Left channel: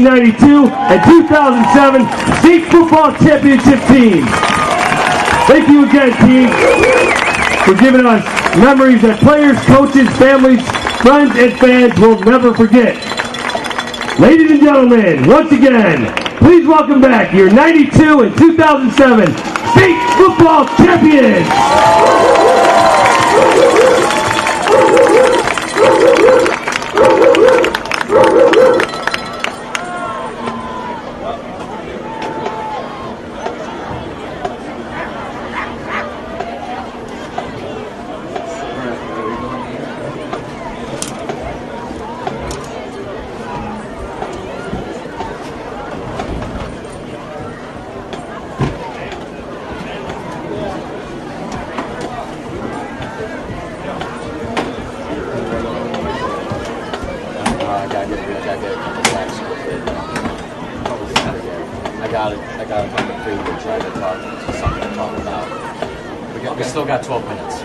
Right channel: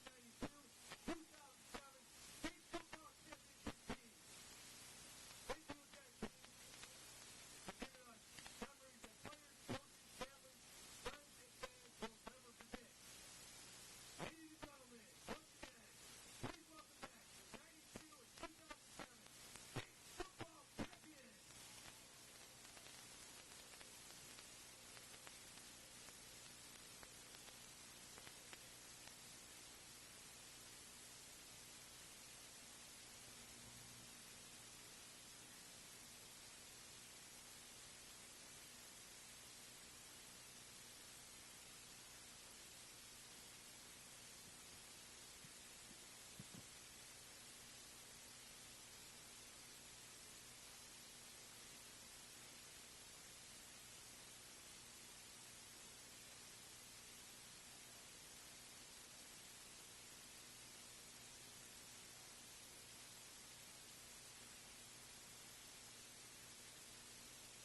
1992 and 2007 state football championship teams. Thank you again, team, for giving us memories that players, coaches, families, friends, and fans will never forget. Ladies and gentlemen, once again, please welcome back your 92 and 2007 state football champions. I got a number 3 to try to talk to something to talk about. We still got 12 minutes.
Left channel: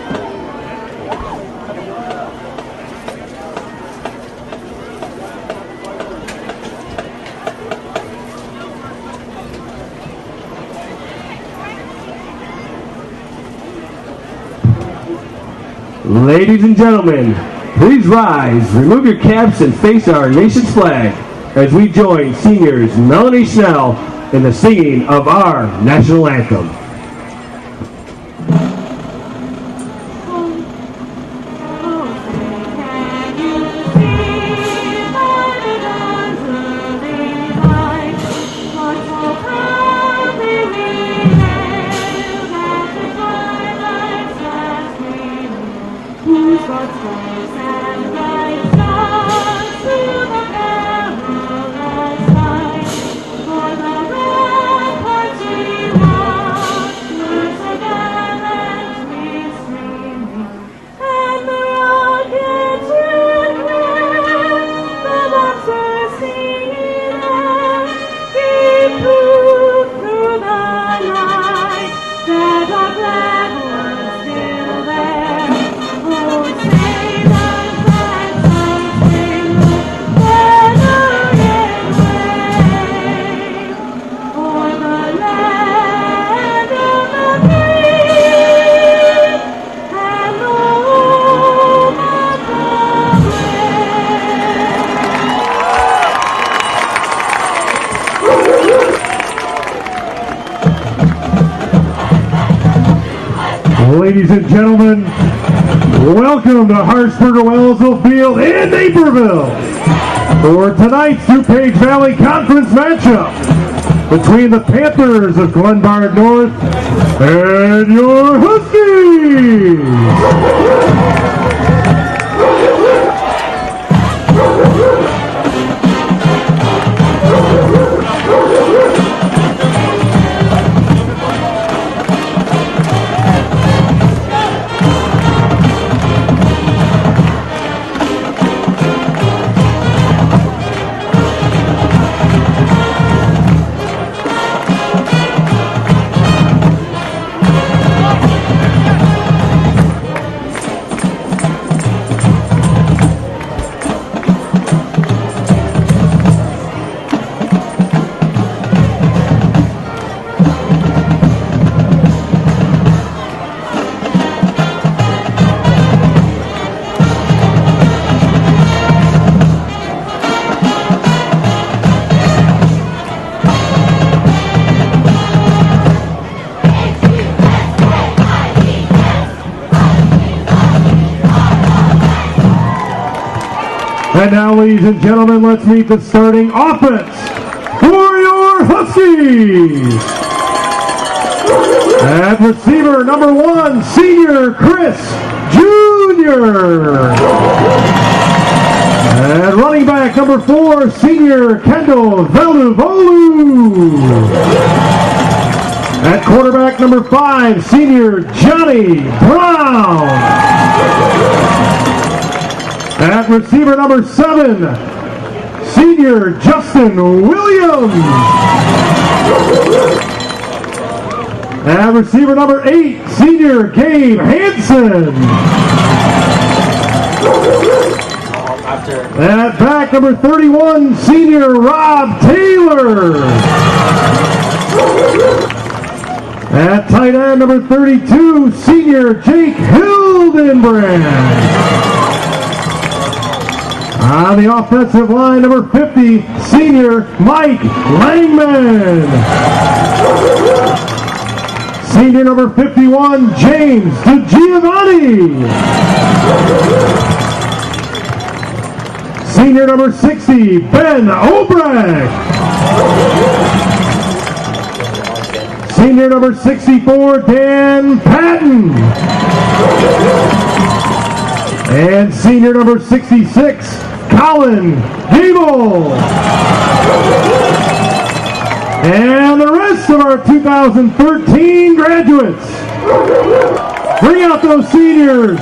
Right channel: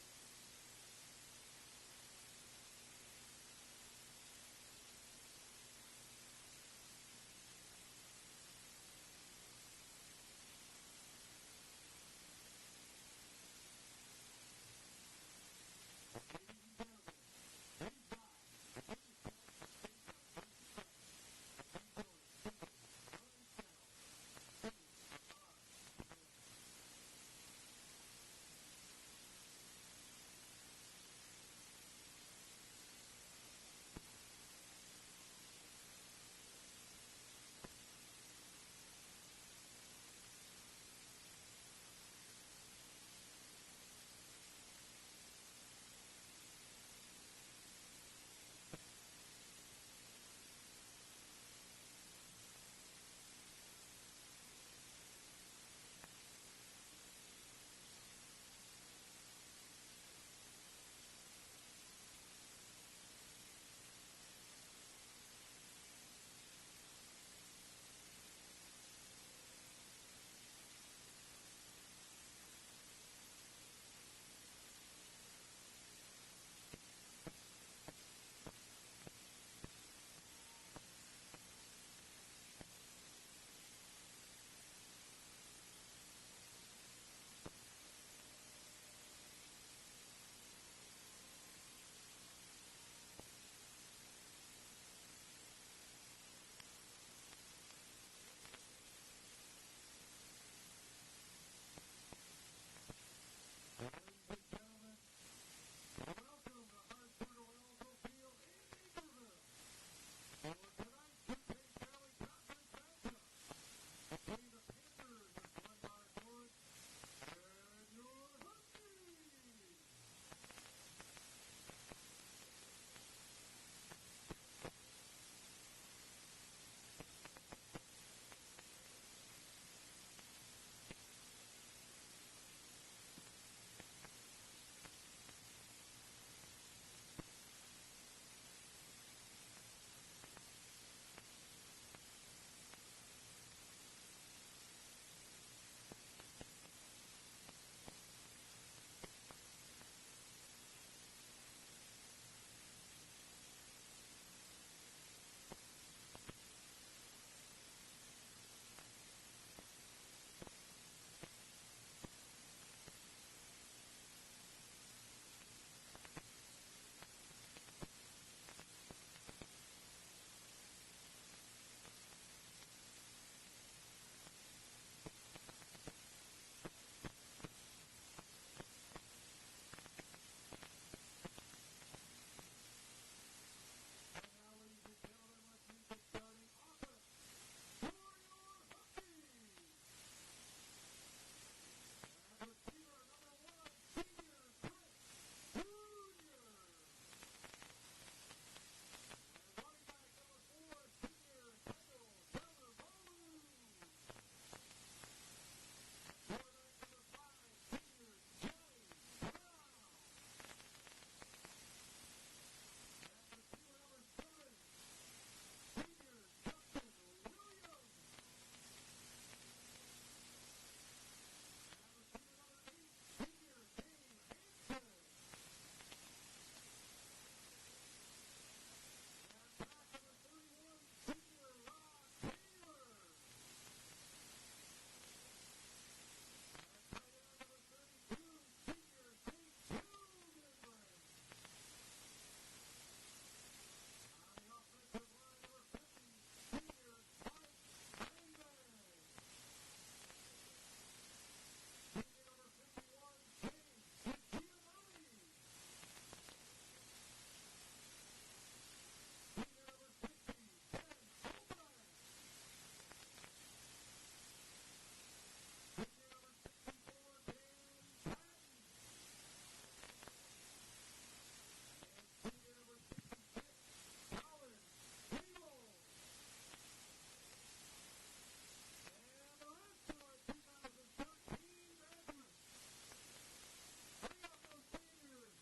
Ladies and gentlemen, please rise, remove your caps, and face our nation's flag as we join seniors Melanie Snell in the singing of our national anthem. Ladies and gentlemen, welcome to Hartsburger-Wellsville Field in Naperville for tonight's DuPage Valley Conference matchup between the Panthers of Glenbard North and your Huskies. And now, ladies and gentlemen, let's meet the starting offense for your Huskies. At receiver, number 1, senior Chris Jr. At running back, number 4, senior Kendall Velduvolu. At quarterback, number 5, senior Johnny Brown. At receiver number 7, senior Justin Williams. At receiver number 8, senior Gabe Hansen. At back, number 31, senior Rob Taylor. At tight end, number 32, senior Jake Hildenbrand. On the offensive line, number 50, senior Mike Langman. Senior number 51, James DiGiovanni. Senior number 60, Ben Obrecht. Senior number 64, Dan Patton. And senior number 66, Colin Gable. And the rest of our 2013 graduates. Bring out those seniors.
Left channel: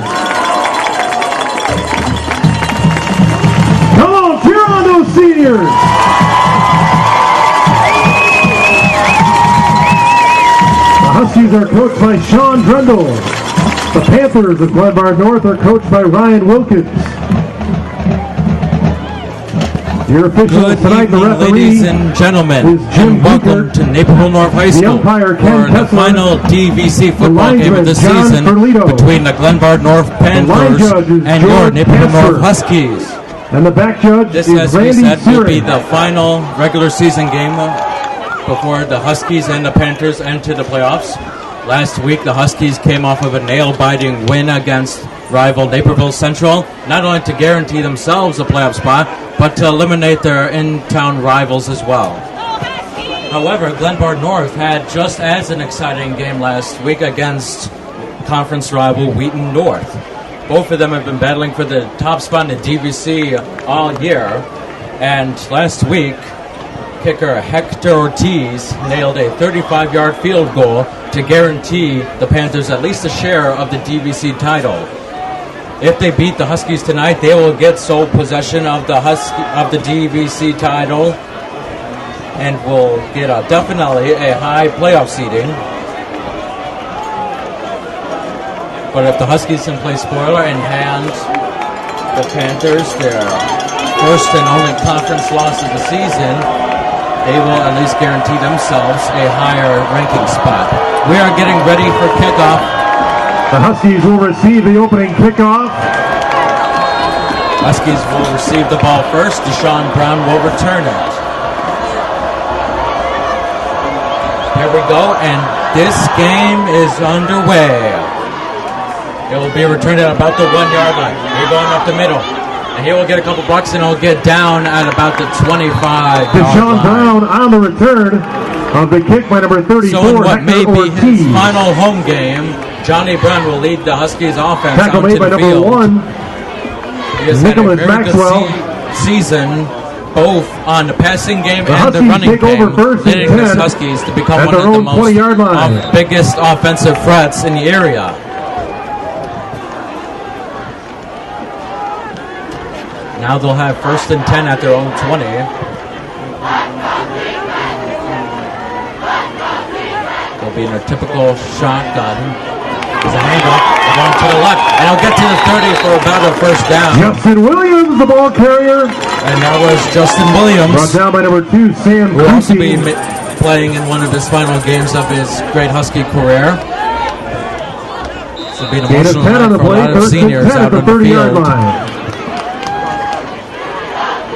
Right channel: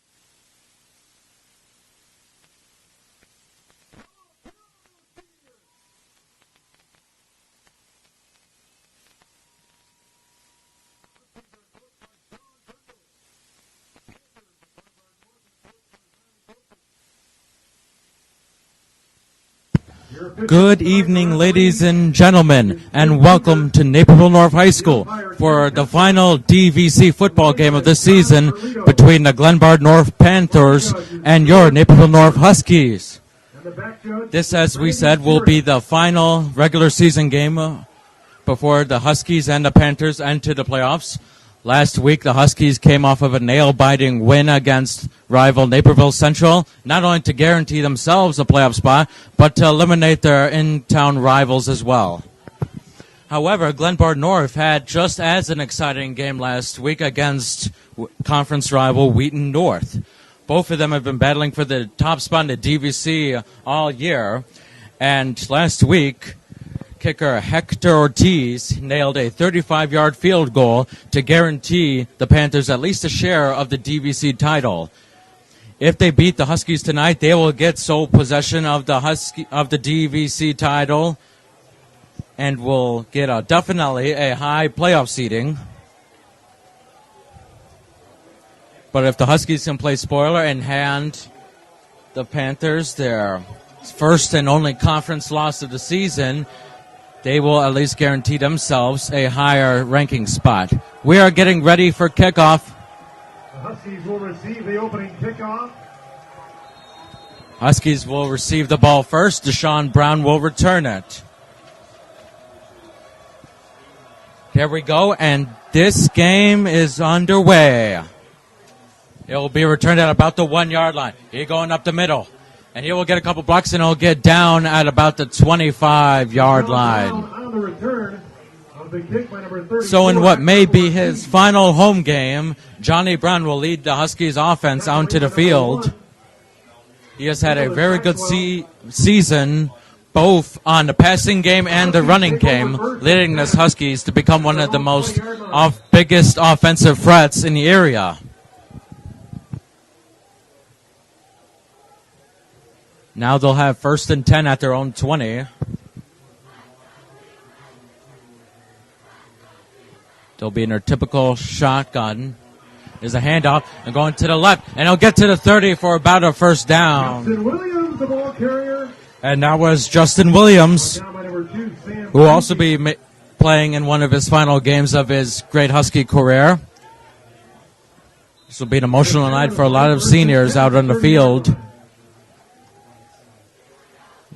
Come on, cheer on those seniors. The Huskies are coached by Sean Drendel. The Panthers of Glenbard North are coached by Ryan Wilkins. Good evening, ladies and gentlemen, and welcome to Naperville North High School for the final DVC football game of the season between the Glenbard North Panthers and your Naperville North Huskies. This, as we said, will be the final regular season game before the Huskies and the Panthers enter the playoffs. Last week, the Huskies came off of a nail-biting win against rival Naperville Central, not only to guarantee themselves a playoff spot, but to eliminate their in-town rivals as well. However, Glenbard North had just as an exciting game last week against conference rival Wheaton North. Both of them have been battling for the top spot in the DVC all year, and last week, kicker Hector Ortiz nailed a 35-yard field goal to guarantee the Panthers at least a share of the DVC title. If they beat the Huskies tonight, they will get sole possession of the DVC title and will get definitely a high playoff seeding. But if the Huskies can play spoiler and hand the Panthers their first and only conference loss of the season, they will at least guarantee themselves a higher ranking spot. We are getting ready for kickoff. The Huskies will receive the opening kickoff. Huskies will receive the ball first. Deshaun Brown will return it. Here we go, and this game is underway. It will be returned at about the 1 yard line. He's going up the middle. And he will get a couple blocks, and he'll get down at about the 25-yard line. Brown on the return of the kick by number 34. So in what may be his final home game, Johnny Brown will lead the Huskies offense onto the field. He has had a very good season, both on the passing game and the running game, leading the Huskies to become one of the biggest offensive threats in the area. Now they'll have 1st and 10 at their own 20. They'll be in their typical shotgun. There's a handoff. They're going to the left, and he'll get to the 30 for about a first down. Justin Williams, the ball carrier. And that was Justin Williams, brought down by number 2, Sam who will also be playing in one of his final games of his great Husky career. This will be an emotional night for a lot of seniors out on the field.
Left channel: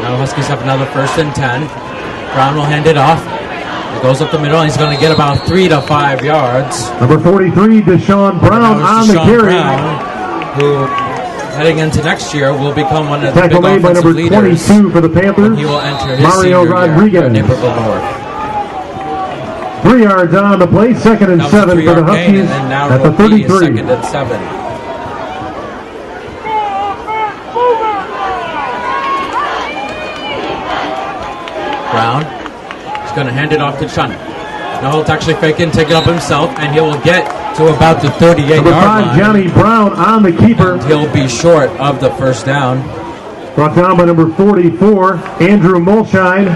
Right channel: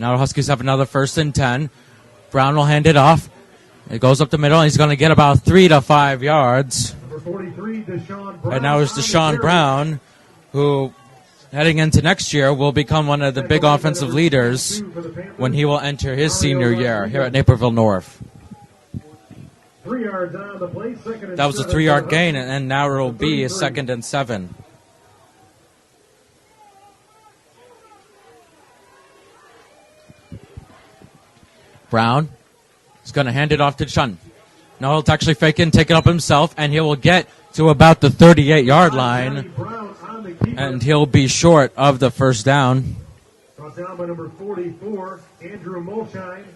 Now the Huskies have another 1st and 10. Brown will hand it off. It goes up the middle, and he's going to get about 3 to 5 yards. Number 43, Deshaun Brown. And now it's Deshaun Brown, who, heading into next year, will become one of the big offensive leaders when he will enter his senior year here at Naperville North. 3 yards on the play, 2nd and 7. That was a 3-yard gain, and now it will be a 2nd and 7. Brown is going to hand it off to Chun. Now he'll actually fake it and take it up himself, and he will get to about the 38-yard line. Johnny Brown on the keeper. And he'll be short of the first down. Brought down by number 44, Andrew Molshine.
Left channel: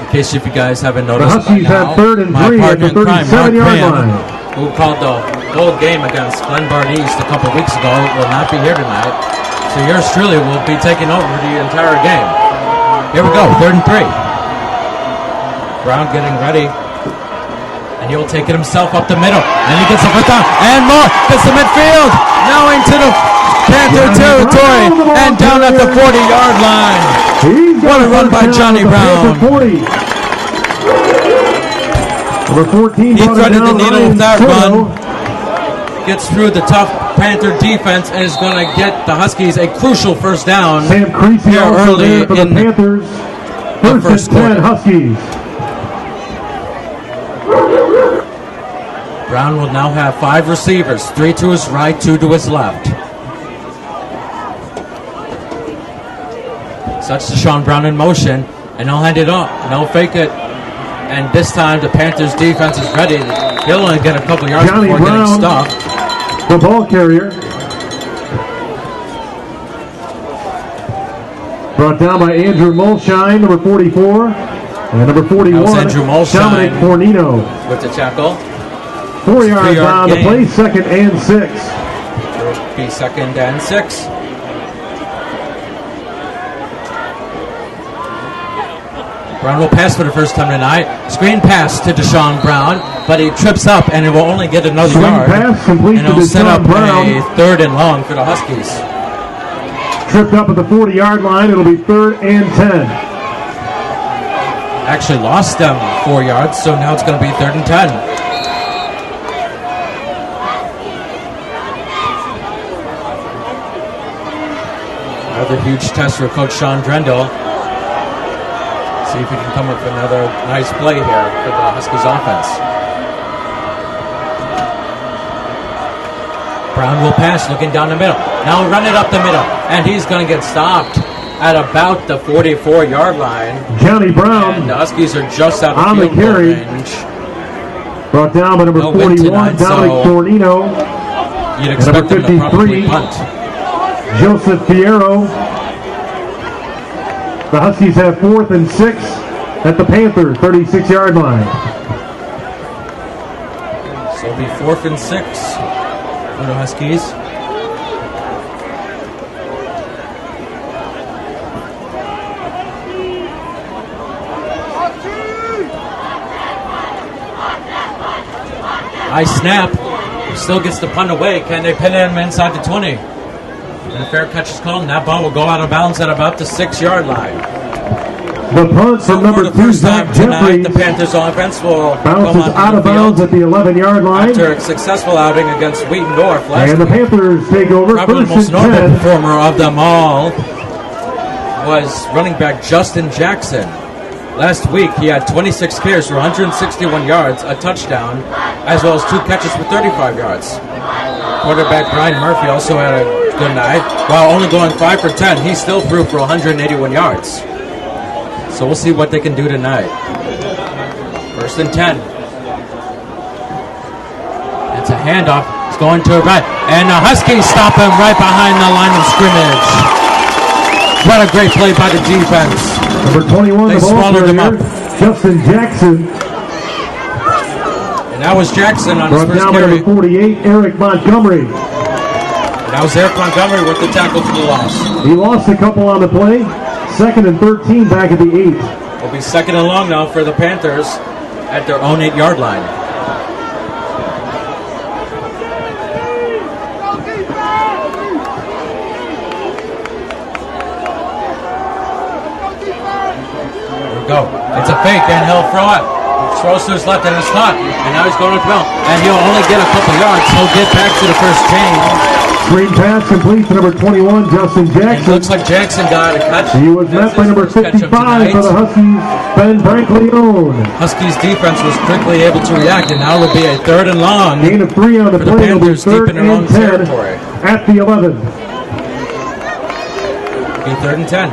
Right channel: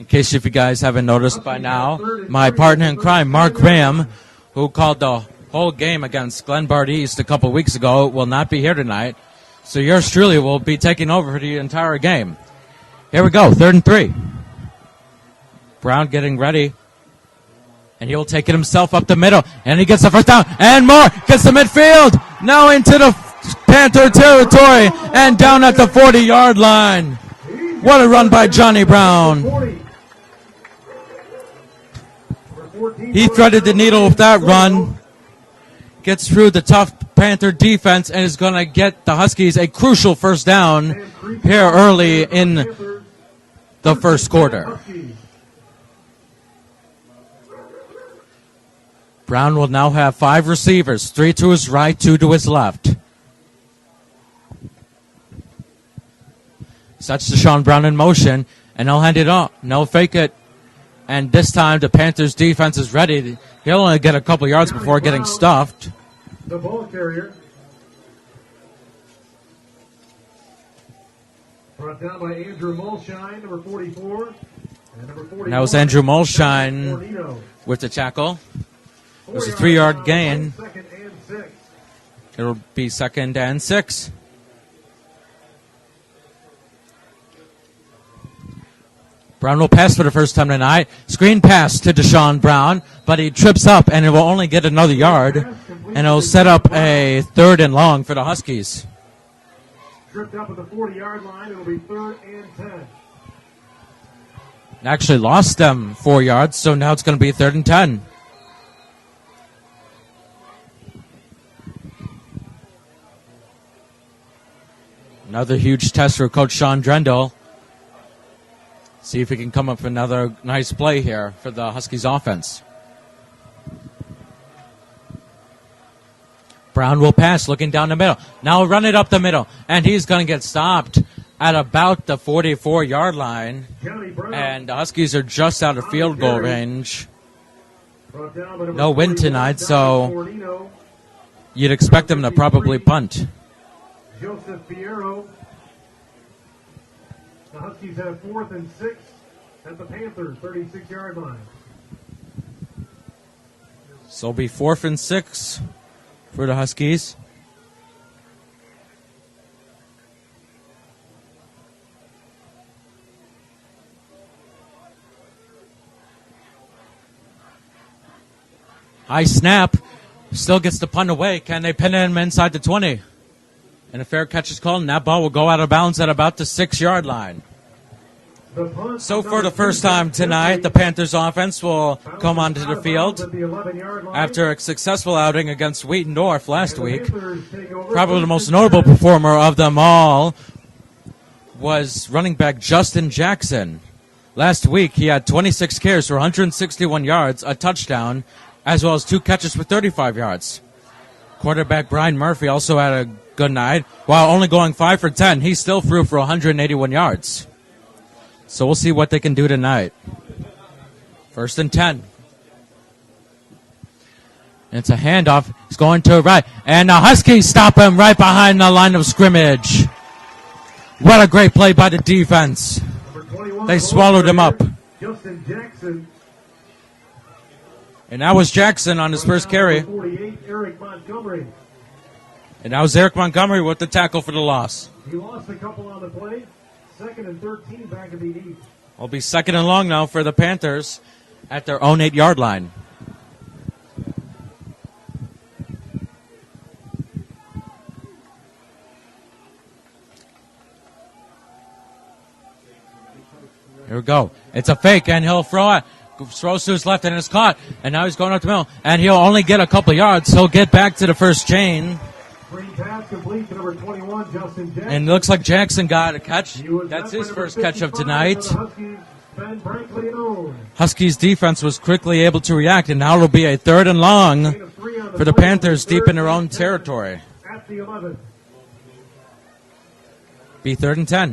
In case if you guys haven't noticed by now, my partner in crime, Mark Graham, who called the whole game against Glenbard East a couple weeks ago, will not be here tonight. So yours truly will be taking over the entire game. Here we go, 3rd and 3. Brown getting ready. And he'll take it himself up the middle. And he gets the first down. And more. Gets the midfield. Now into the Panther territory. And down at the 40-yard line. What a run by Johnny Brown. He threaded the needle with that run. Gets through the tough Panther defense and is going to get the Huskies a crucial first down here early in the first quarter. Brown will now have 5 receivers, 3 to his right, 2 to his left. Such Deshaun Brown in motion, and he'll hand it off, and he'll fake it. And this time the Panthers defense is ready. He'll only get a couple yards before getting stuffed. The ball carrier. Brought down by Andrew Mulshine, number 44. And number 41. That was Andrew Mulshine with the tackle. 3-yard gain. Play, 2nd and 6. There will be 2nd and 6. Brown will pass for the first time tonight. Screen pass to Deshaun Brown, but he trips up and it will only get another yard. And it'll set up a 3rd and long for the Huskies. Tripped up at the 40-yard line. It'll be 3rd and 10. Actually lost them 4 yards, so now it's going to be 3rd and 10. Another huge test for Coach Sean Drendel. See if he can come up with another nice play here for the Huskies offense. Brown will pass, looking down the middle. Now run it up the middle, and he's going to get stopped at about the 44-yard line. Johnny Brown. And the Huskies are just out of field goal range. Brought down by number no win tonight, so you'd expect them to probably punt. Joseph Fierro. The Huskies have 4th and 6 at the Panther 36-yard line. So it'll be 4th and 6 for the Huskies. High snap. Still gets the punt away. Can they pin him inside the 20? And a fair catch is called, and that ball will go out of bounds at about the 6-yard line. So for the first time tonight, the Panthers offense will come onto the field at the 11-yard line. After a successful outing against Wheatendorf last week. Panthers take over. Probably the most notable performer of them all was running back Justin Jackson. Last week, he had 26 carries for 161 yards, a touchdown, as well as 2 catches for 35 yards. Quarterback Brian Murphy also had a good night. While only going 5 for 10, he still threw for 181 yards. So we'll see what they can do tonight. 1st and 10. It's a handoff. It's going to the right. And the Huskies stop him right behind the line of scrimmage. What a great play by the defense. Number 21, they swallowed him up. Justin Jackson. And that was Jackson on his first carry. 48, Eric Montgomery. And that was Eric Montgomery with the tackle for the loss. He lost a couple on the play. 2nd and 13 back at the 8. It'll be 2nd and long now for the Panthers at their own 8-yard line. There we go. It's a fake, and he'll throw it. Throws to his left, and it's caught. And now he's going up the middle. And he'll only get a couple yards. He'll get back to the first chain. Screen pass complete to number 21, Justin Jackson. And it looks like Jackson got a catch. He was met by number 55 for the Huskies, Ben Brankleone. Huskies defense was quickly able to react, and now it'll be a 3rd and long Gain of 3 on the for the Panthers deep in their own territory. At the 11. Be 3rd and 10.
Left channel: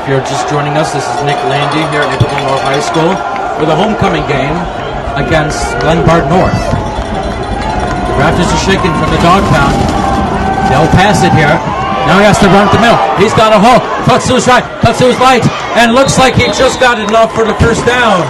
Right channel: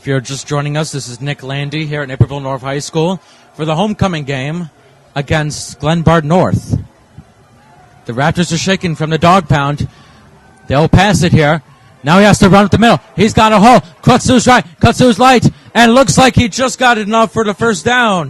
If you're just joining us, this is Nick Landy here at Naperville North High School for the homecoming game against Glenbard North. The Raptors are shaking from the dog pound. They'll pass it here. Now he has to run up the middle. He's got a hole. Cuts to his right. Cuts to his right. And looks like he just got enough for the first down.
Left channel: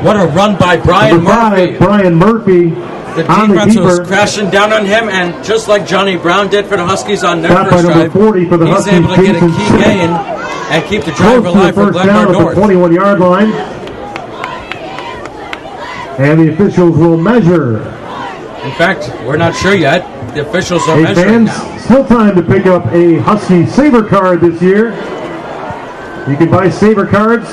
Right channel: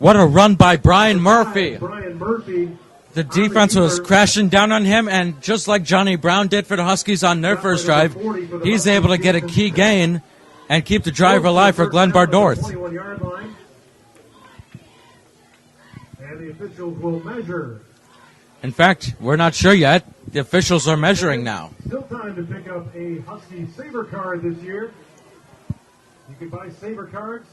What a run by Brian Murphy. Brian Murphy. The defense was crashing down on him, and just like Johnny Brown did for the Huskies on their first drive, he's able to get a key gain and keep the drive alive for Glenbard North. 21-yard line. And the officials will measure. In fact, we're not sure yet. The officials are measuring now. Still time to pick up a Husky Saver card this year. You can buy Saver cards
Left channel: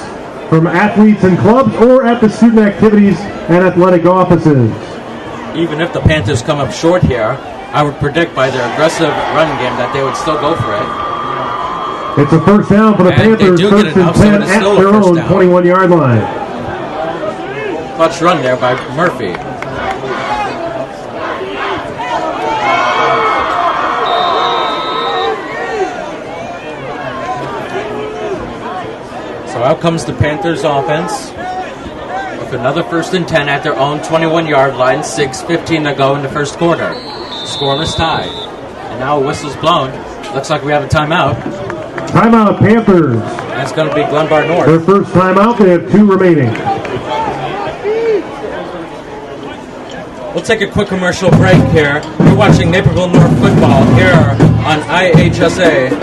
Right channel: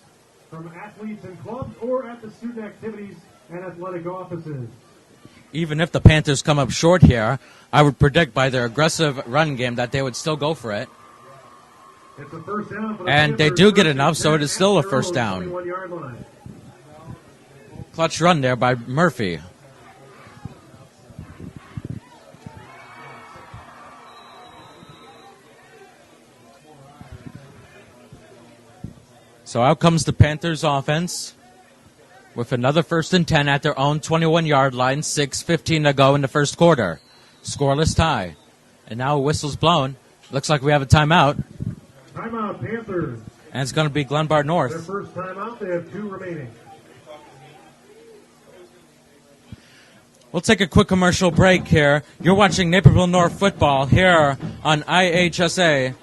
from athletes and clubs or at the student activities and athletic offices. Even if the Panthers come up short here, I would predict by their aggressive running game that they would still go for it. It's a first down for the Panthers. And they do get enough, so it is still a first down. 21-yard line. Clutch run there by Murphy. So out comes the Panthers offense with another 1st and 10 at their own 21-yard line, 6:15 to go in the first quarter. Scoreless tie. And now a whistle's blown. Looks like we have a timeout. Timeout, Panthers. And it's going to be Glenbard North. Their first timeout, they have 2 remaining. We'll take a quick commercial break here. You're watching Naperville North football here on IHSA.TV.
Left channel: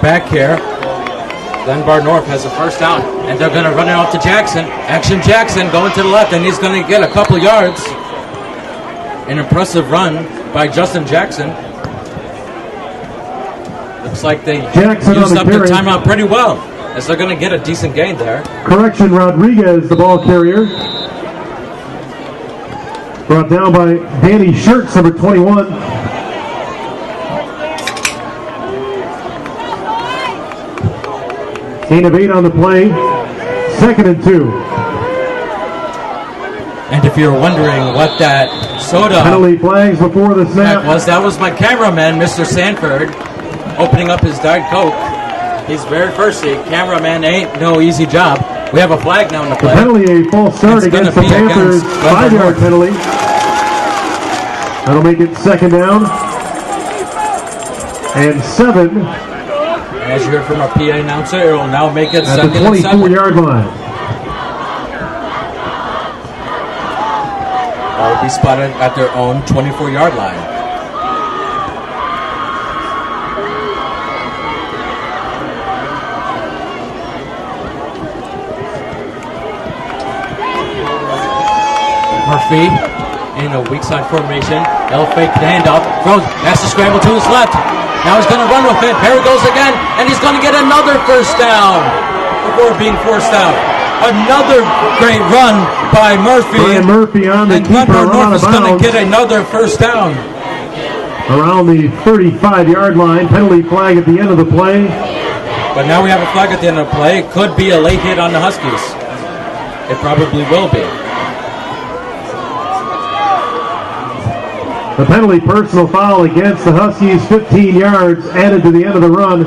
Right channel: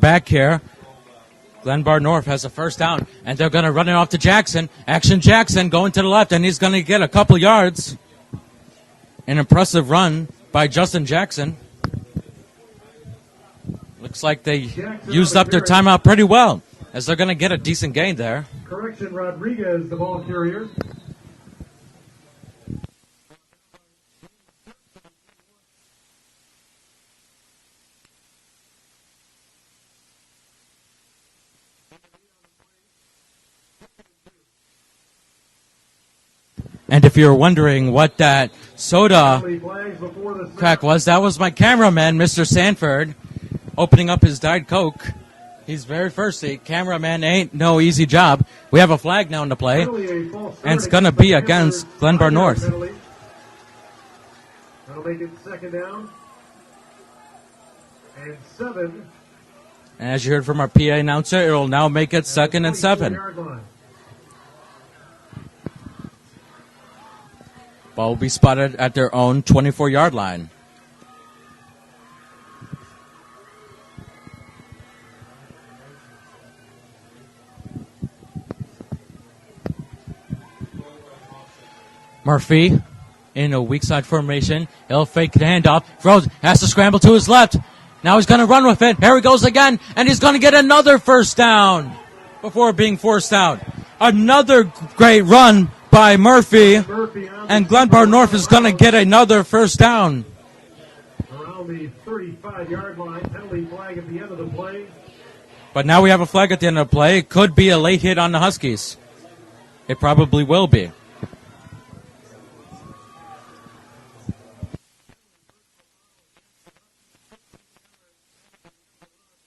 Back here, Glenbard North has a first down, and they're going to run it off to Jackson. Action Jackson going to the left, and he's going to get a couple yards. An impressive run by Justin Jackson. Looks like they used up their timeout pretty well, as they're going to get a decent gain there. Correction, Rodriguez, the ball carrier. Brought down by Danny Shirts, number 21. Gain of 8 on the play. 2nd and 2. And if you're wondering what that soda penalty flags before the snap was, that was my cameraman, Mr. Sanford, opening up his Diet Coke. He's very thirsty. Cameraman ain't no easy job. We have a flag now in the play. Penalty, a false start. It's going to be against Glenbard North. Penalty. That'll make it 2nd down. And 7. As you heard from our PA announcer, it will now make it 2nd and 7. 24-yard line. Ball will be spotted at their own 24-yard line. Murphy in a weak side formation. They'll fake the handoff. Throws. Has to scramble to his left. Now he's going to run with it. Here he goes again, and he's going to get another first down before being forced out. Another great run by Murphy, and Glenbard North is going to get another first down. Around the 35-yard line, penalty flag at the end of the play. But now we have a flag at the end of the play. It could be a late hit on the Huskies. It probably will be. The penalty personal foul against the Huskies, 15 yards added to the end of the run.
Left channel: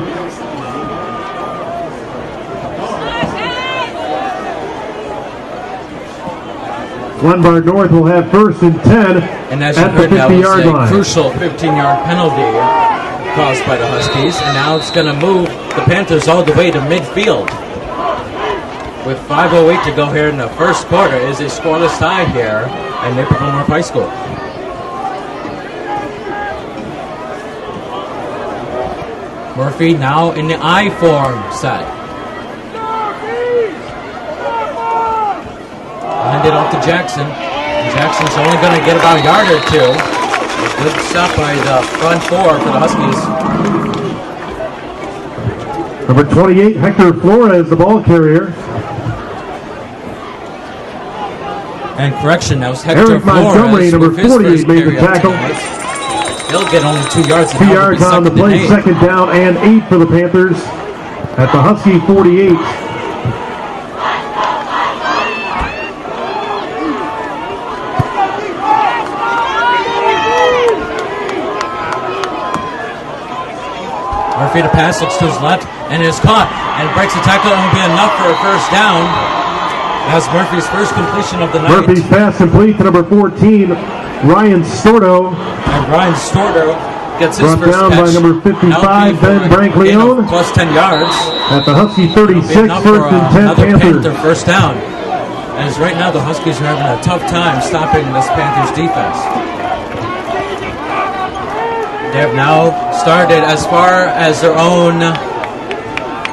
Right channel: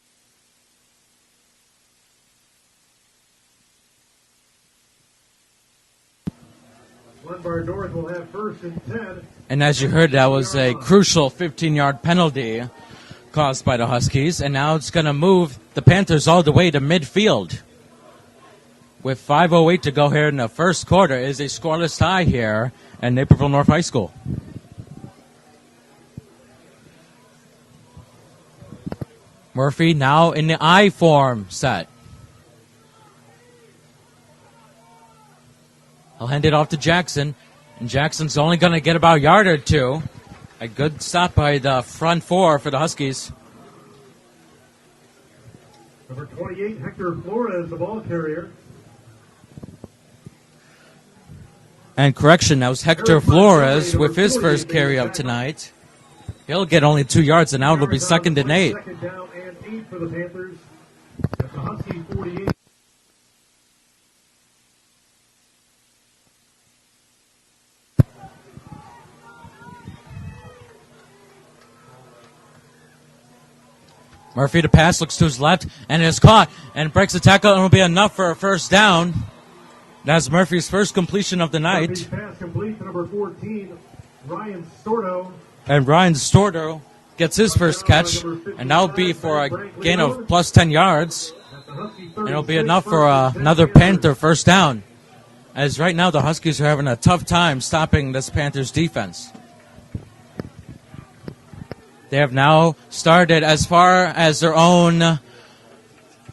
Glenbard North will have 1st and 10. And as you heard, that was a crucial 15-yard penalty caused by the Huskies. And now it's going to move the Panthers all the way to midfield. With 5:08 to go here in the first quarter, is a scoreless tie here at Naperville North High School. Murphy now in the I form set. Hand it off to Jackson. And Jackson's only going to get about a yard or 2. A good stop by the front 4 for the Huskies. Number 28, Hector Flores, the ball carrier. And correction, that was Hector Eric Montgomery, Flores number with his 40, first made the carry of tackle. tonight. He'll get only 2 yards, and 2 now it'll be yards on the second and play, 8. second down and 8 for the Panthers at the Husky 48. Murphy to pass, looks to his left, and is caught, and breaks the tackle, and will be enough for a first down. That's Murphy's first completion of the night. Murphy's pass complete to number 14, Ryan Stordo. And Brian Stordo gets his Brought first down by catch. number 55, Now it'll be for Ben a gain Brankleone. of plus 10 yards. At the Husky It'll 36, be enough first for and 10 another Panthers. Panther first down. As right now the Huskies are having a tough time stopping this Panthers defense. They have now started as far as their own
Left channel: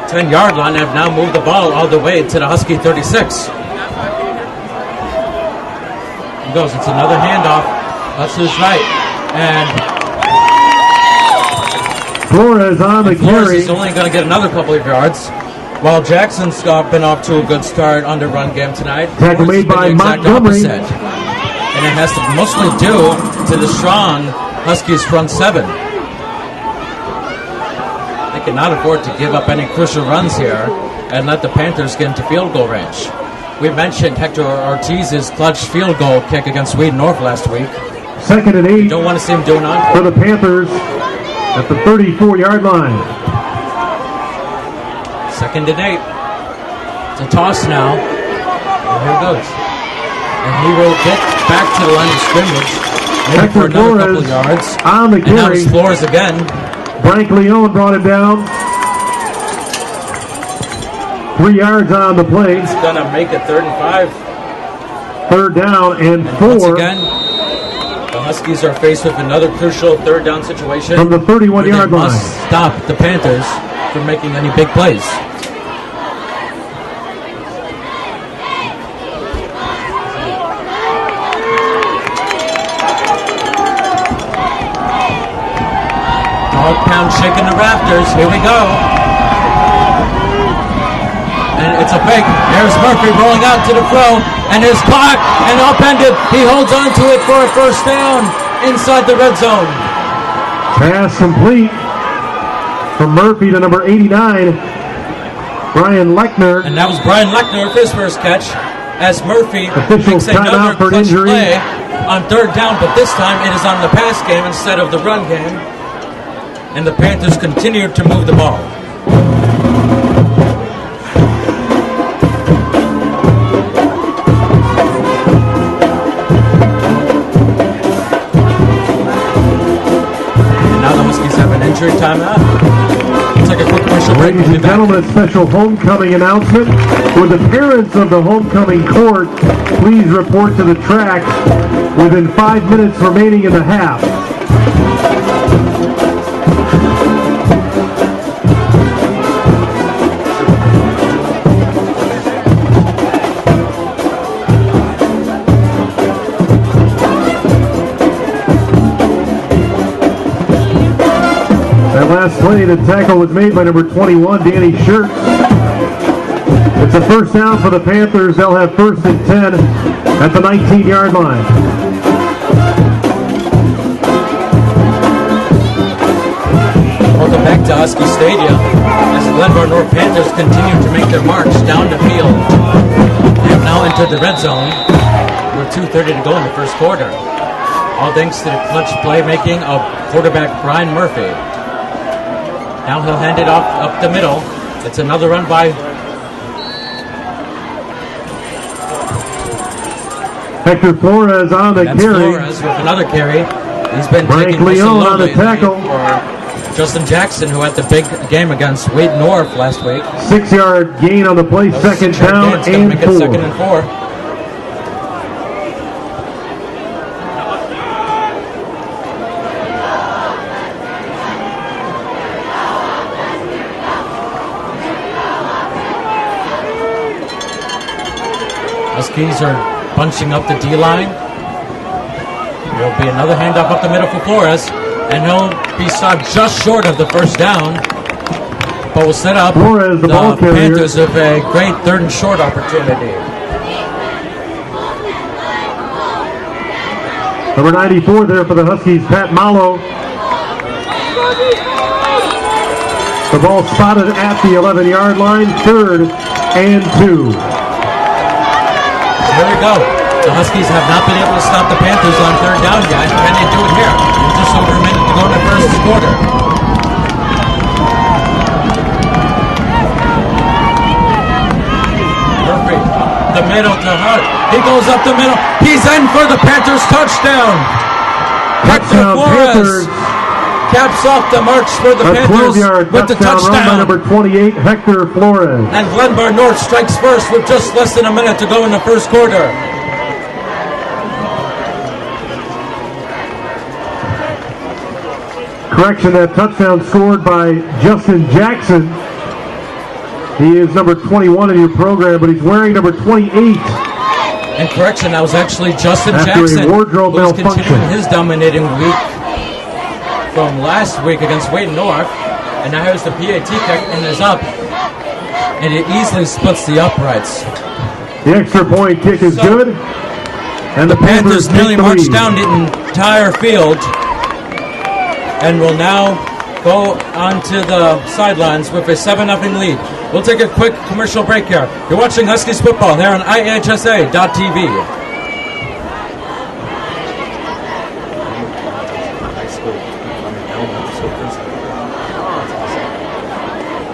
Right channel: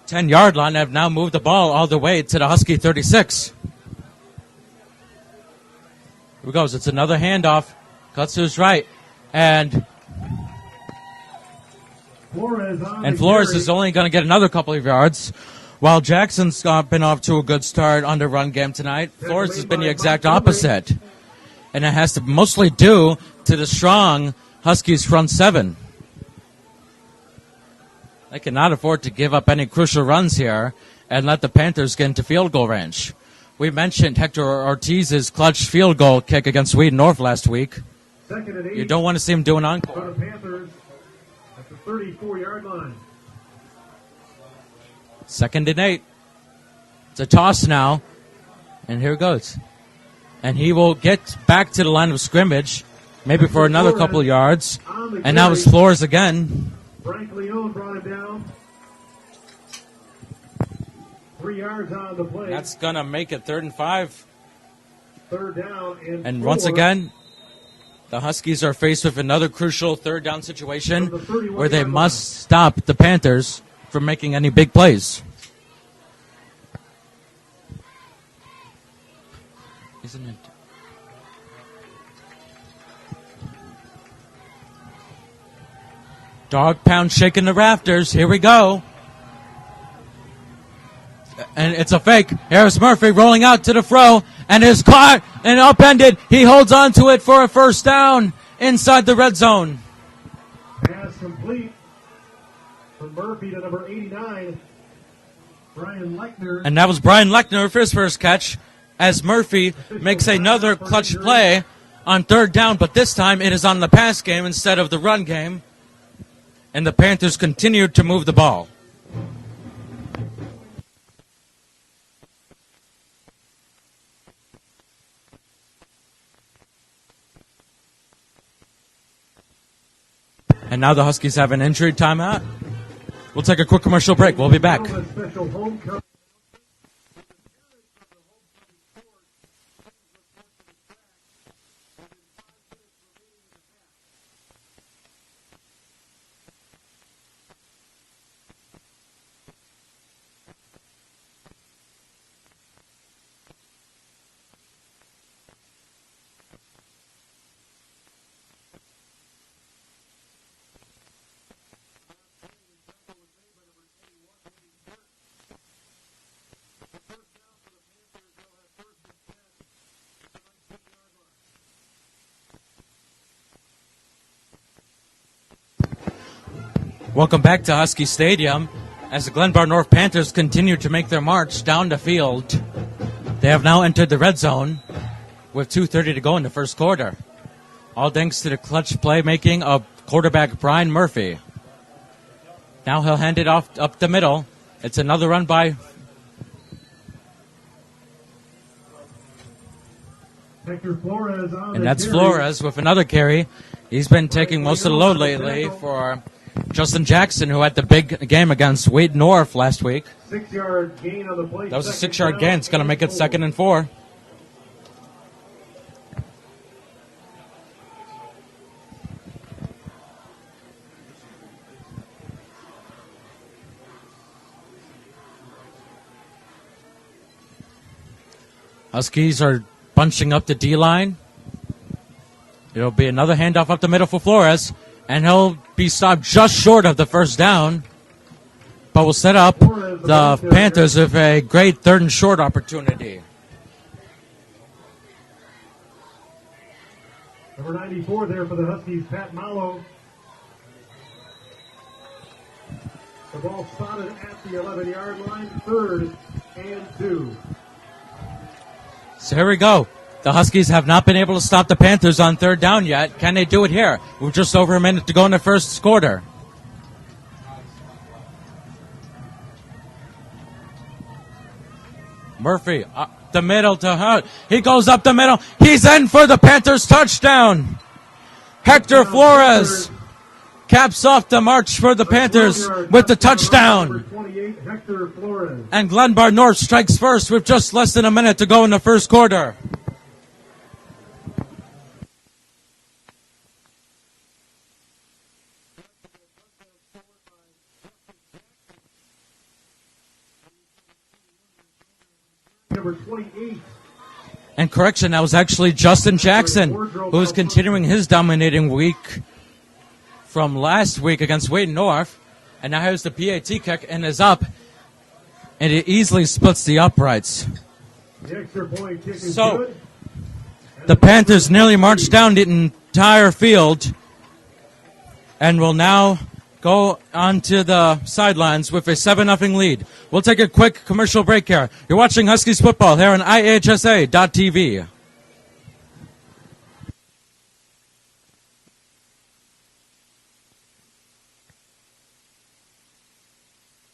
10-yard line and have now moved the ball all the way to the Husky 36. He goes, it's another handoff. That's his right. And Flores on the Flores carry. is only going to get another couple of yards. While Jackson's been off to a good start on the run game tonight, Tackle Flores has made been by the exact Montgomery. opposite. And it has to mostly due to the strong Huskies front seven. They cannot afford to give up any crucial runs here and let the Panthers get into field goal range. We mentioned Hector Ortiz's clutch field goal kick against Wheaton North last week. Second and 8 You don't want to see him doing on. for the Panthers at the 34-yard line. Second and 8. It's a toss now. And here it goes. And he will get back to the line of scrimmage, maybe Hector for another Flores couple of yards. on the And now carry. it's Flores again. Brankleone brought it down. 3 yards on the play. It's going to make it 3rd and 5. Third down and And 4 once again, the Huskies are faced with another crucial third down situation from the where 31-yard they line. must stop the Panthers from making any big plays. Dog pound shaking the rafters. Here we go. And it's a fake. There's Murphy rolling out to the throw and is caught and upended. He holds on to it for a first down inside the red zone. Pass complete from Murphy to number 89, Brian Lechner. And that was Brian Lechner for his first catch as Murphy Officials makes another timeout for clutch injury. play on third down, but this time it is on the pass game instead of the run game. And the Panthers continue to move the ball. And now the Huskies have an injury timeout. Let's take a quick commercial break. We'll be Ladies back. and gentlemen, a special homecoming announcement. Would the parents of the homecoming court please report to the track within 5 minutes remaining in the half? That last play, the tackle was made by number 21, Danny Schurz. It's a first down for the Panthers. They'll have 1st and 10 at the 19-yard line. Welcome back to Husky Stadium as the Glenbard North Panthers continue to make their march down the field. They have now entered the red zone with 2:30 to go in the first quarter. All thanks to the clutch playmaking of quarterback Brian Murphy. Now he'll hand it off up the middle. It's another run by Hector Flores on the that's carry. Flores with another carry. He's been taking most of the Leon load on the lately tackle. for Justin Jackson, who had the big game against Wade North last week. 6-yard gain on the play. That was a Second 6-yard down gain. It's going to and make it 4. 2nd and 4. Huskies are bunching up the D-line. There'll be another handoff up the middle for Flores, and he'll be stopped just short of the first down. but will set up Flores, the ball the carrier. Panthers with a great 3rd and short opportunity. Number 94 there for the Huskies, Pat Malo. The ball spotted at the 11-yard line, 3rd and 2. So here we go. The Huskies have not been able to stop the Panthers on 3rd down yet. Can they do it here? With just over a minute to go in the first quarter. Murphy, up the middle to Hart. He goes up the middle. He's in for the Panthers touchdown. Hector Flores caps off the march for the Panthers with the touchdown. Number 28, Hector Flores. And Glenbard North strikes first with just less than a minute to go in the first quarter. Correction, that touchdown scored by Justin Jackson. He is number 21 in your program, but he's wearing number 28. And correction, that was actually Justin After a Jackson, wardrobe who's malfunction. continuing his dominating week from last week against Wayne North. And now here's the PAT kick and is up. And it easily splits the uprights. The extra point kick is So, good. And The Panthers take nearly the marched lead. down the entire field and will now go onto the sidelines with a 7-0 lead. We'll take a quick commercial break here. You're watching Huskies football here on IHSA.tv. High school. Elementary school principal. That's awesome.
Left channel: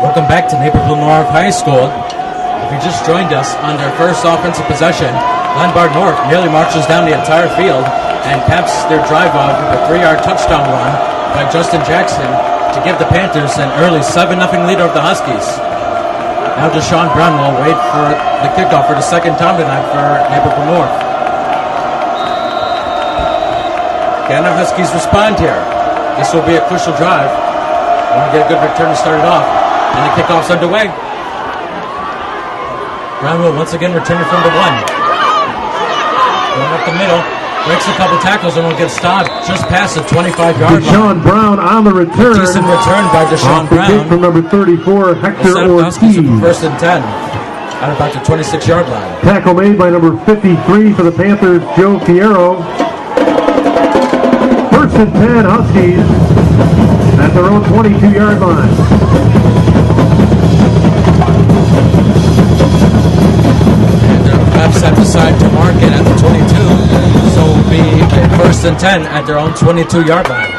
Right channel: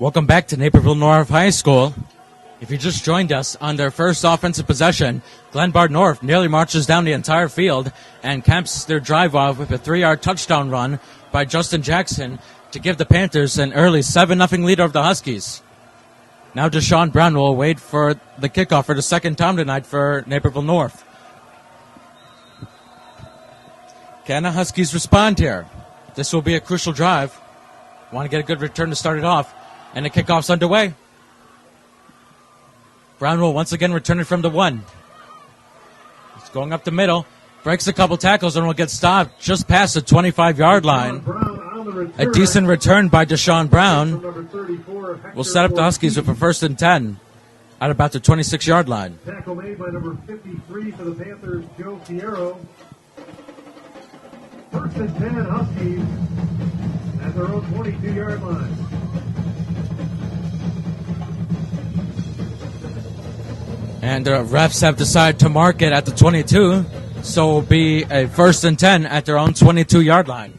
Welcome back to Naperville North High School. If you just joined us on their first offensive possession, Glenbard North nearly marches down the entire field and caps their drive off with a 3-yard touchdown run by Justin Jackson to give the Panthers an early 7-0 lead over the Huskies. Now Deshaun Brown will wait for the kickoff for the second time tonight for Naperville North. Can the Huskies respond here? This will be a crucial drive. Want to get a good return to start it off. And the kickoff's underway. Brown will once again return it from the 1. Going up the middle. Breaks a couple tackles and will get stopped just past the 25-yard line. Deshaun Brown on the return. A decent return by Deshaun Off the kick Brown. from number 34, Hector Will set up the Huskies with a Ortiz. 1st and 10 at about the 26-yard line. Tackle made by number 53 for the Panthers, Joe Fierro. 1st and 10, Huskies at their own 22-yard line. And the refs have decided to mark it at the 22, so it will be a 1st and 10 at their own 22-yard line.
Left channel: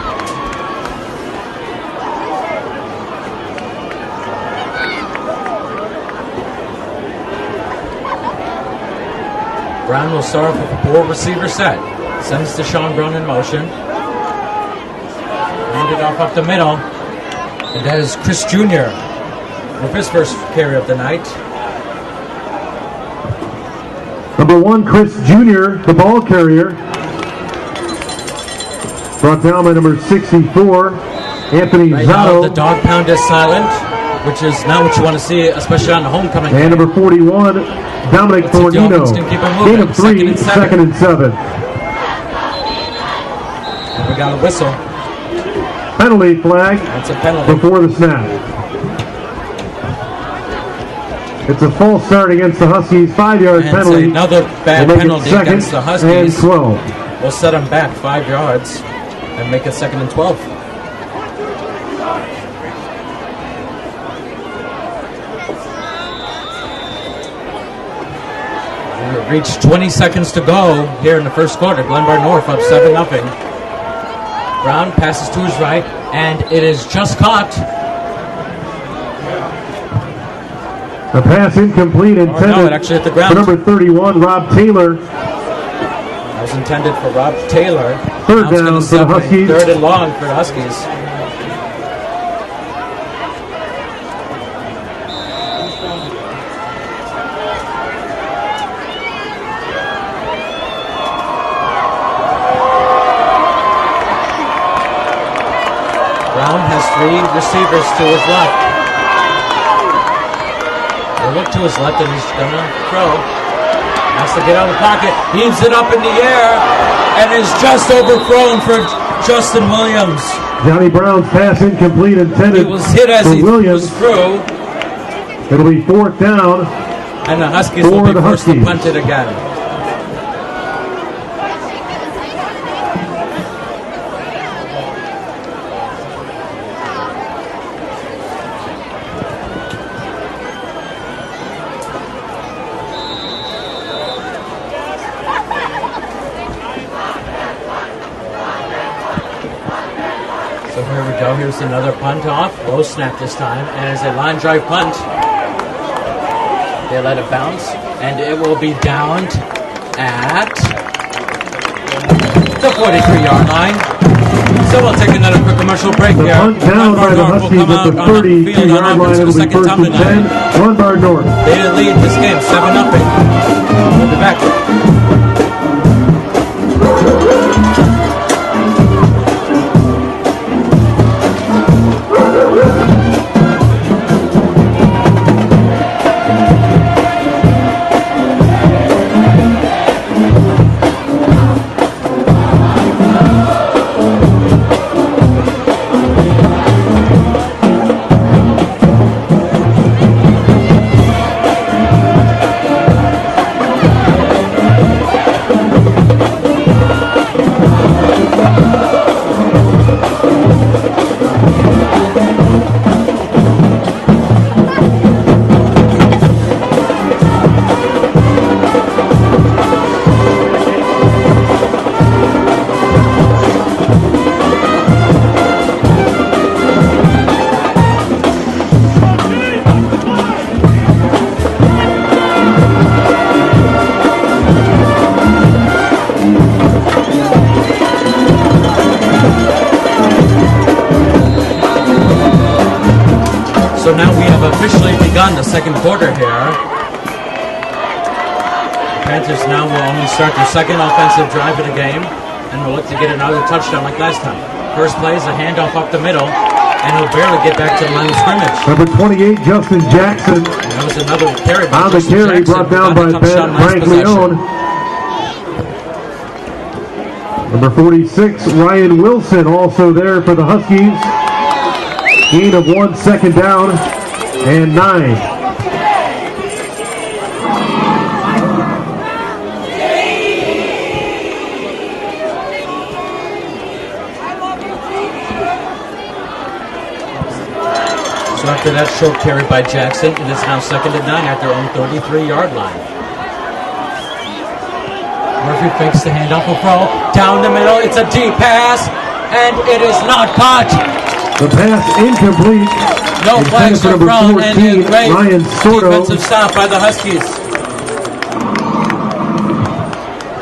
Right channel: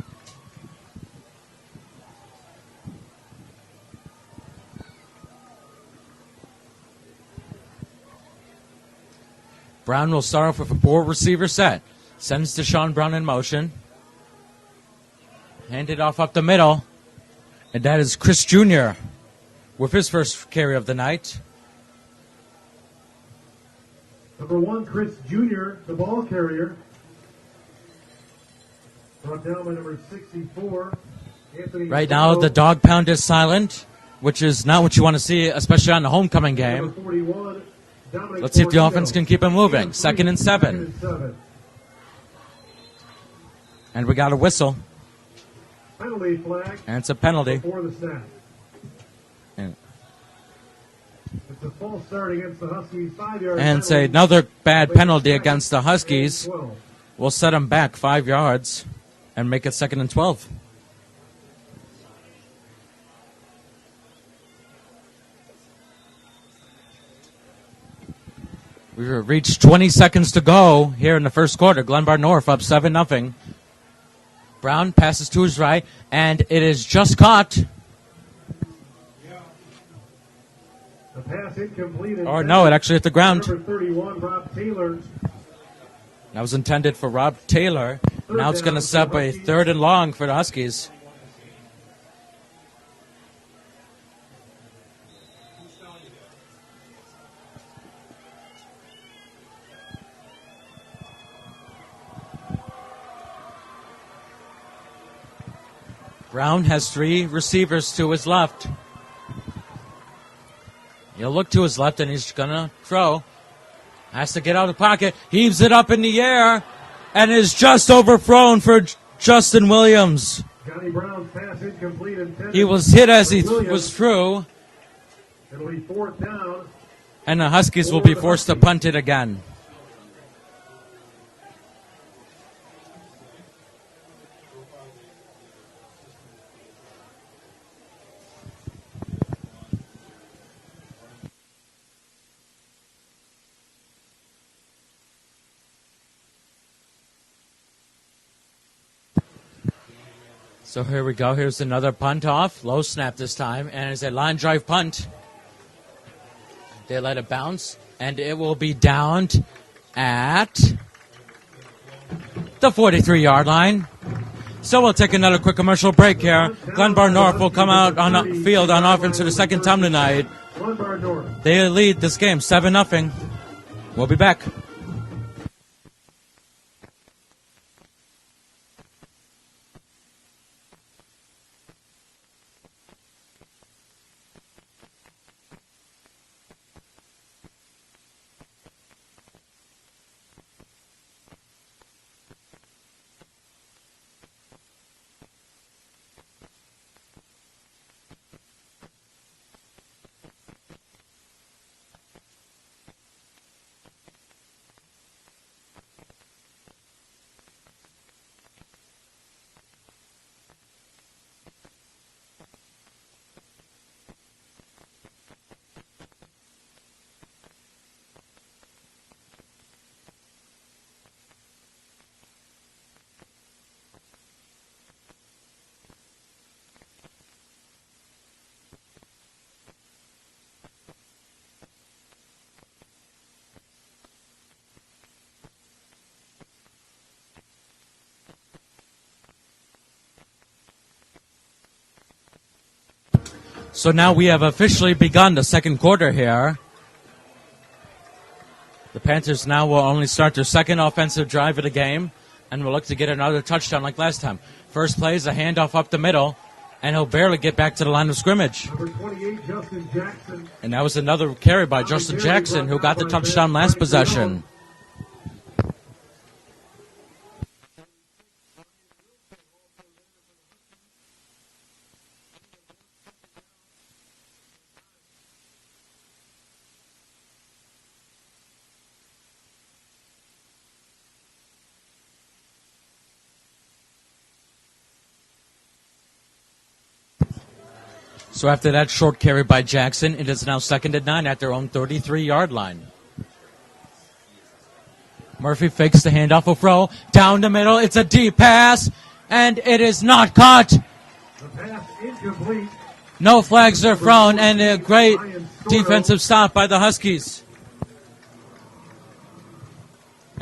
Brown will start off with a 4-receiver set. Sends Deshaun Brown in motion. Hand it off up the middle. And that is Chris Jr. with his first carry of the night. Number 1, Chris Jr., the ball carrier. Brought down by number 64, Anthony Right Zotto. now, the dog pound is silent, which is not what you want to see, especially on the homecoming And game. number 41, Dominic Let's see if the Fornino. offense can keep it moving. Gain of 2nd and 7. 2nd and 7. And we got a whistle. Penalty flag That's a penalty. before the snap. It's a false start against the Huskies, 5-yard And penalty. another bad They make it penalty 2nd against the and Huskies. 12. We'll set them back 5 yards and make it 2nd and 12. We've reached 20 seconds to go here in the first quarter. Glenbard North up 7-0. Brown passes to his right, and it is just caught. The pass incomplete intended no, it actually hit the ground. for number 31, Rob Taylor. That was intended for Rob Taylor. Third Now it's down going to for the set up a Huskies. 3rd and long for the Huskies. Brown has three receivers to his left. He'll look to his left and he's going to throw. Has to get out of the pocket. Heaves it up in the air and is just overthrown for Justin Williams. Johnny Brown's pass incomplete intended. He was hit as he Williams. was through. It'll be 4th down. And the Huskies will be forced to punt it again. So here we go. Here's another punt off. Low snap this time. And it's a line drive punt. They let it bounce. And it will be downed at the 43-yard line. So we'll take another quick commercial break here. Glenbard North will come out on the field on offense for the second time tonight. Glenbard North. They lead this game 7-0. We'll be back. So now we have officially begun the second quarter here. The Panthers now will only start their second offensive drive of the game and will look to get another touchdown like last time. First play is a handoff up the middle, and he'll barely get back to the line of scrimmage. Number 28, Justin Jackson. That was another carry by Justin Jackson, who got the touchdown last possession. Number 46, Ryan Wilson, also there for the Huskies. Gain of 1, second down, and 9. So after that short carry by Jackson, it is now 2nd and 9 at their own 33-yard line. Murphy fakes the handoff, will throw down the middle. It's a deep pass, and it is not caught. The pass incomplete. No flags are thrown, and a great defensive stop by the Huskies.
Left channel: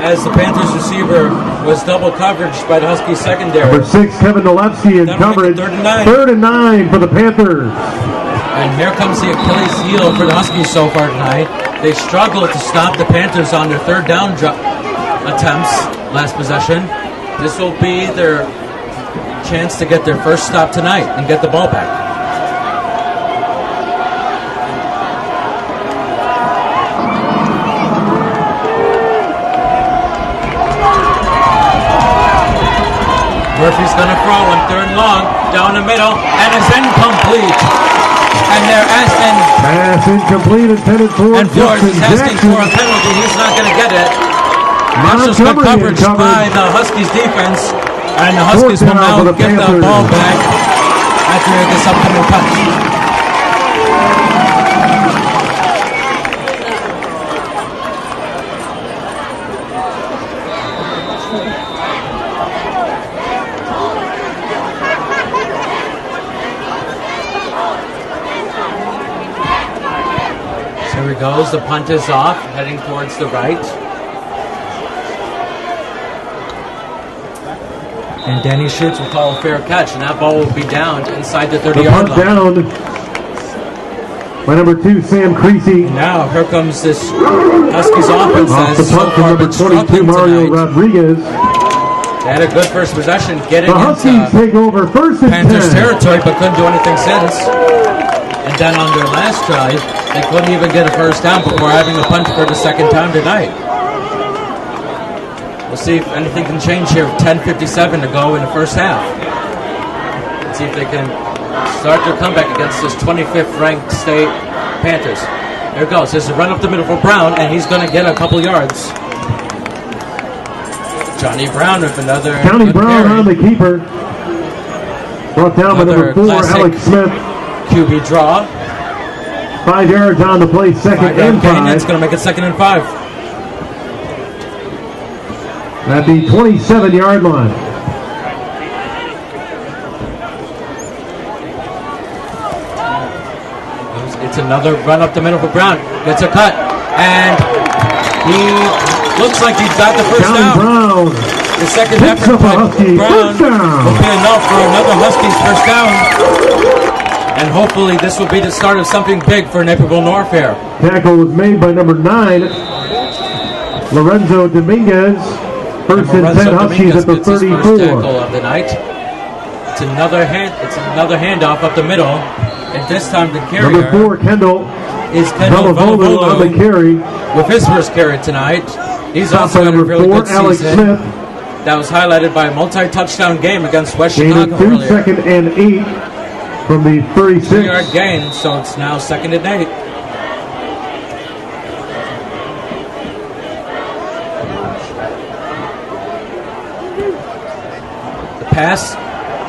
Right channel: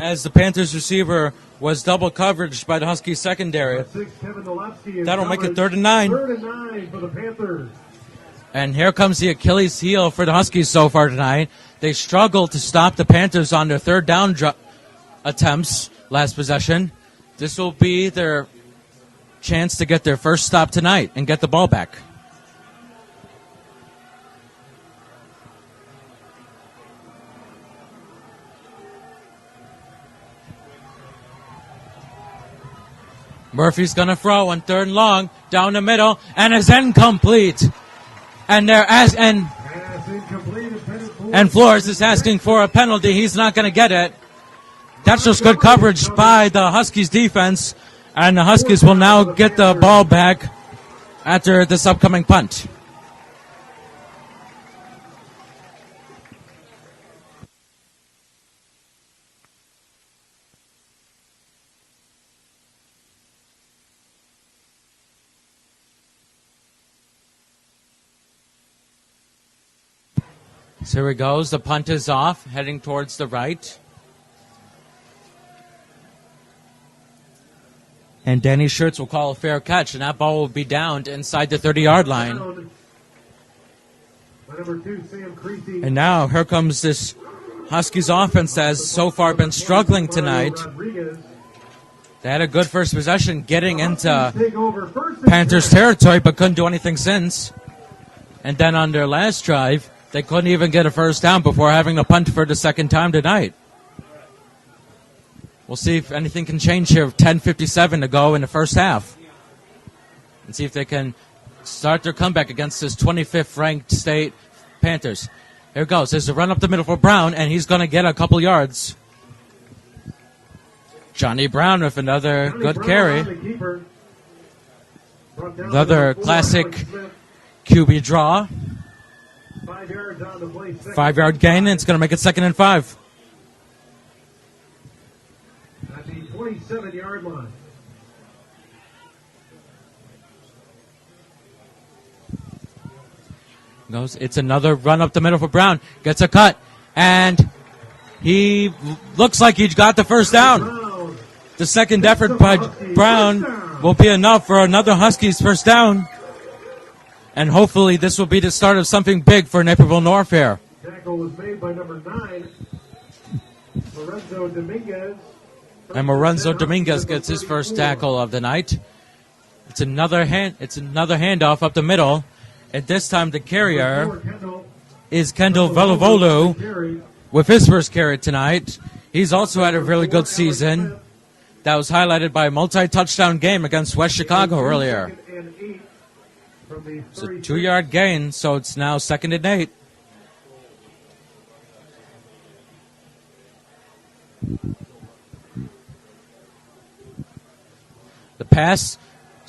As the Panthers receiver was double coverage by the Huskies secondary. Number 6, Kevin Nolewski in That'll coverage. make it 3rd and 9. 3rd and 9 for the Panthers. And here comes the Achilles heel for the Huskies so far tonight. They struggled to stop the Panthers on their third down attempts last possession. This will be their chance to get their first stop tonight and get the ball back. Murphy's gonna throw on 3rd and long, down the middle, and is incomplete. And pass incomplete intended for and Flores is Justin asking Jackson. for a penalty. He's not gonna get it. That's just good coverage by the Huskies defense. And the Huskies will now get the ball back after this upcoming punt. So here he goes. The punt is off, heading towards the right. And Danny Schutz will call a fair catch, and that ball will be downed inside the 30-yard line. Down by number 2, Sam Creasy. And now here comes this Huskies offense that has so far been struggling tonight. Rodriguez. They had a good first possession getting The into Huskies take over first and Panthers 10. territory, but couldn't do anything since. And then on their last drive, they couldn't even get a first down before having a punt for the second time tonight. We'll see if anything can change here. 10:57 to go in the first half. Let's see if they can start their comeback against this 25th ranked state Panthers. Here it goes. There's a run up the middle for Brown, and he's going to get a couple yards. Johnny Brown with another good Brown carry. on the keeper. Brought down by Another number 4, classic Alex Smith. QB draw. 5 yards on the play, second 5-yard and gain. 5. It's going to make it 2nd and 5. At the 27-yard line. It's another run up the middle for Brown. Gets a cut. And he looks like he's got the first down. Brown. The second effort by Brown will be enough for another Huskies first down. And hopefully this will be the start of something big for Naperville North here. Tackle was made by number 9, Lorenzo Dominguez. And Lorenzo Dominguez gets his first tackle of the night. It's another handoff up the middle. And this time the carrier Number 4, Kendall. is Kendall Velavolo Velavolo with his first carry tonight. He's also had a really good season. Smith. That was highlighted by a multi-touchdown game against West Chicago Gain of 2, earlier. 2nd and 8 from the 36. 2-yard gain, so it's now 2nd and 8. The pass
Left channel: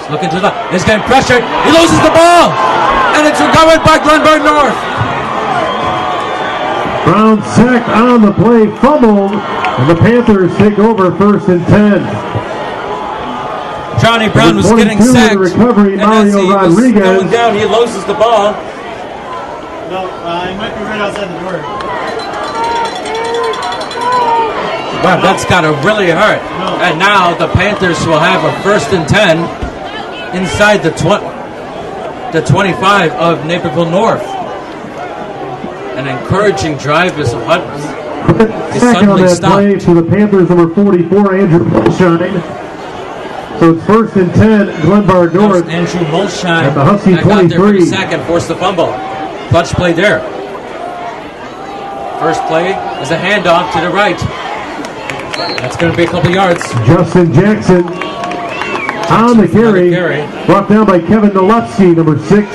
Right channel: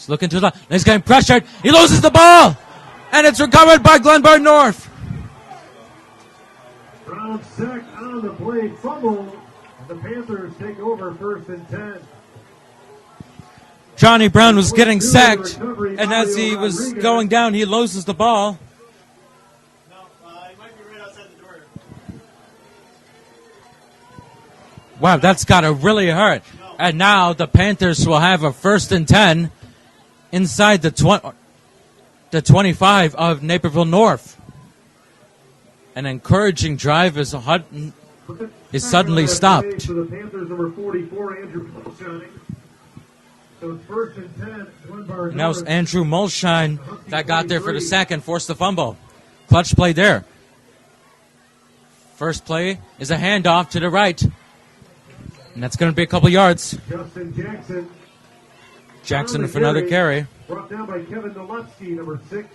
is looking to the left. He's getting pressured. He loses the ball, and it's recovered by Glenbard North. Brown sacked on the play, fumbled, and the Panthers take over 1st and 10. Johnny Brown was getting sacked, recovery, and as he was Rodriguez. going down, he loses the ball. No, he might be right outside the door. Wow, that's got to really hurt. And now the Panthers will have a 1st and 10 inside the 25 of Naperville North. An encouraging drive as Hutton is suddenly stopped. To the Panthers, number 44, Andrew Molshine. So it's 1st and 10, Glenbard That was North. Andrew Molshine And the Husky that got there for the 23. sack and forced the fumble. Clutch play there. First play is a handoff to the right. That's going to be a couple yards. Justin Jackson on the with another carry. Brought down by Kevin Nolewski, number 6.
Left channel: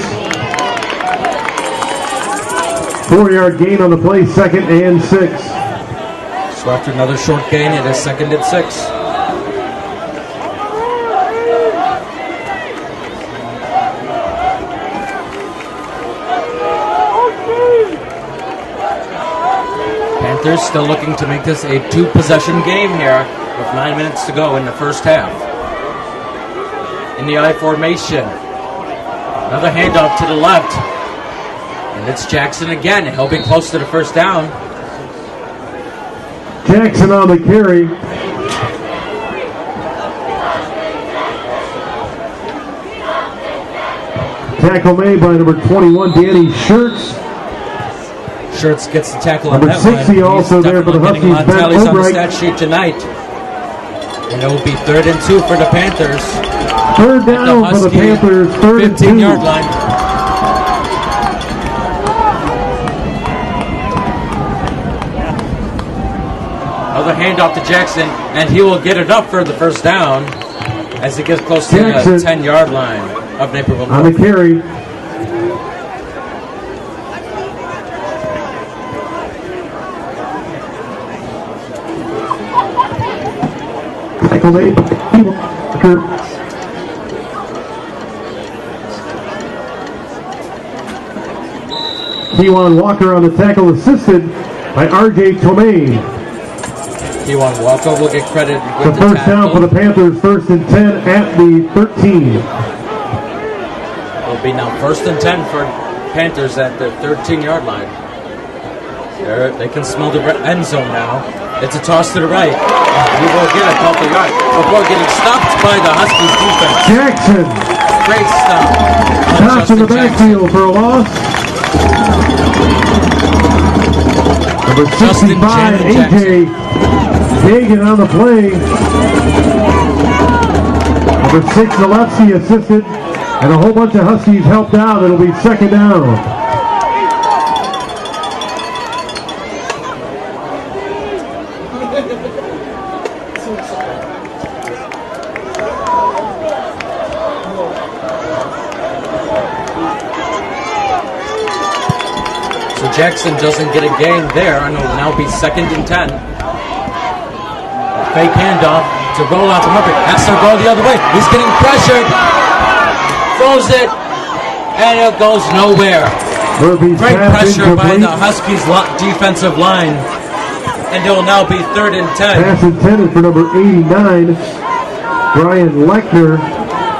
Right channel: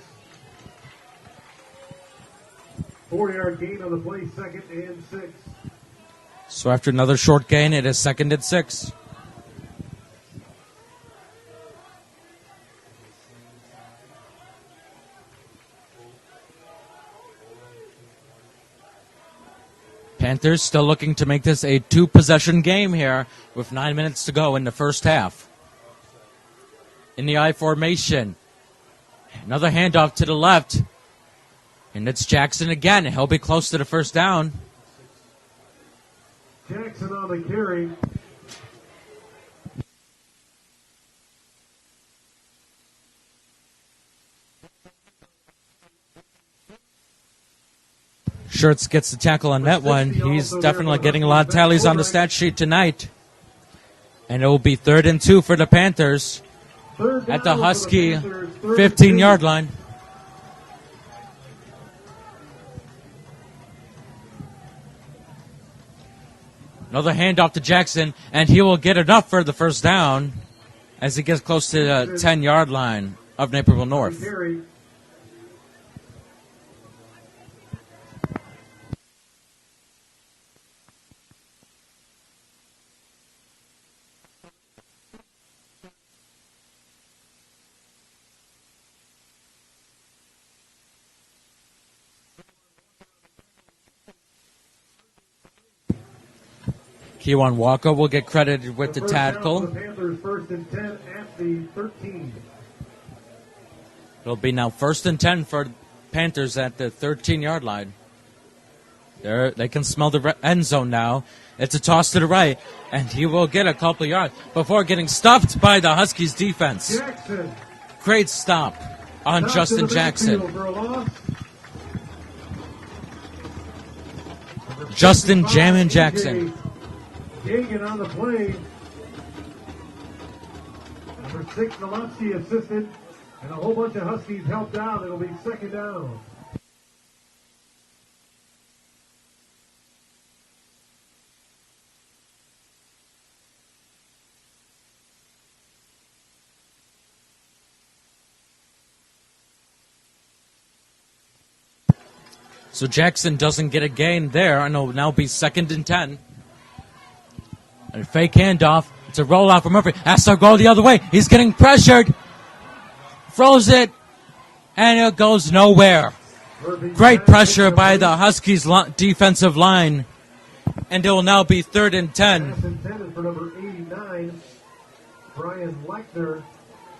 4-yard gain on the play, 2nd and 6. So after another short gain, it is 2nd and 6. Panthers still looking to make this a 2-possession game here with 9 minutes to go in the first half. In the I formation. Another handoff to the left. And it's Jackson again. He'll be close to the first down. Jackson on the carry. Tackle made by number 21, Danny Schertz. Schertz gets the tackle on Number that one. 60 He's also there definitely for the getting a lot of Huskies, tallies Ben on the Ulbricht. stat sheet tonight. And it will be 3rd and 2 for the Panthers 3rd at the down for the Husky Panthers, 3rd and 15-yard 2. line. Another handoff to Jackson, and he will get it up for the first down as he gets close to the Jackson 10-yard line of Naperville On the North. carry. Tackle made. Kewan Walker on the tackle, assisted by R.J. Tomei. Kewan Walker will get credited The with the first down for the tackle. Panthers, 1st and 10 at the 13. It'll be now 1st and 10 for Panthers at the 13-yard line. They can smell the end zone now. It's a toss to the right, and he will get a couple yards before getting stopped by the Huskies defense. Jackson. Great stop on Toss in the Justin Jackson. backfield for a loss. Number Justin 65, Jammin' AJ Jackson. Hagan on the play. Number 6, Zalewski assisted, and a whole bunch of Huskies helped out. It'll be second down. So Jackson doesn't get a gain there, and it'll now be 2nd and 10. A fake handoff to roll out to Murphy. Has to go the other way. He's getting pressured. Throws it, and it goes nowhere. Great pressure by the Huskies defensive line, and it will now be 3rd and 10. Pass intended for number 89, Brian Lechner.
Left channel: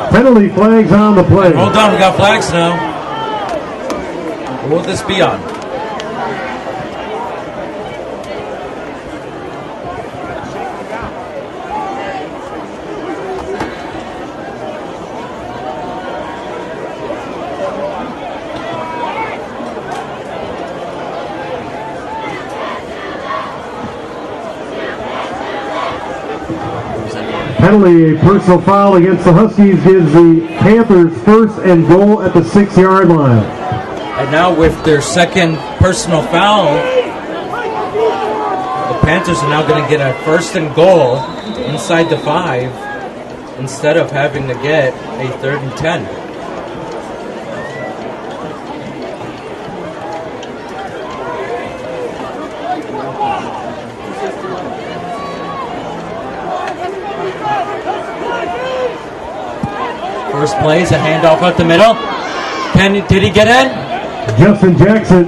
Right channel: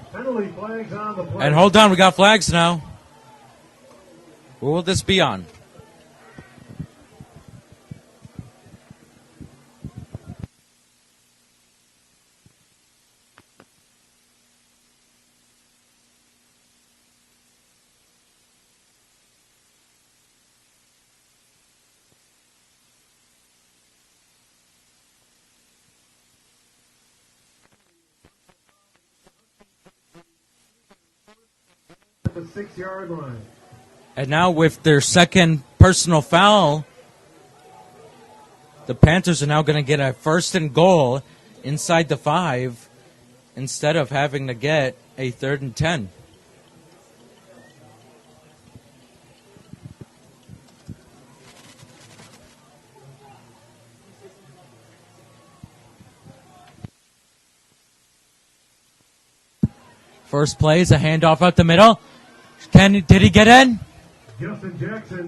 Penalty flags on the play. And hold on, we got flags now. What will this be on? Penalty, a personal foul against the Huskies gives the Panthers 1st and goal at the 6-yard line. And now with their 2nd personal foul, the Panthers are now going to get a 1st and goal inside the 5 instead of having to get a 3rd and 10. First play is a handoff out the middle. Did he get in? Justin Jackson.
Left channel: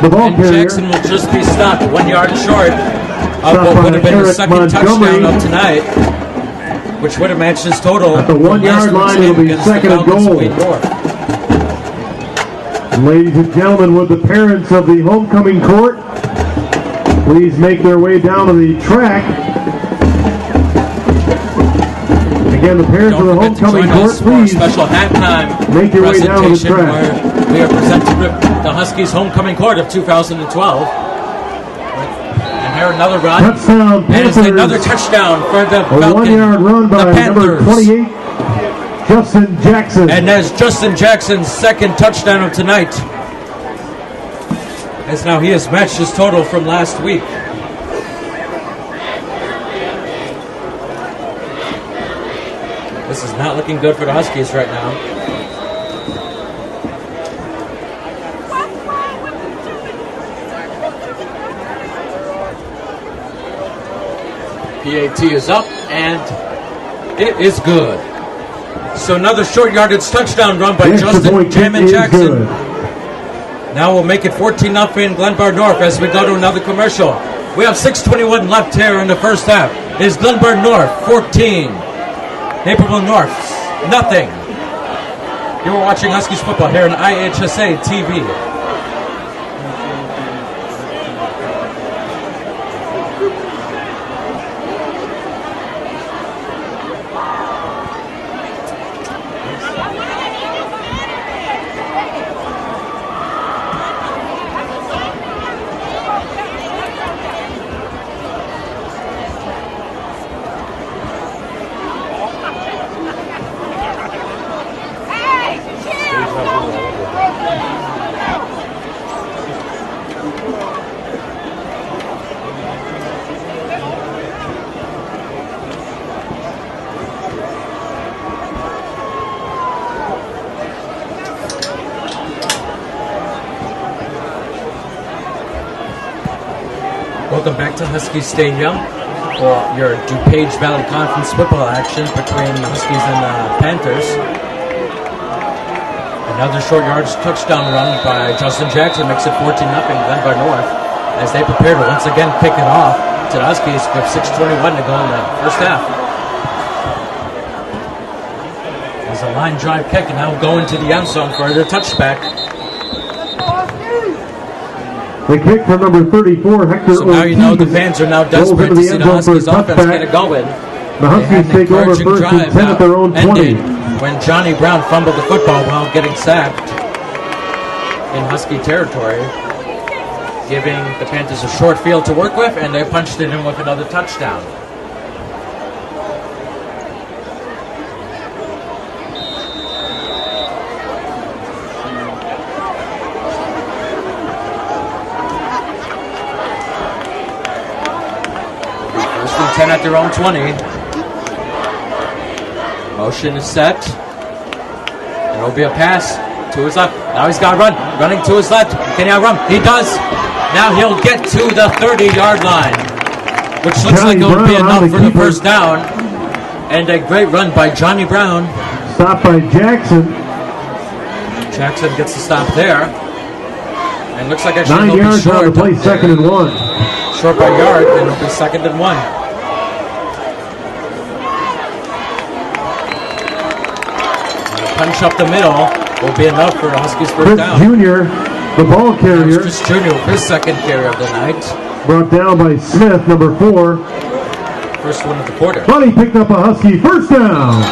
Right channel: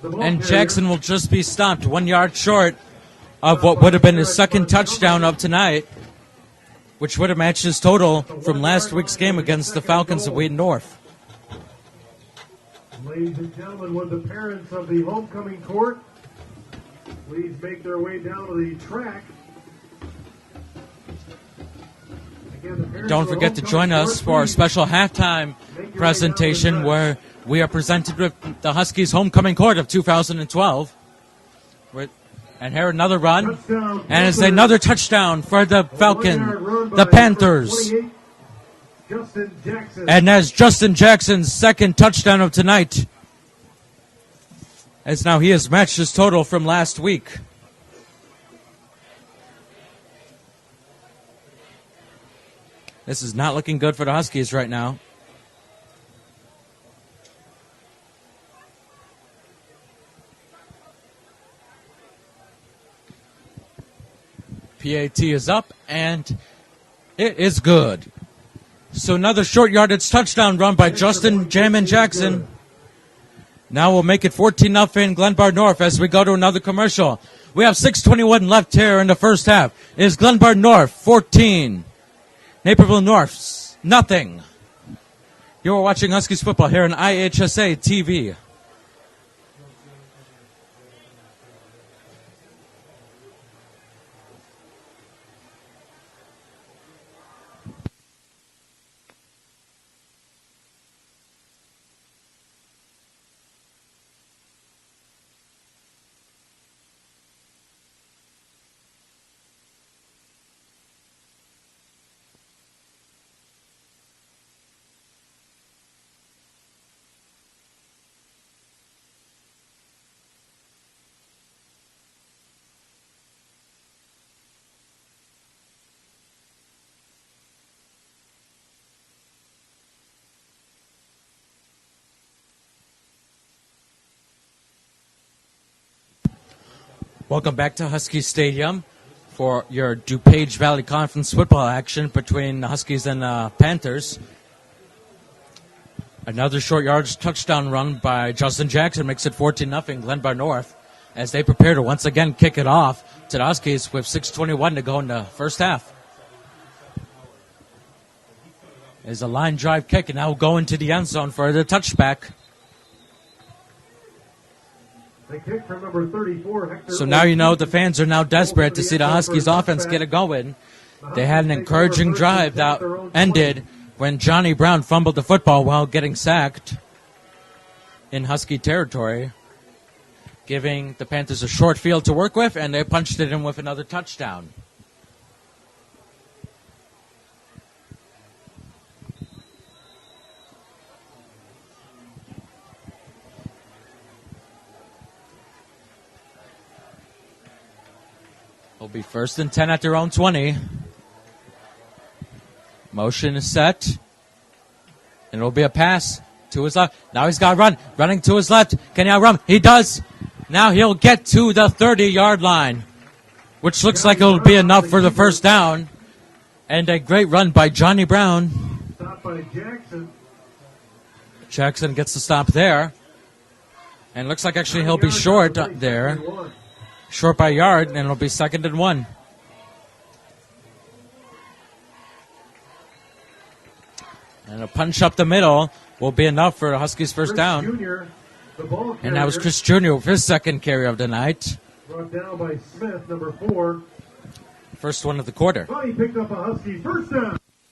And Jackson will just be stopped 1 yard short of what would have been his 2nd touchdown of tonight, which would have matched his total from last week's game against the Falcons of Wayne North. Ladies and gentlemen, would the parents of the homecoming court please make their way down to the track? Again, the parents Don't of the forget to homecoming join court, us for our please special halftime make your way down to the presentation track. where we are presented with the Huskies homecoming court of 2012. And here another run. Touchdown, And it's another touchdown for the Falcons, the Panthers. 28, Justin Jackson. And that's Justin Jackson's 2nd touchdown of tonight. As now he has matched his total from last week. This is not looking good for the Huskies right now. PAT is up, and it is good. So another short yardage touchdown run by Justin Jammin Jackson. Now we'll make it 14-0 Glenbard North as we go to another commercial. We have 6:21 left here in the first half. It is Glenbard North 14, Naperville North nothing. You are watching Huskies football here on IHSA TV. Welcome back to Husky Stadium for your DuPage Valley Conference football action between the Huskies and the Panthers. Another short yardage touchdown run by Justin Jackson makes it 14-0 Glenbard North as they prepare to once again kick it off to the Huskies with 6:21 to go in the first half. There's a line drive kick and now go into the end zone for the touchback. The kick from number 34, Hector. So now you know the fans are now desperate to see the Huskies offense get it going. They had an encouraging drive that ended when Johnny Brown fumbled the football while getting sacked in Husky territory, giving the Panthers a short field to work with, and they punched it in with another touchdown. First and 10 at their own 20. Motion is set. And it'll be a pass to his left. Now he's got to run. Running to his left. Can he outrun? He does. Now he'll get to the 30-yard line, which looks like it will be enough for the first down. And a great run by Johnny Brown. Stopped by Jackson. Jackson gets the stop there. And looks like actually 9 he'll be yards short on the play, up there. 2nd and 1. Short by a yard, and it'll be 2nd and 1. And a punch up the middle will be enough for Huskies first Chris down. Jr., the ball That was carrier, Chris Jr. with his second carry of the night. brought down by Smith, number 4. First one of the quarter. Buddy picked up a Husky first down.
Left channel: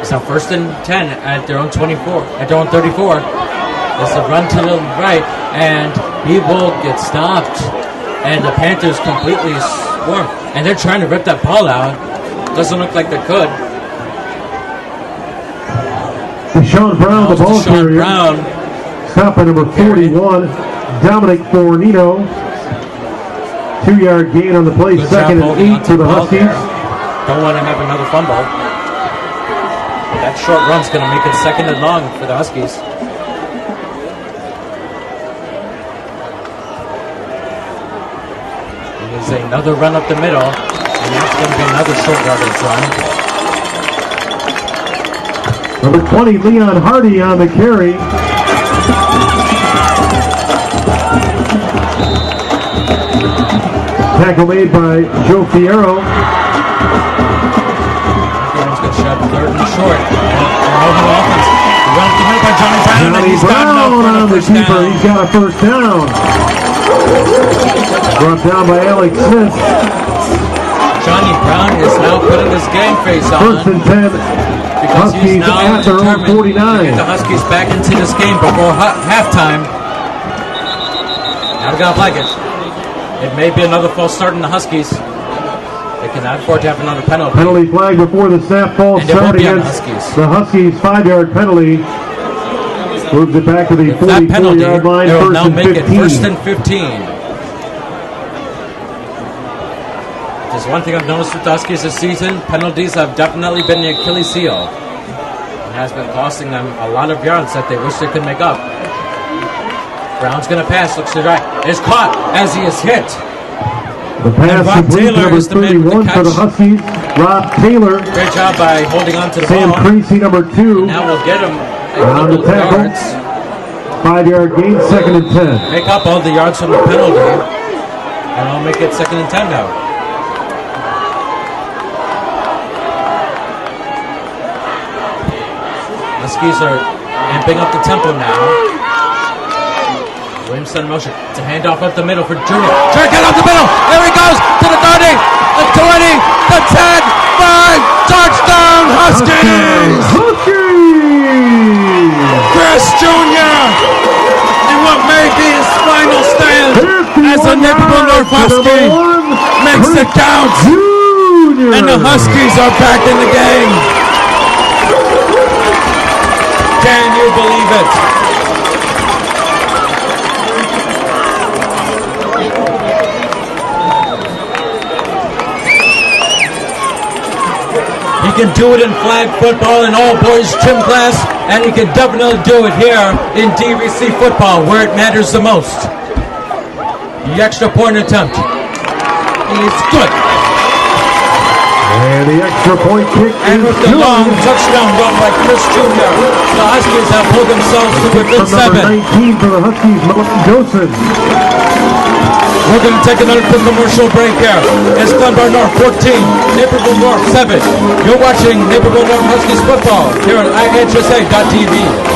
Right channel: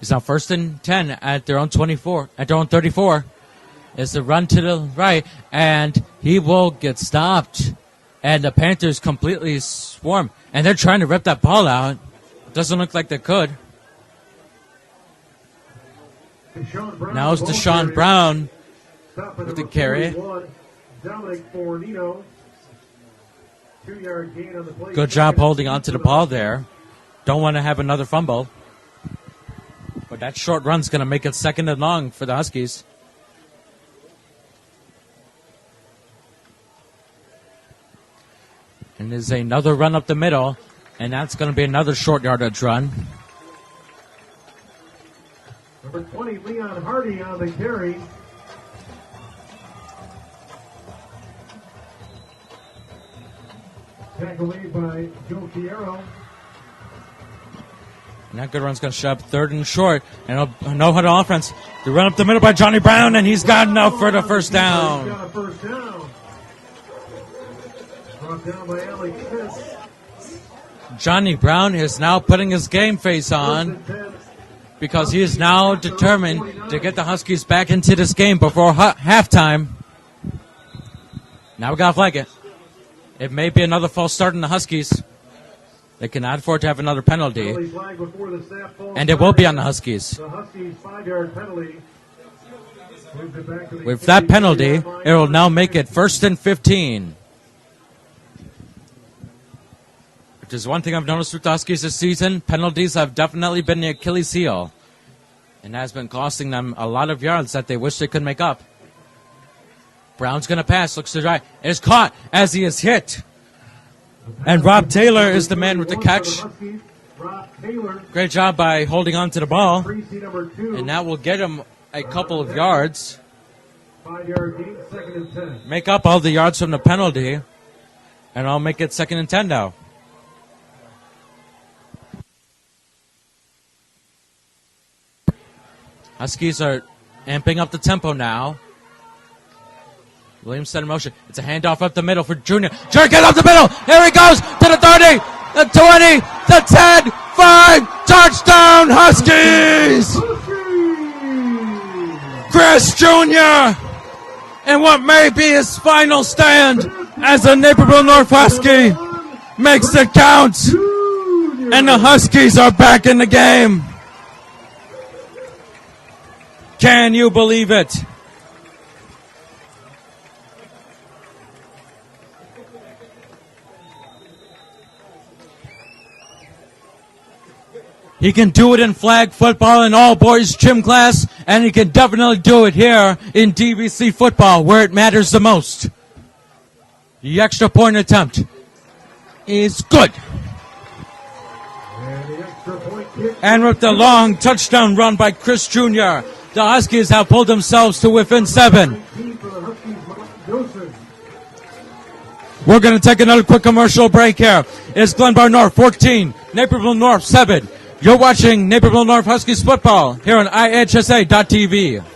It's now 1st and 10 at their own 24, at their own 34. There's a run to the right, and he will get stopped. And the Panthers completely swarm. And they're trying to rip that ball out. Doesn't look like they could. Deshaun Brown, Now the it's ball Deshaun carrier. Brown. Stop by number carry. 41, Dominic Fornino. 2-yard gain on the play. Good 2nd job and holding 8 onto for the ball Huskies. there. Don't want to have another fumble. That short run's going to make it 2nd and long for the Huskies. It is another run up the middle, and that's going to be another short yardage run. Number 20, Leon Hardy on the carry. Tackle made by Joe Fierro. Everyone's going to shove 3rd and short. No-huddle offense. The run up the middle by Johnny Brown, and he's got enough for the first down. He's got a first down. Brought down by Alex Smith. Johnny Brown is now putting his game face 1st on and 10. because he's Huskies now at their own determined 49. to get the Huskies back into this game before halftime. Not gonna like it. It may be another false start in the Huskies. They cannot afford to have another penalty. Penalty flag before the snap falls. And it will be on the Huskies. The Huskies 5-yard penalty. Moves it back to the With that penalty, 44-yard line, it will 1st now and make it 15. 1st and 15. Just one thing I've noticed with the Huskies this season, penalties have definitely been the Achilles heel. And has been costing them a lot of yards that they wish they could make up. Brown's going to pass, looks to the right. Is caught as he is hit. The pass And Rob complete to Taylor number is the man with the 31 for catch. Huskies. Rob Taylor. Great job by holding on to the Sam ball. Creasy, number 2. And that will get him a On couple the of tackle. yards. 5-yard gain, 2nd and 10. Make up all the yards from the penalty. And I'll make it 2nd and 10 now. Huskies are amping up the tempo now. Williamson in motion. It's a handoff up the middle for Junior. Junior, get up the middle. Here he goes to the 30, the 20, the 10, 5. Touchdown, Huskies! Chris Jr. and what may be his final stand as a Naperville North Husky makes it count. And the Huskies are back in the game. Can you believe it? He can do it in flag football and all boys gym class, and he can definitely do it here in DVC football where it matters the most. The extra point attempt is good. And the extra point kick. And with the long touchdown run by Chris Jr., the Huskies have pulled themselves to within 7. 19 for the Huskies, Malone Joseph. We're going to take another quick commercial break here. It's Glenbard North 14, Naperville North 7. You're watching Naperville North Huskies football here on IHSA.tv.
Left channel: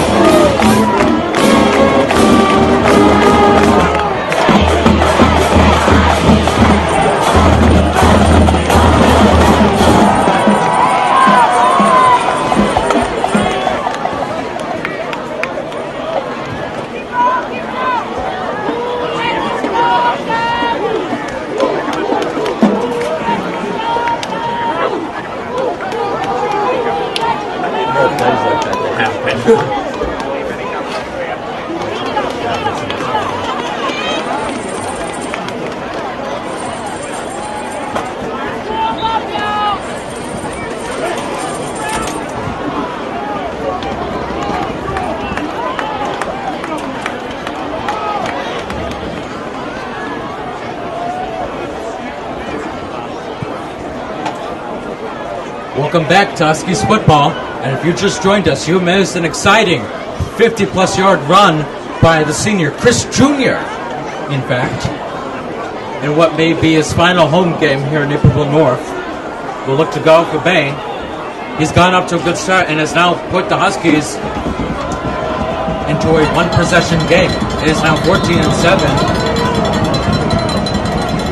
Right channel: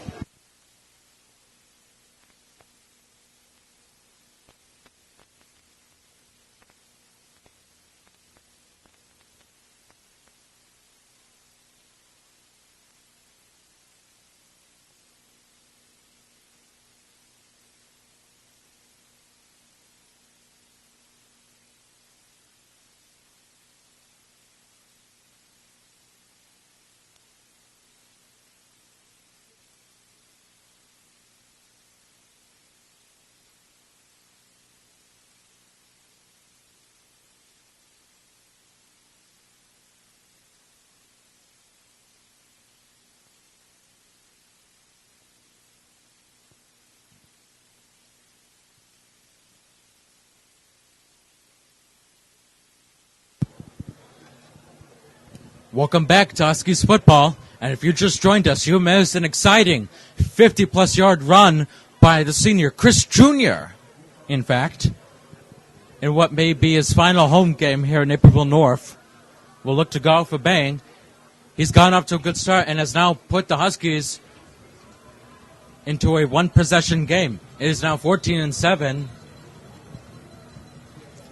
Welcome back to Huskies football. And if you just joined us, you missed an exciting 50-plus yard run by the senior, Chris Jr., in fact, in what may be his final home game here in Naperville North. Will look to go for bang. He's gone up to a good start and has now put the Huskies into a one-possession game. It is now 14-7.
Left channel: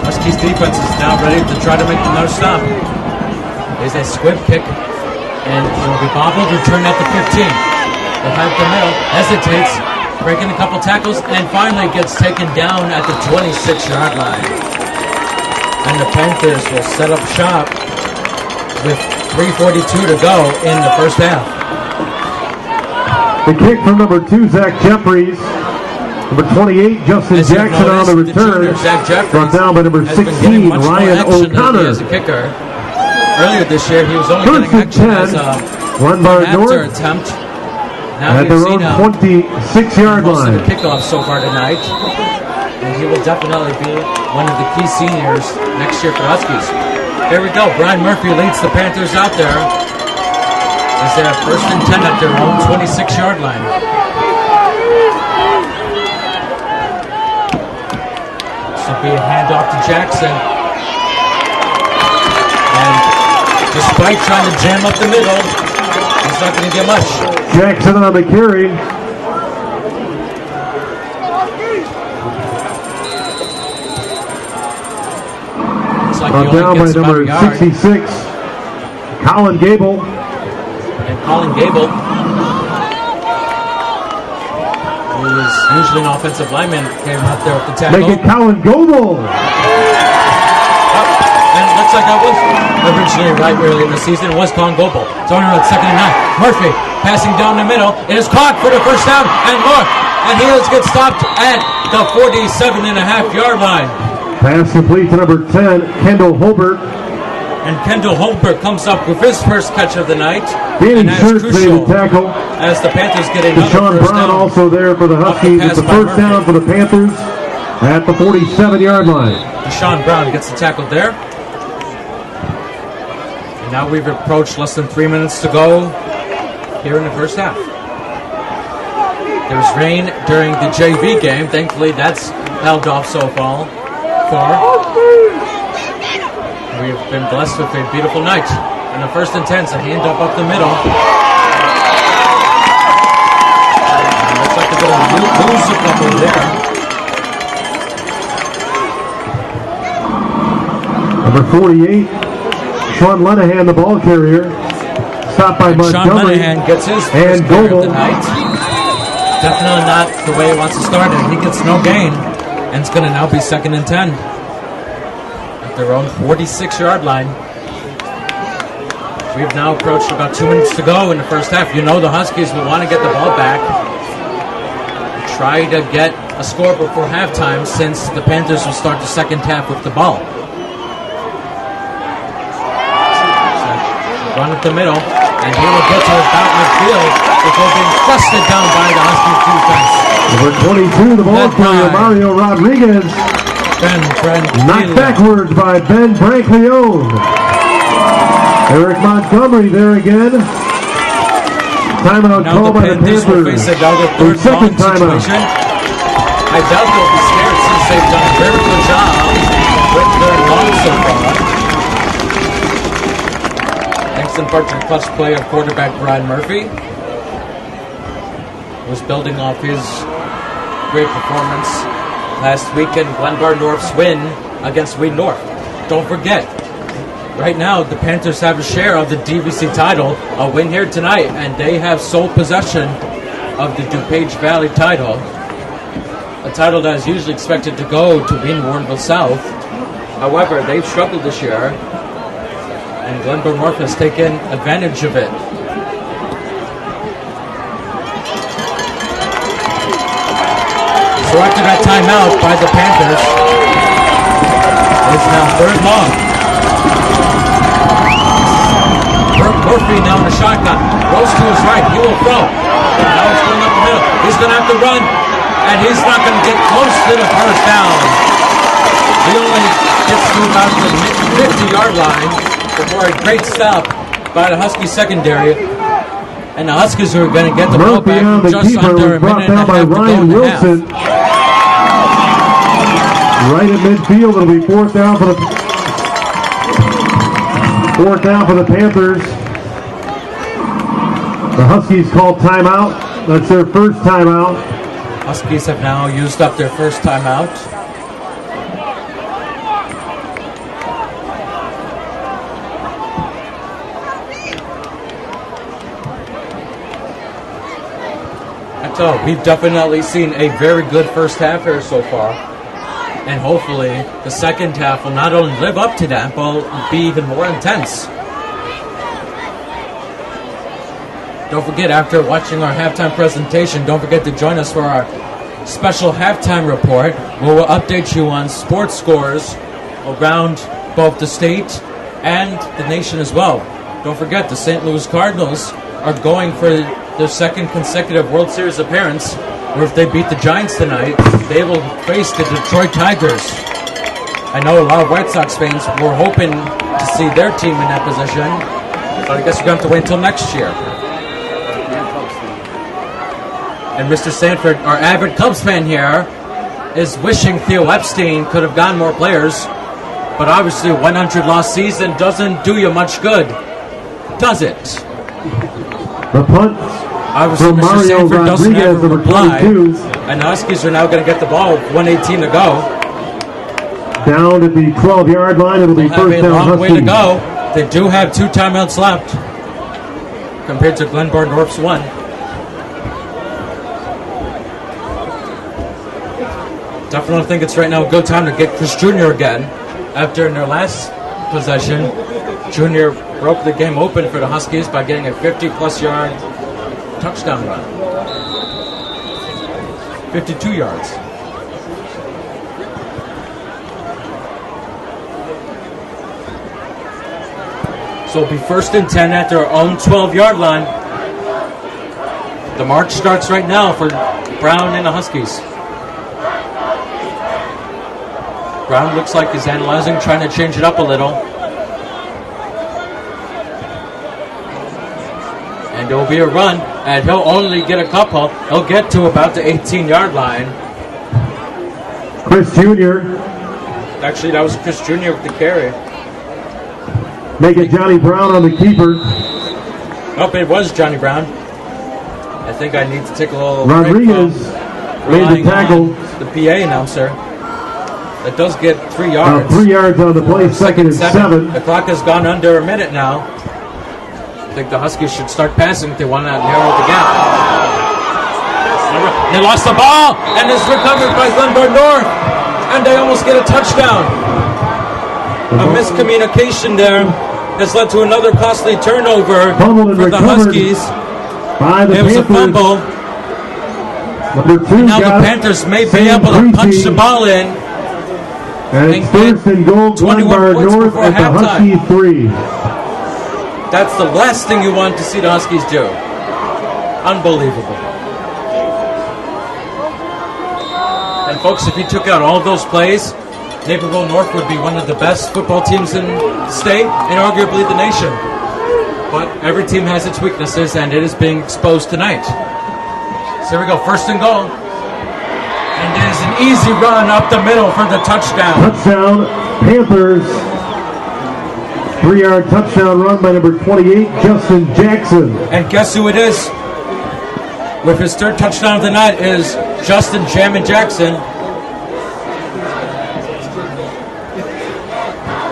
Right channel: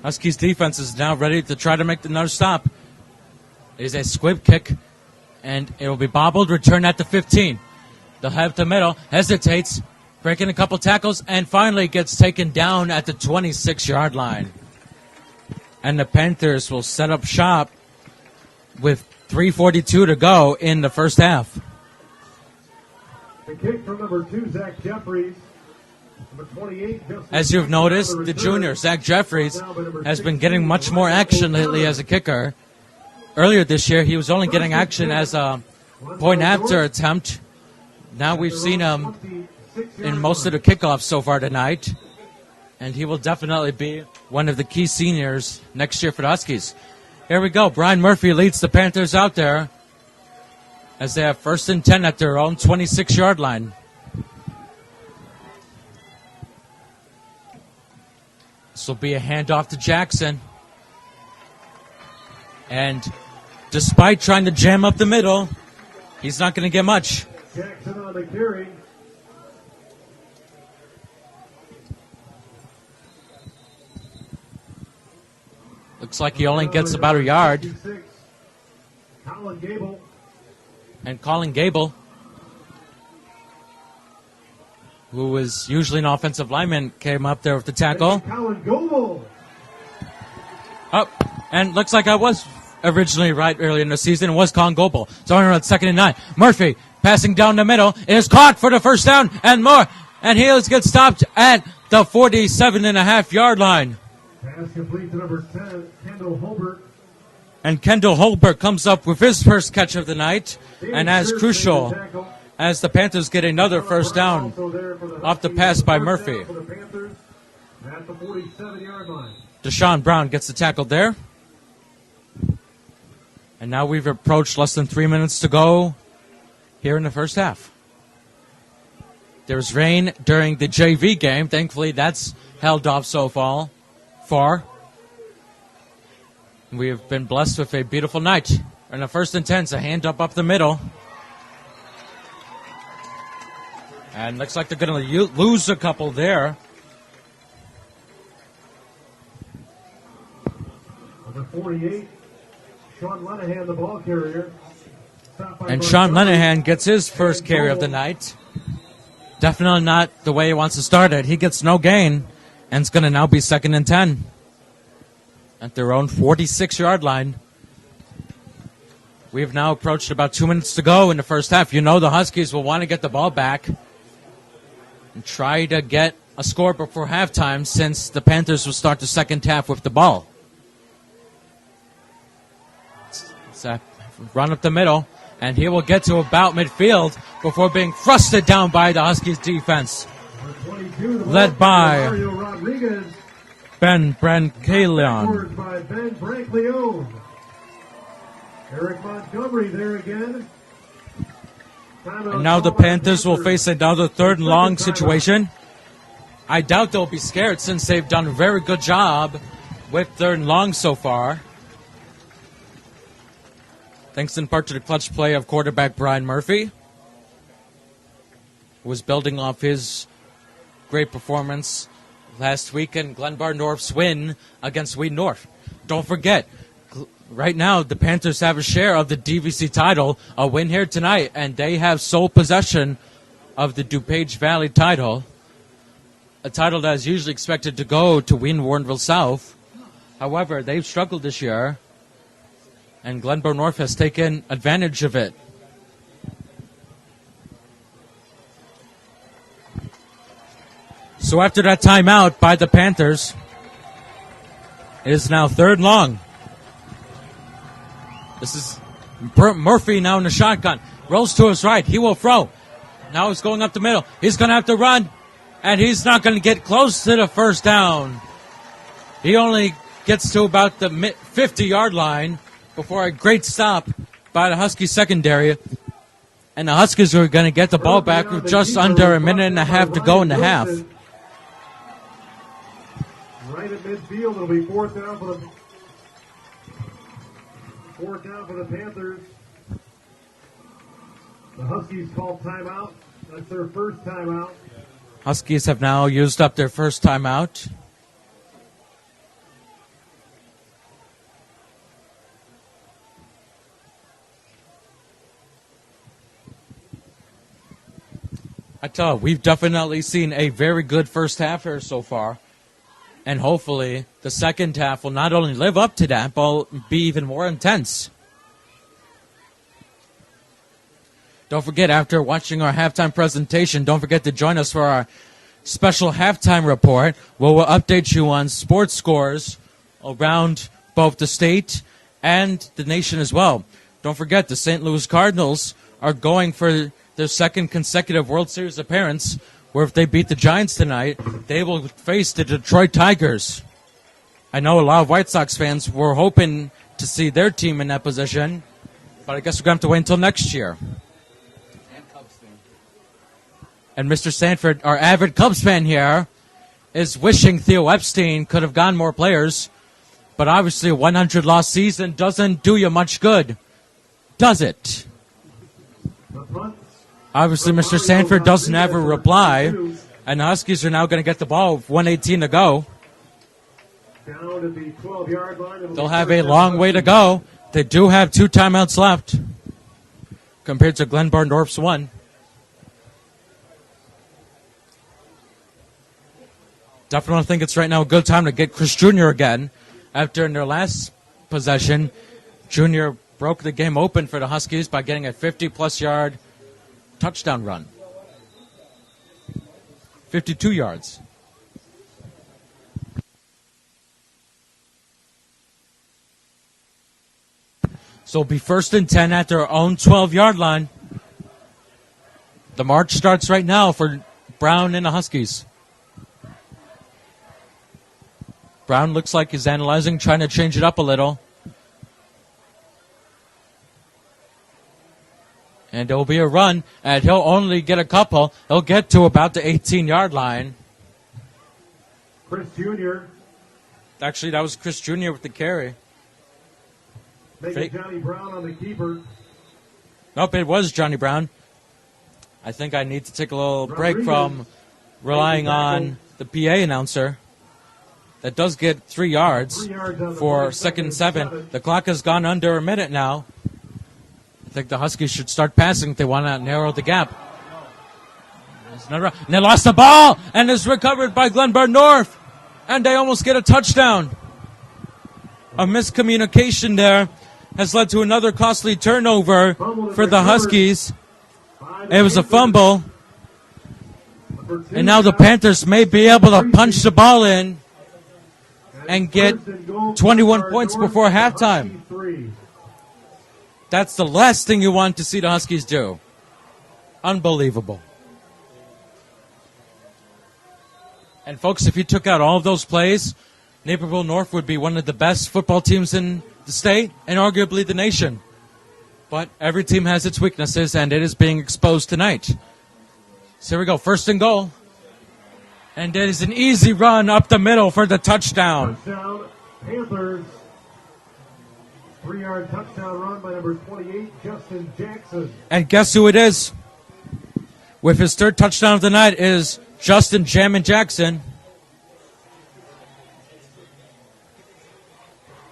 Huskies defense is now ready to try to make another stop. Is a squib kick, and it will be bobbled, returned at the 15. They'll have the middle, hesitates, breaking a couple tackles, and finally gets taken down at the 26-yard line. And the Panthers will set up shop with 3:42 to go in the first half. The kick from number 2, Zach Jeffries. Number 28, Justin As you've Jackson on noticed, the the return. junior, Zach Jeffries, Down by number has 16, been getting much more Ryan action lately O'Connor. as a kicker. Earlier this year, he was only getting action as a point-after attempt. Now At we've their seen own him 26-yard most line. of the kickoffs so far tonight. And he will definitely be one of the key seniors next year for the Huskies. Here we go. Brian Murphy leads the Panthers out there as they have 1st and 10 at their own 26-yard line. This will be a handoff to Jackson. And despite trying to jam up the middle, he's not going to get much. Jackson on the carry. Looks like he only gets about a yard. 66, Colin Gable. And Colin Gable, who is usually an offensive lineman, came up there with the tackle. Make it Colin Gable. And it looks like I was originally right early in the season. It was Colin Gable. It's only on 2nd and 9. Murphy passing down the middle. It is caught for the first down and more. And he gets stopped at the 47.5-yard line. Pass complete to number 10, Kendall Holbert. And Kendall Holbert comes up with his first catch of the night. And that's crucial as the Panthers get another Deshaun first Brown down. Also there for the off the Huskies. pass It's the by first Murphy. down for the Panthers at the 47-yard line. Deshaun Brown gets the tackle there. And now we've approached less than 3 minutes to go here in the first half. There's rain during the JV game. Thankfully, that's held off so far. We've been blessed with a beautiful night. And the 1st and 10's a handoff up the middle. And looks like they're going to lose a couple there. Number 48, Sean Lenahan, the ball carrier. Stopped by And Montgomery. Sean Lenahan gets his first And carry of the Gable. night. Definitely not the way he wants to start it. He gets no gain, and it's going to now be 2nd and 10 at their own 46-yard line. We've now approached about 2 minutes to go in the first half. You know the Huskies will want to get the ball back, try to get a score before halftime, since the Panthers will start the second half with the ball. So, run up the middle, and he will get to about midfield before being crusted down by the Huskies defense. Number 22, the ball Led carrier, by Mario Rodriguez. Ben Knocked Brantley. backwards by Ben Brankleone. Eric Montgomery there again. Timeout Now the call by Panthers will face another third Second long timeout. situation. I doubt they'll be scared since they've done a very good job with third long so far. Thanks in part to the clutch play of quarterback Brian Murphy, who was building off his great performance last week in Glenbard North's win against Wheaton North. Don't forget, right now the Panthers have a share of the DVC title, a win here tonight, and they have sole possession of the DuPage Valley title, a title that is usually expected to go to Wheaton Warrenville South. However, they've struggled this year, and Glenbard North has taken advantage of it. So after that timeout by the Panthers, it's now third long. Murphy now in the shotgun. Rolls to his right. He will throw. Now it's going up the middle. He's going to have to run, and he's not going to get close to the first down. He only gets to about the 50-yard line before a great stop by the Husky secondary. And the Huskies are going to get the ball back with just under a minute and a half to go in the half. Right at midfield, it'll be fourth down for the Panthers. The Huskies called timeout. That's their first timeout. Huskies have now used up their first timeout. I tell you, we've definitely seen a very good first half here so far. And hopefully the second half will not only live up to that, but will be even more intense. Don't forget, after watching our halftime presentation, don't forget to join us for our special halftime report, where we'll update you on sports scores around both the state and the nation as well. Don't forget, the St. Louis Cardinals are going for their second consecutive World Series appearance, where if they beat the Giants tonight, they will face the Detroit Tigers. I know a lot of White Sox fans were hoping to see their team in that position, but I guess we're going to have to wait until next year. And Mr. Sanford, our avid Cubs fan here, is wishing Theo Epstein could have gotten more players, but obviously a 100-loss season doesn't do you much good, does it? The punt. Obviously, Mr. Sanford doesn't have a reply, and the Huskies are now going to get the ball with 1:18 to go. Down at the 12-yard line. They'll have a long way to go. They do have 2 timeouts left, compared to Glenbard North's 1. Definitely think it's right now a good time to get Chris Jr. again. After in their last possession, Jr. broke the game open for the Huskies by getting a 50-plus yard touchdown run. 52 yards. So it'll be 1st and 10 at their own 12-yard line. The march starts right now for Brown and the Huskies. Brown looks like he's analyzing, trying to change it up a little. And there will be a run, and he'll only get a couple. He'll get to about the 18-yard line. Chris Jr. Actually, that was Chris Jr. with the carry. Make it Johnny Brown on the keeper. Nope, it was Johnny Brown. I think I need to take a little Rodriguez break from relying on the PA announcer. That does get 3 yards. 3 yards on the play, second and 7. The clock has gone under a minute now. I think the Huskies should start passing if they want to narrow the gap. They lost the ball, and it's recovered by Glenbard North, and they almost get a touchdown. A miscommunication there has led to another costly turnover for the Huskies. It was a fumble, and now the Panthers may be able to punch the ball in and get 21 points before halftime. That's the last thing you want to see the Huskies do. Unbelievable. And folks, if you took out all of those plays, Naperville North would be one of the best football teams in the state and arguably the nation. But every team has its weaknesses, and it is being exposed tonight. So here we go, 1st and goal. And there's an easy run up the middle for the touchdown. Touchdown, Panthers. 3-yard touchdown run by number 28, Justin Jackson. And guess who it is? With his 3rd touchdown of the night is Justin Jammin Jackson.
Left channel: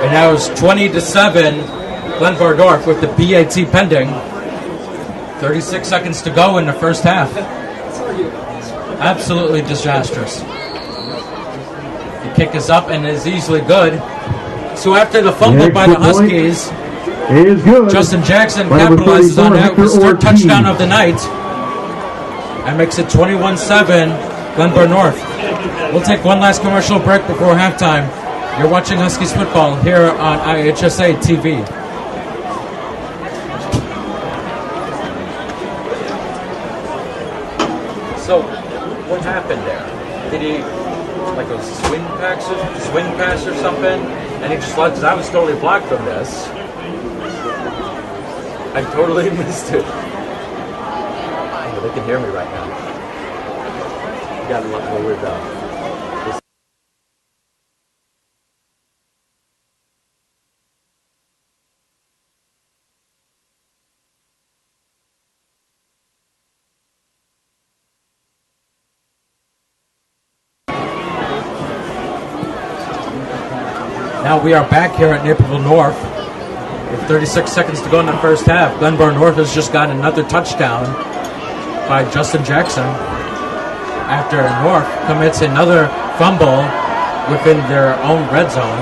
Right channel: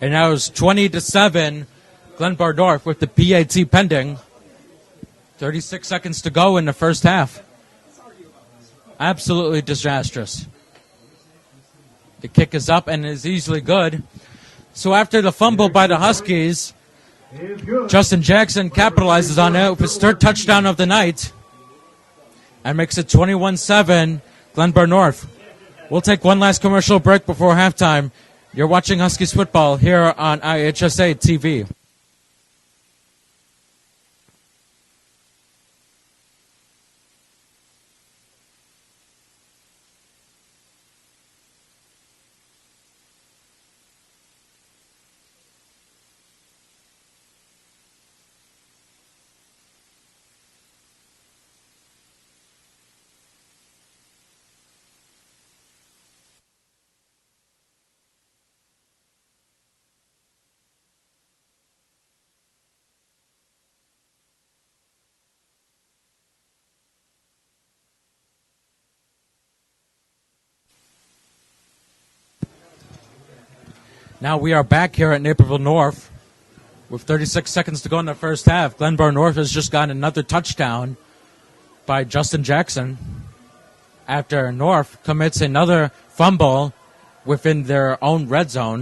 And now it's 20-7, Glenbard North with the PAT pending. 36 seconds to go in the first half. Absolutely disastrous. The kick is up and is easily good. So after the fumble by the Huskies, Justin Jackson capitalizes on it with his 3rd touchdown of the night and makes it 21-7, Glenbard North. We'll take one last commercial break before halftime. You're watching Huskies football here on IHSA TV. So, what happened there? Did he, like a swing pass or something? And he just left, because I was totally blocked from this. I totally missed it. Oh, they can hear me right now. You gotta let me with this. Now we are back here at Naperville North with 36 seconds to go in the first half. Glenbard North has just gotten another touchdown by Justin Jackson after North commits another fumble within their own red zone.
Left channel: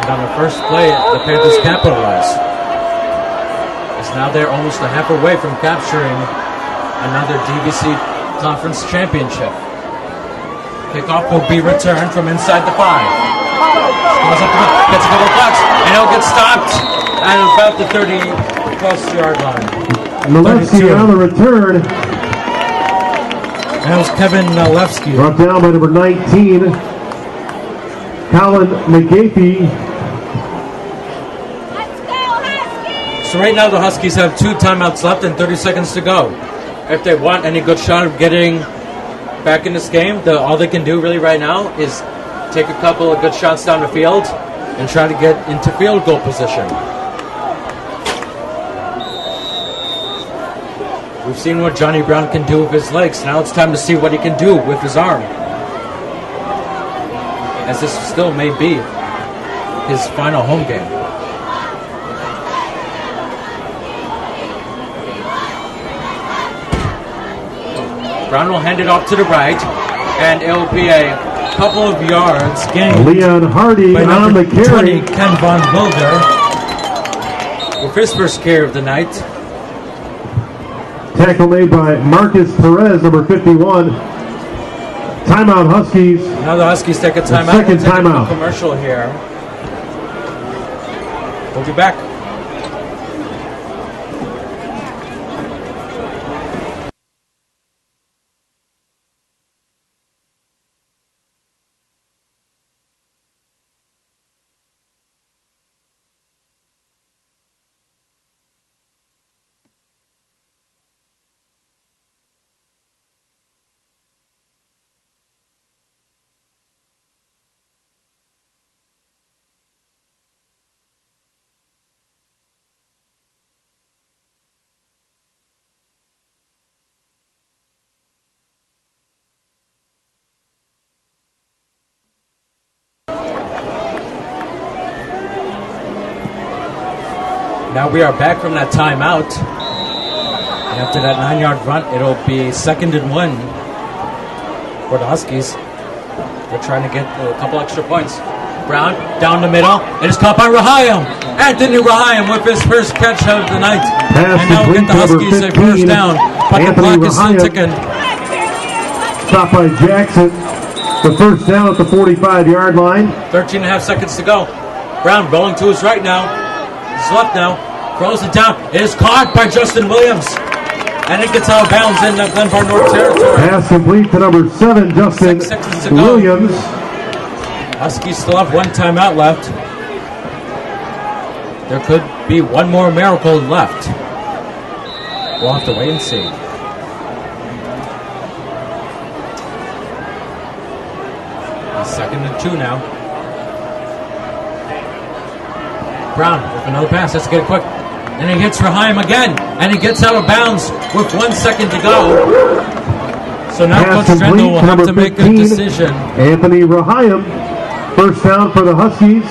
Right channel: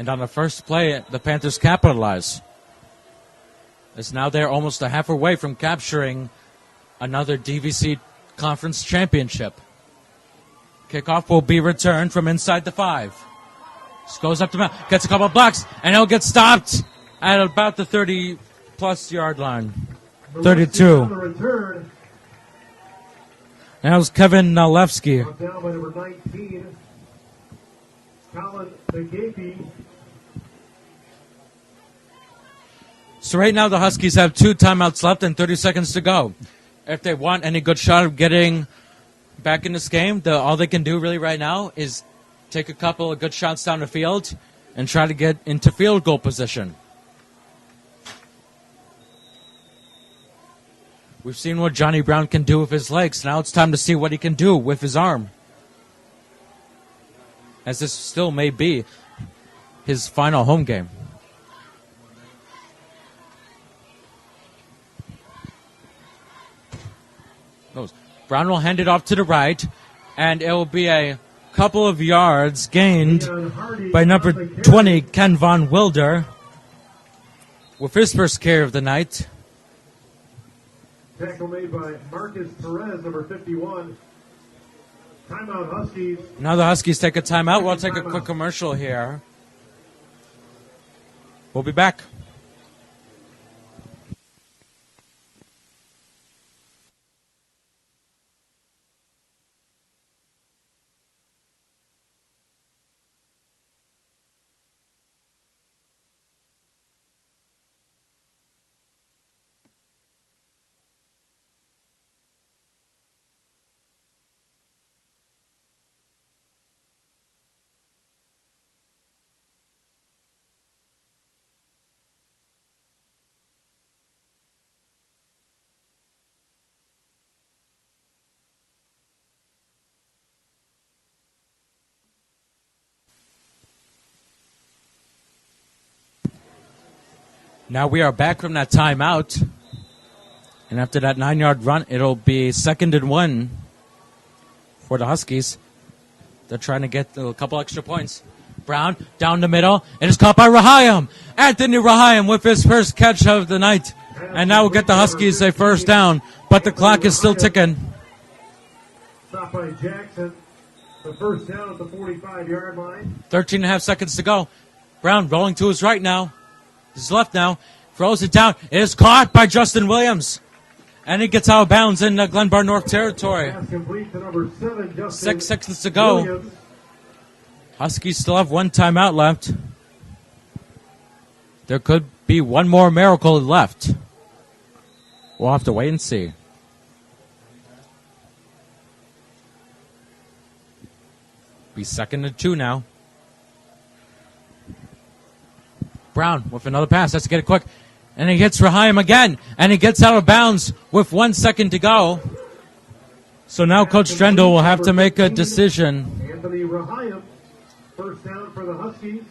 And on the first play, the Panthers capitalize. As now they're almost a half away from capturing another DVC Conference Championship. Kickoff will be returned from inside the 5. Goes up the middle, gets a couple of blocks, and he'll get stopped at about the 30-plus yard line. 32. On the return. That was Kevin Nalewski. Brought down by number 19, Colin McGapey. So right now the Huskies have 2 timeouts left and 30 seconds to go. If they want any good shot of getting back in this game, all they can do really right now is take a couple of good shots down the field and try to get into field goal position. We've seen what Johnny Brown can do with his legs. Now it's time to see what he can do with his arm, as this still may be his final home game. Brown will hand it off to the right, and it'll be a couple of yards gained Leon Hardy by on number the 20, Ken Von Wilder, with his first carry of the night. Tackle made by Marcus Perez, number 51. Timeout, Huskies. Now the Huskies take a timeout. We'll take a timeout. quick commercial here. We'll be back. Now we are back from that timeout. And after that 9-yard run, it'll be 2nd and 1 for the Huskies. They're trying to get a couple extra points. Brown down the middle. It is caught by Rahayim. Anthony Rahayim with his first catch of the night. And now we'll get the Huskies a first down. But the clock is still ticking. Stopped by Jackson. The first down at the 45-yard line. 13 and a half seconds to go. Brown rolling to his right now. His left now. Throws it down. It is caught by Justin Williams. And it gets out of bounds in Glenbard North territory. Pass complete to number 7, Justin 6 seconds to go. Williams. Huskies still have 1 timeout left. There could be one more miracle left. We'll have to wait and see. He's 2nd and 2 now. Brown with another pass. Let's get it quick. And he hits Rahayim again. And he gets out of bounds with 1 second to go. So now Pass Coach complete Drendel will have number to make a 15, decision. Anthony Rahayim. First down for the Huskies.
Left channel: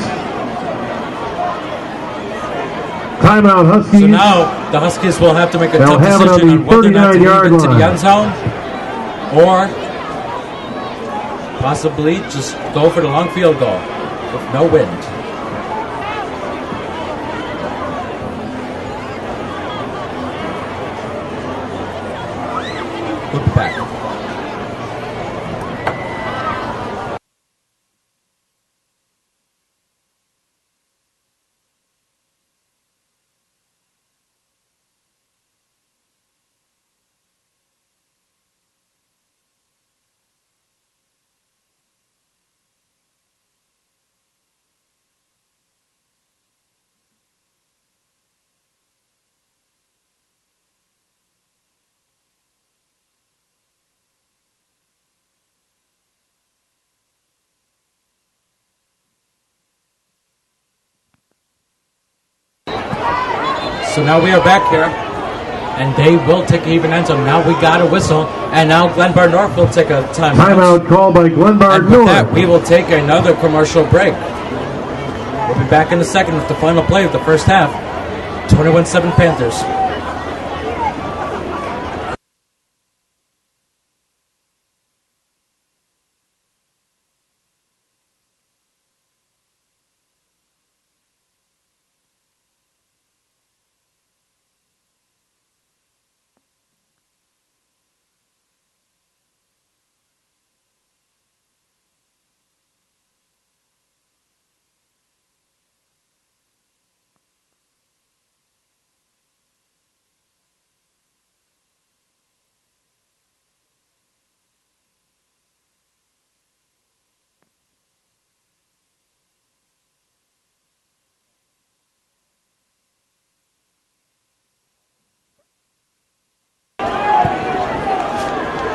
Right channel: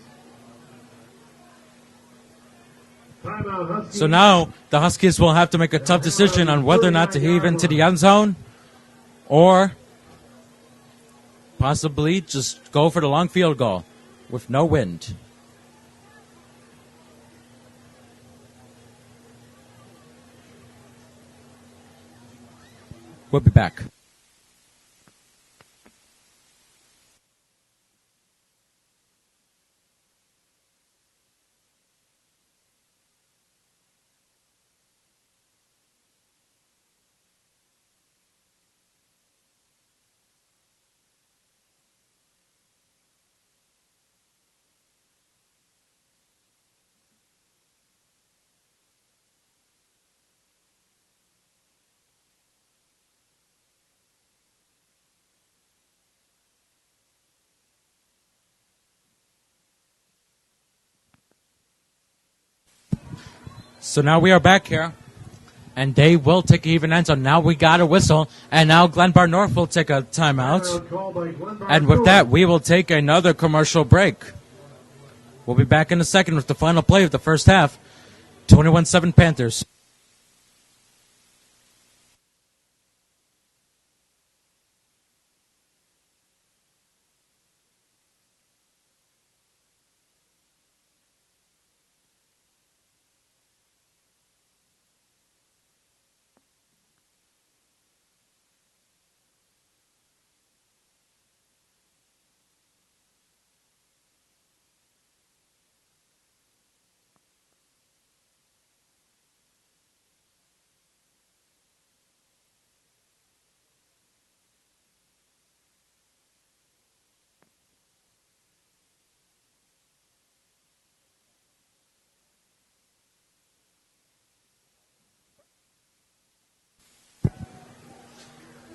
Timeout, Huskies. So now the Huskies will have to make a tough They'll have it decision on on the whether or not to leave 39-yard into the line. end zone or possibly just go for the long field goal with no wind. We'll be back. So now we are back here, and they will take an even end zone. Now we got a whistle, and now Glenbard North will take a timeout. Timeout called by Glenbard And with North. that, we will take another commercial break. We'll be back in a second with the final play of the first half. 21-7 Panthers.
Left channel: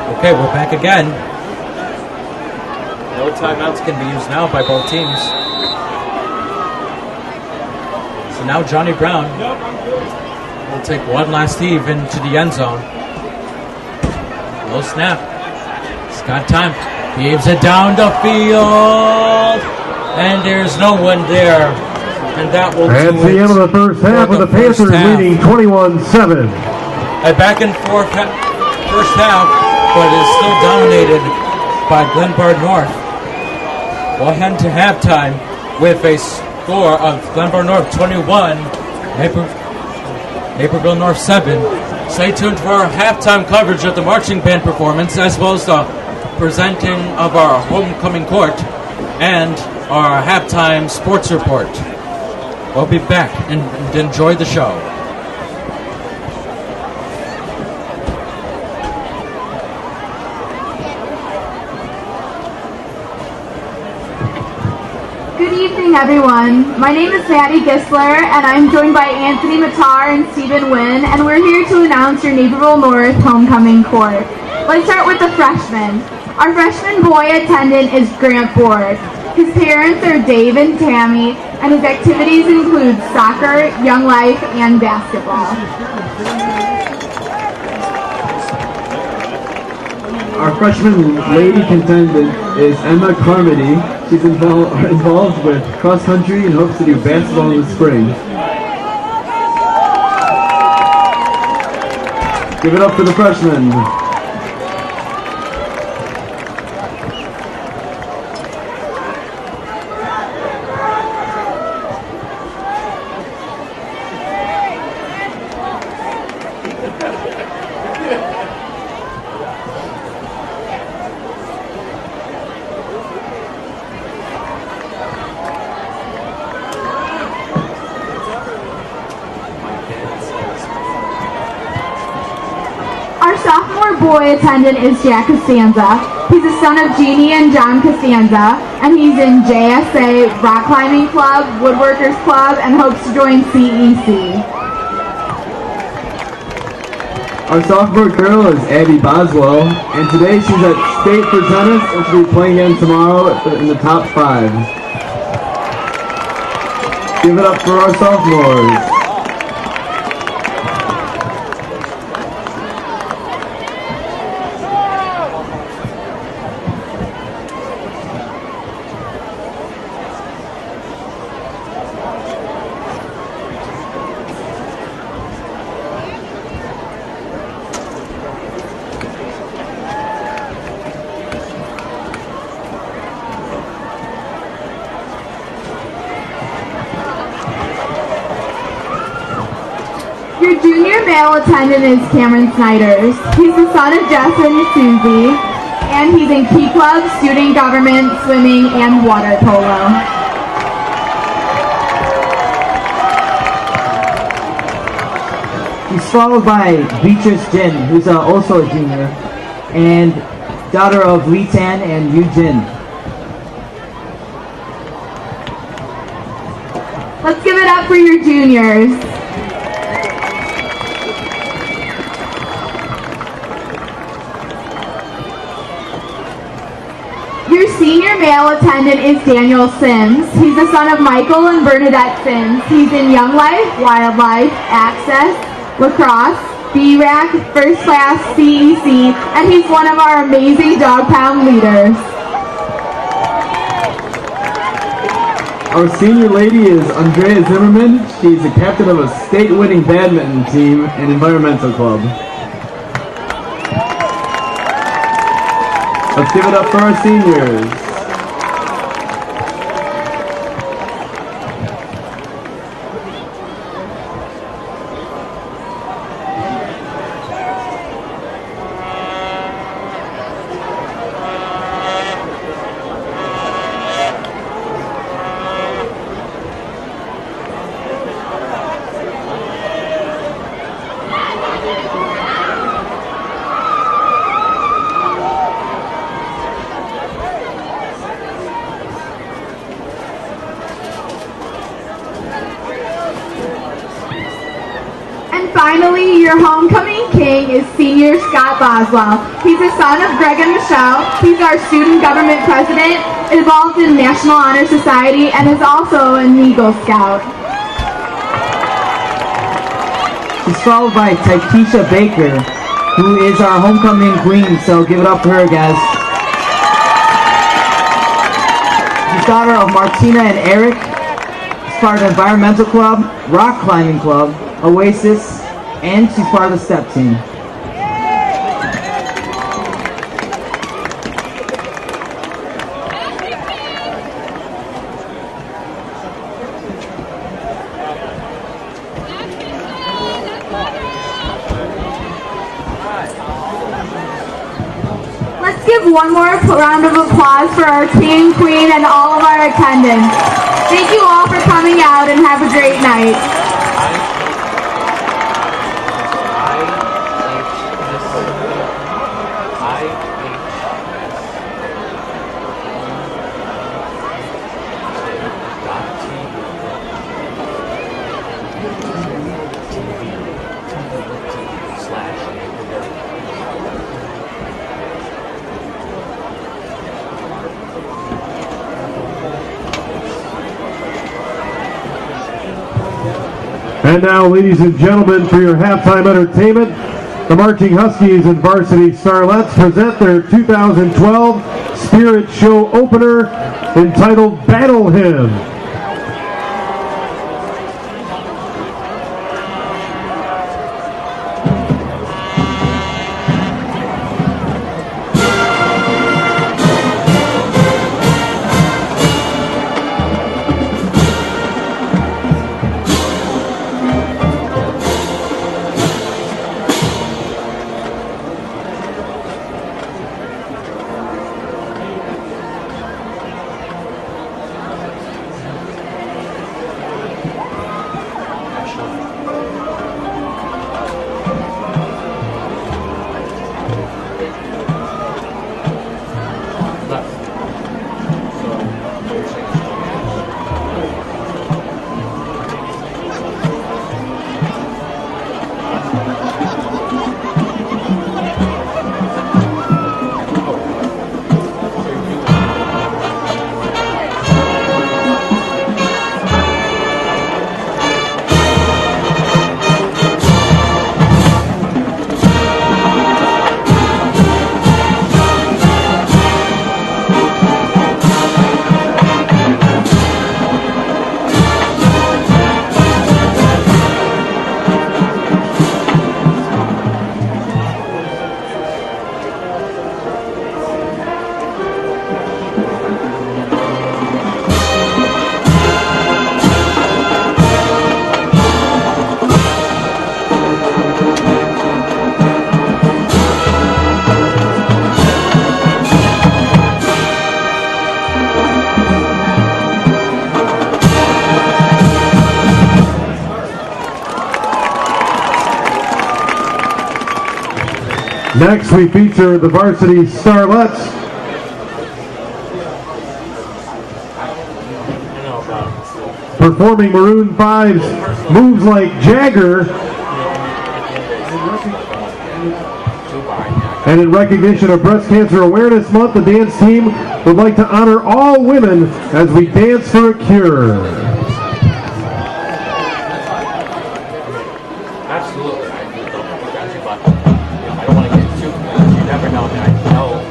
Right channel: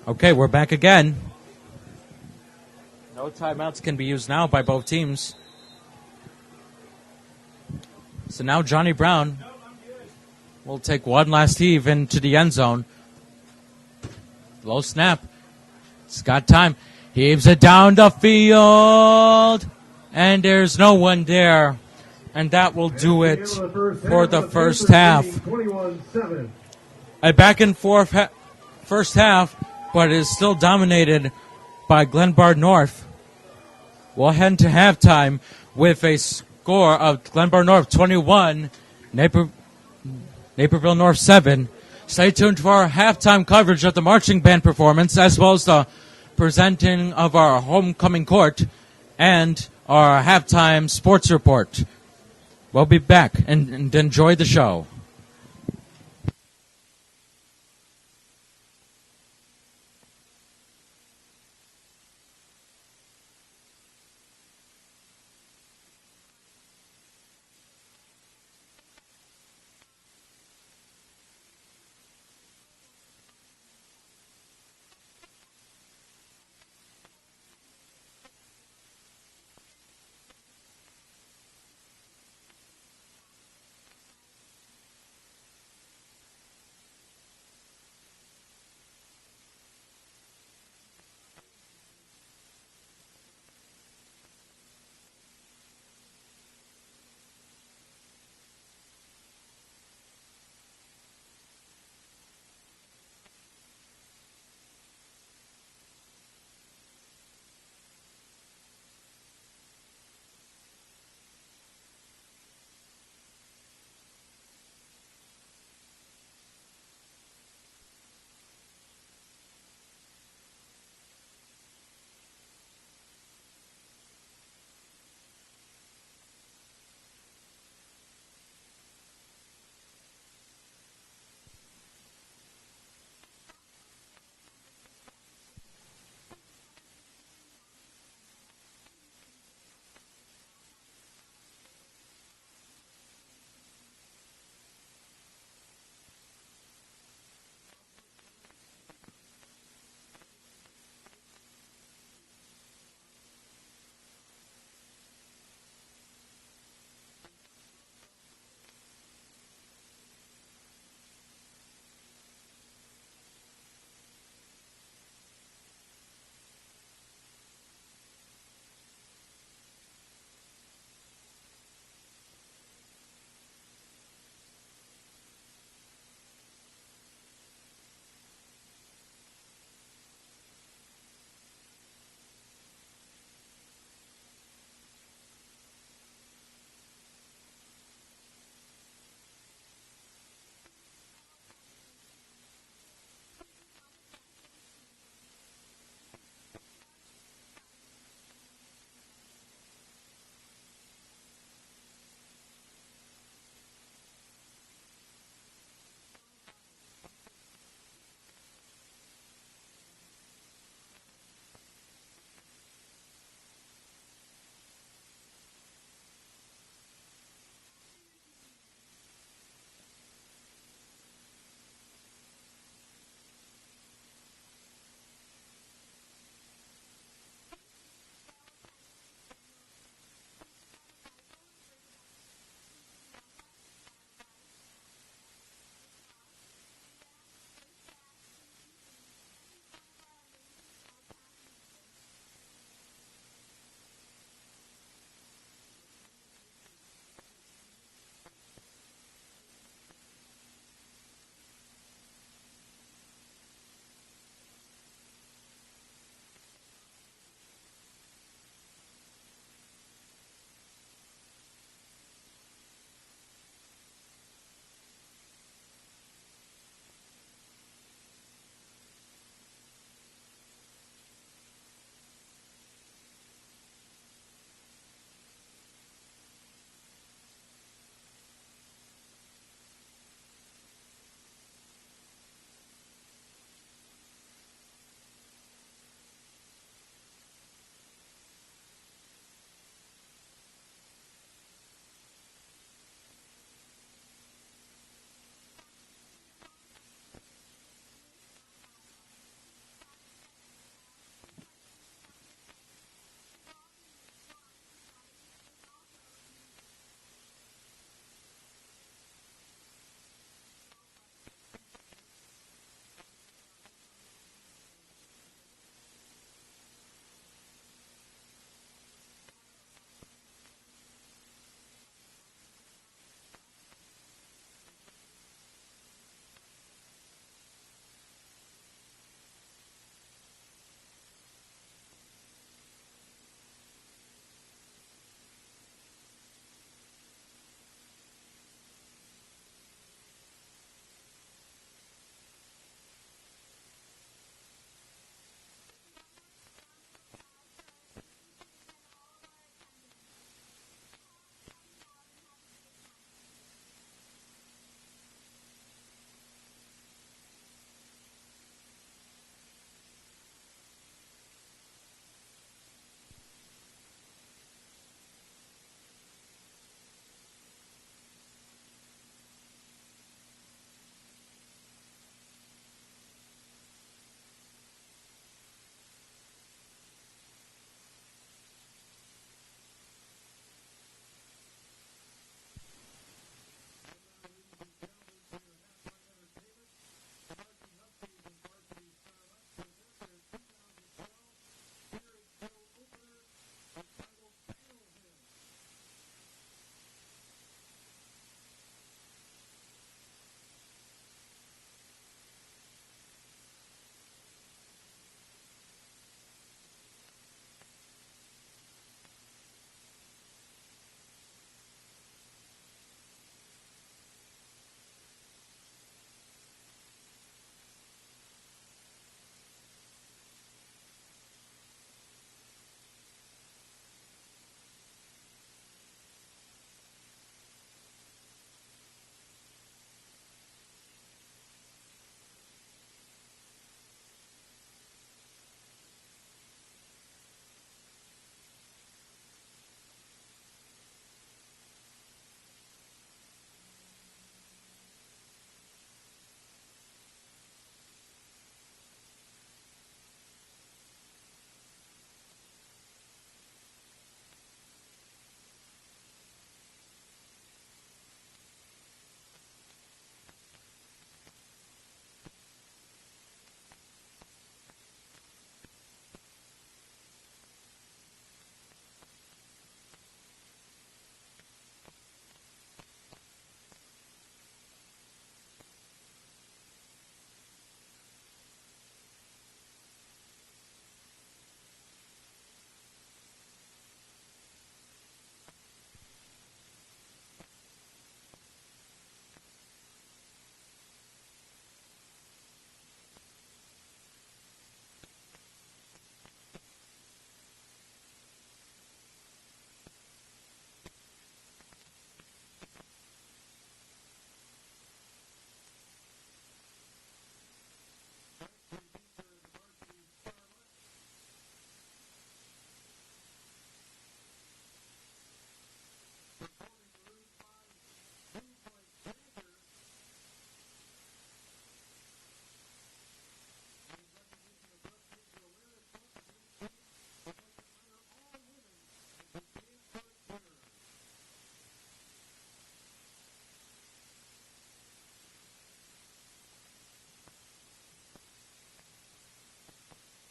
Okay, we're back again. No timeouts can be used now by both teams. So now Johnny Brown will take one last heave into the end zone. Low snap. He's got time. Heaves it down the field. And there's no one there. And that will That's do the it end of the first half, for the with the Panthers first half. leading 21-7. A back and forth first half, but is still dominated by Glenbard North. We'll head to halftime with a score of Glenbard North 21, Naperville North 7. Stay tuned for our halftime coverage of the marching band performance, as well as the presenting of our homecoming court and our halftime sports report. We'll be back and enjoy the show. Good evening, everyone. My name is Maddie Gisler, and I'm joined by Anthony Matar and Stephen Wynn, and we're here to announce your Naperville North homecoming court. Let's start with the freshmen. Our freshman boy attendant is Grant Board. His parents are Dave and Tammy, and his activities include soccer, young life, and basketball. Our freshman lady contendant is Emma Carmody. She's involved with cross country and hopes to do basketball in the spring. Give it up for the freshmen. Our sophomore boy attendant is Jack Costanza. He's the son of Jeannie and John Costanza, and he's in JSA, Rock Climbing Club, Woodworkers Club, and hopes to join CEC. Our sophomore girl is Abby Boswell, and today she's at state for tennis, and she'll be playing again tomorrow in the top 5. Give it up for our sophomores. Your junior male attendant is Cameron Snyders. He's the son of Jess and Susie, and he's in Key Club, student government, swimming, and water polo. He's followed by Beatrice Jin, who's also a junior, and daughter of Lee Tan and Yu Jin. Let's give it up for your juniors. Your senior male male attendant is Daniel Sims. He's the son of Michael and Bernadette Sims. He's in Young Life, Wildlife, Access, Lacrosse, BRAC, First Class, CEC, and he's one of our amazing dog pound leaders. Our senior lady is Andrea Zimmerman. She's the captain of a state-winning badminton team and environmental club. Let's give it up for our seniors. Finally, your homecoming king is senior Scott Boswell. He's the son of Greg and Michelle. He's our student government president, involved in National Honor Society, and is also an Eagle Scout. She's followed by Taikisha Baker, who is our homecoming queen, so give it up for her, guys. She's daughter of Martina and Eric. She's part of the Environmental Club, Rock Climbing Club, Oasis, and she's part of the step team. Let's give one more round of applause for our king, queen, and all of our attendants. Thank you all for coming out and have a great night. And now, ladies and gentlemen, for your halftime entertainment, the Marching Huskies and Varsity Starlets present their 2012 Spirit Show opener entitled Battle Hymn. Next, we feature the Varsity Starlets. Performing Maroon 5's Moves Like Jagger. And in recognition of Breast Cancer Awareness Month, the dance team would like to honor all women as we dance for a cure. Absolutely. I don't want to get too, you never know. I mean, I know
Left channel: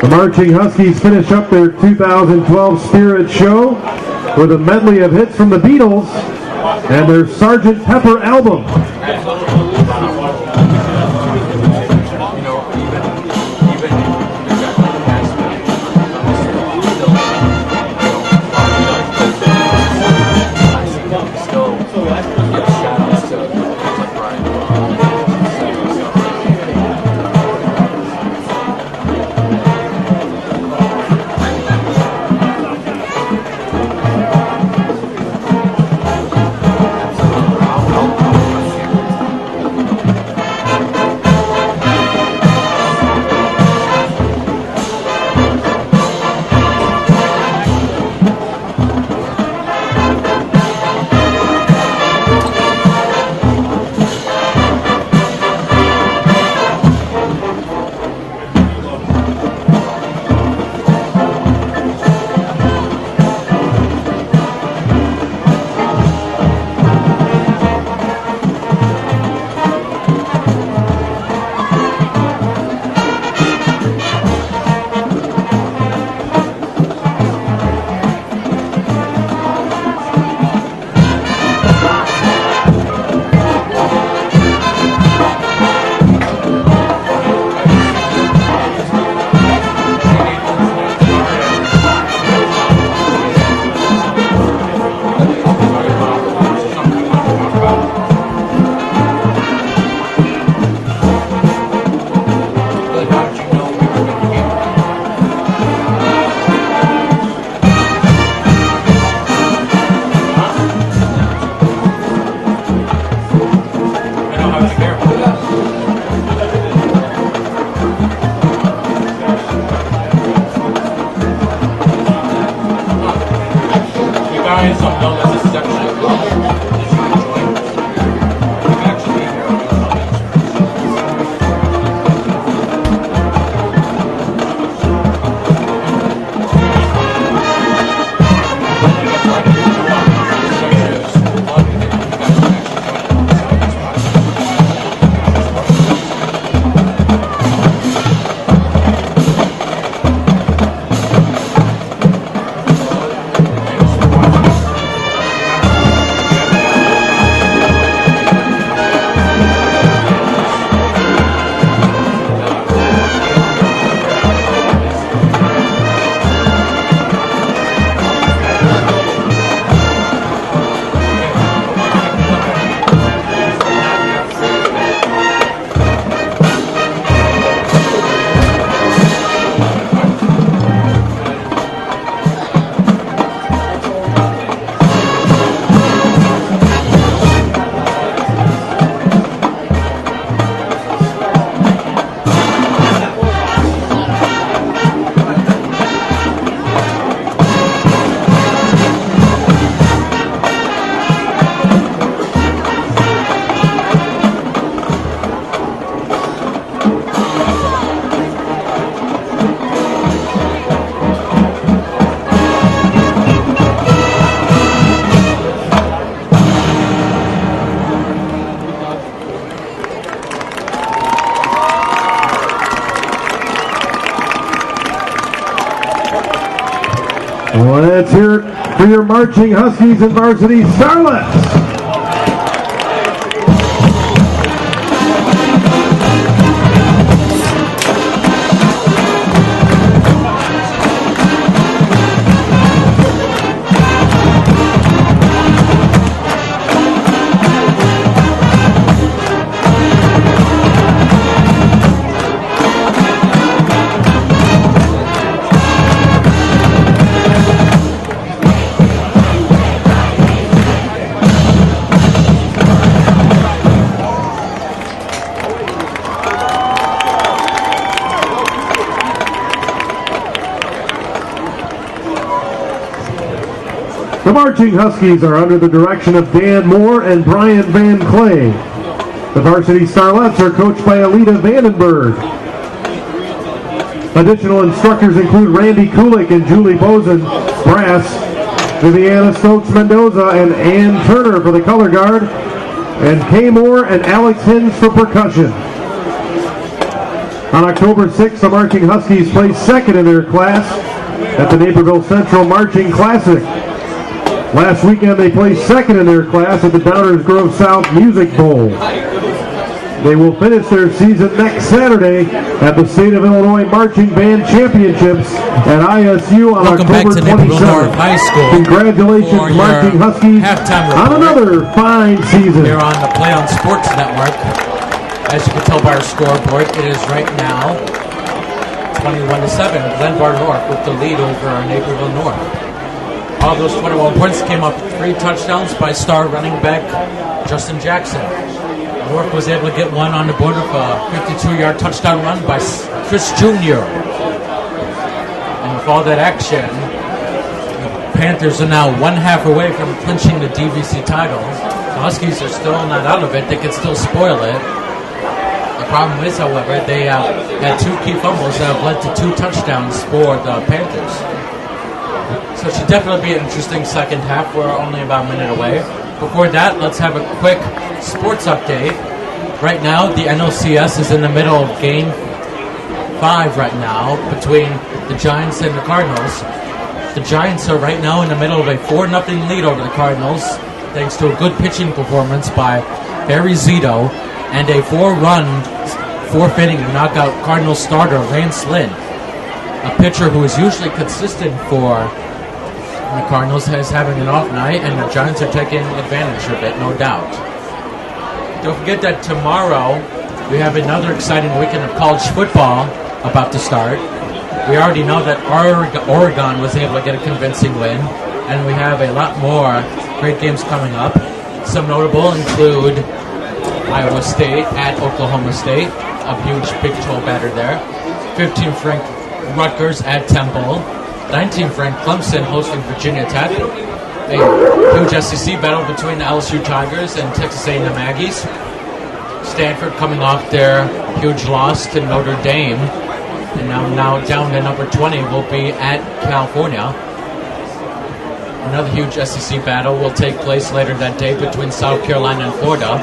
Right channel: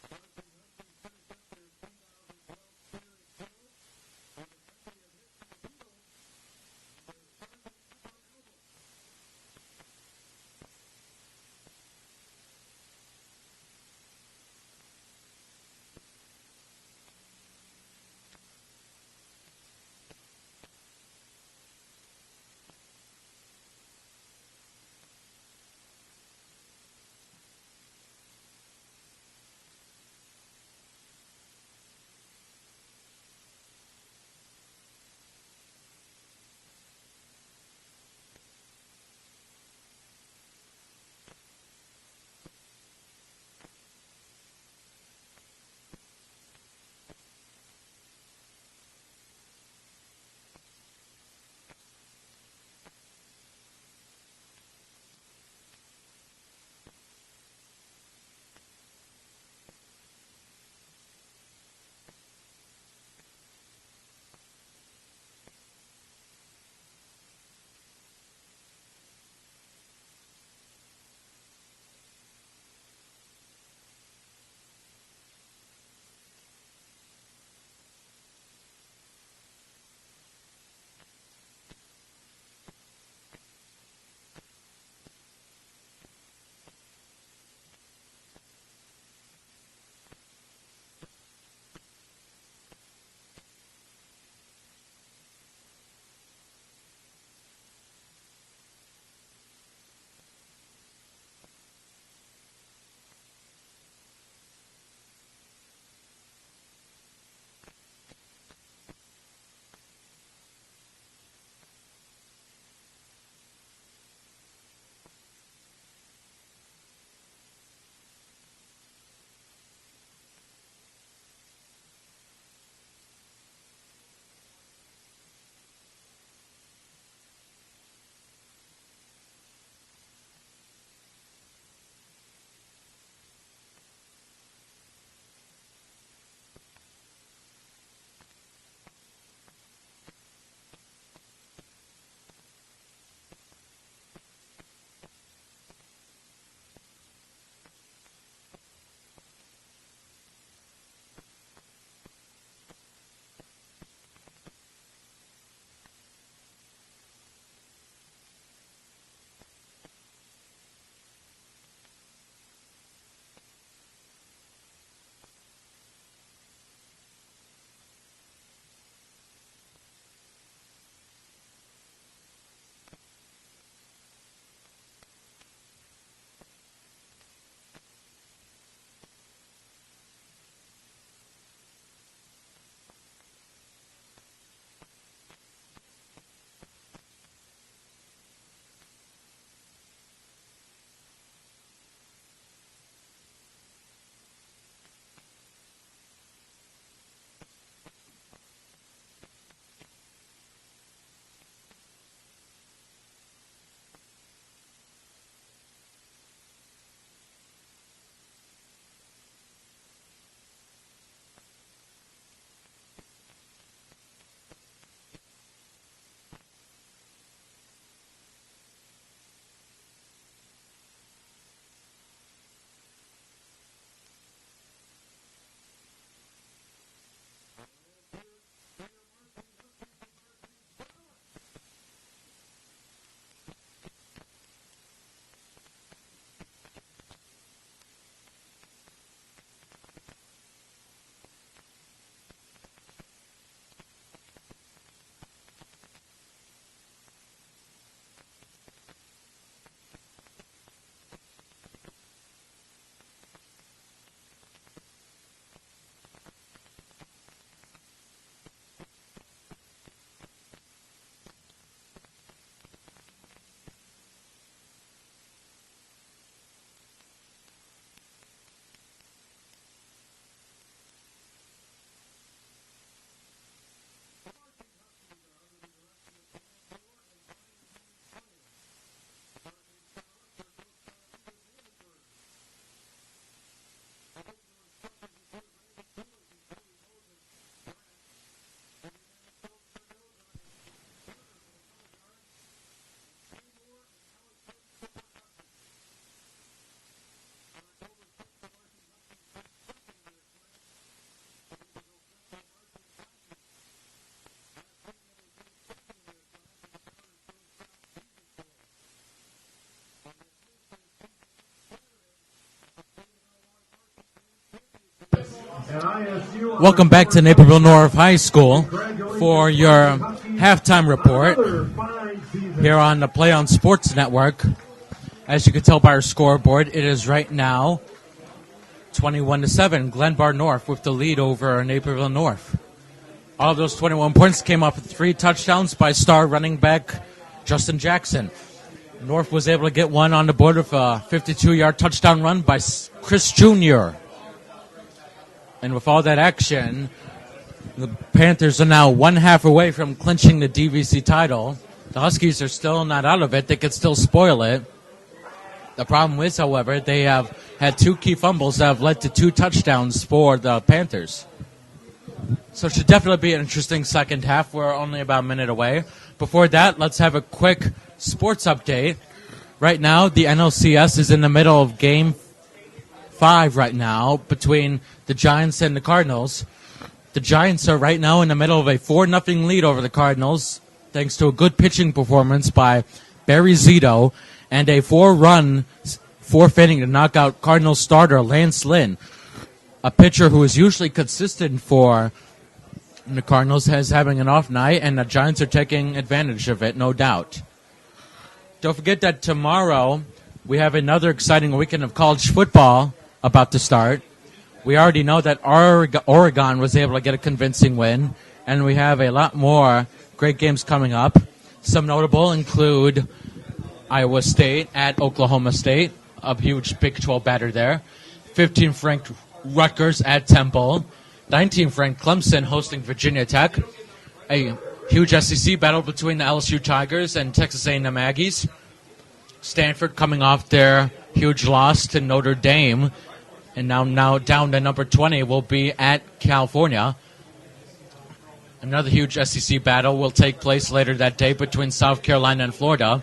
The Marching Huskies finish up their 2012 Spirit Show with a medley of hits from the Beatles and their Sgt. Pepper album. shirt for your marching Huskies and varsity Starlets. The marching Huskies are under the direction of Dan Moore and Brian Van Clay. The varsity Starlets are coached by Alita Vandenberg. Additional instructors include Randy Kulik and Julie Bozen, brass, Viviana Stokes Mendoza and Ann Turner for the color guard, and Kay Moore and Alex Hins for percussion. On October 6th, the marching Huskies placed second in their class at the Naperville Central Marching Classic. Last weekend, they placed second in their class at the Downers Grove South Music Bowl. They will finish their season next Saturday at the State of Illinois Marching Band Championships at ISU on Welcome back October to Naperville 27th. North High School Congratulations, for your Marching Huskies, halftime on report another fine season. here on the Play on Sports Network. As you can tell by our scoreboard, it is right now 21-7. Glenbard North with the lead over Naperville North. All of those 21 points came off with 3 touchdowns by star running back Justin Jackson. North was able to get one on the board of a 52-yard touchdown run by Chris Jr. And with all that action, the Panthers are now one half away from clinching the DVC title. The Huskies are still not out of it. They could still spoil it. The problem is, however, they have had 2 key fumbles that have led to 2 touchdowns for the Panthers. So it should definitely be an interesting second half. We're only about a minute away. Before that, let's have a quick sports update. Right now, the NLCS is in the middle of Game 5 right now between the Giants and the Cardinals. The Giants are right now in the middle of a 4-0 lead over the Cardinals, thanks to a good pitching performance by Barry Zito and a 4-run, 4th inning to knock out Cardinals starter Lance Lynn. A pitcher who is usually consistent for the Cardinals is having an off night, and the Giants are taking advantage of it, no doubt. Don't forget that tomorrow we have another exciting weekend of college football about to start. We already know that Oregon was able to get a convincing win, and we have a lot more great games coming up. Some notable include Iowa State at Oklahoma State, a huge Big 12 batter there. 15th ranked Rutgers at Temple. 19th ranked Clemson hosting Virginia Tech. A huge SEC battle between the LSU Tigers and Texas A&M Aggies. Stanford coming off their huge loss to Notre Dame, and now down to number 20 will be at California. Another huge SEC battle will take place later that day between South Carolina and Florida.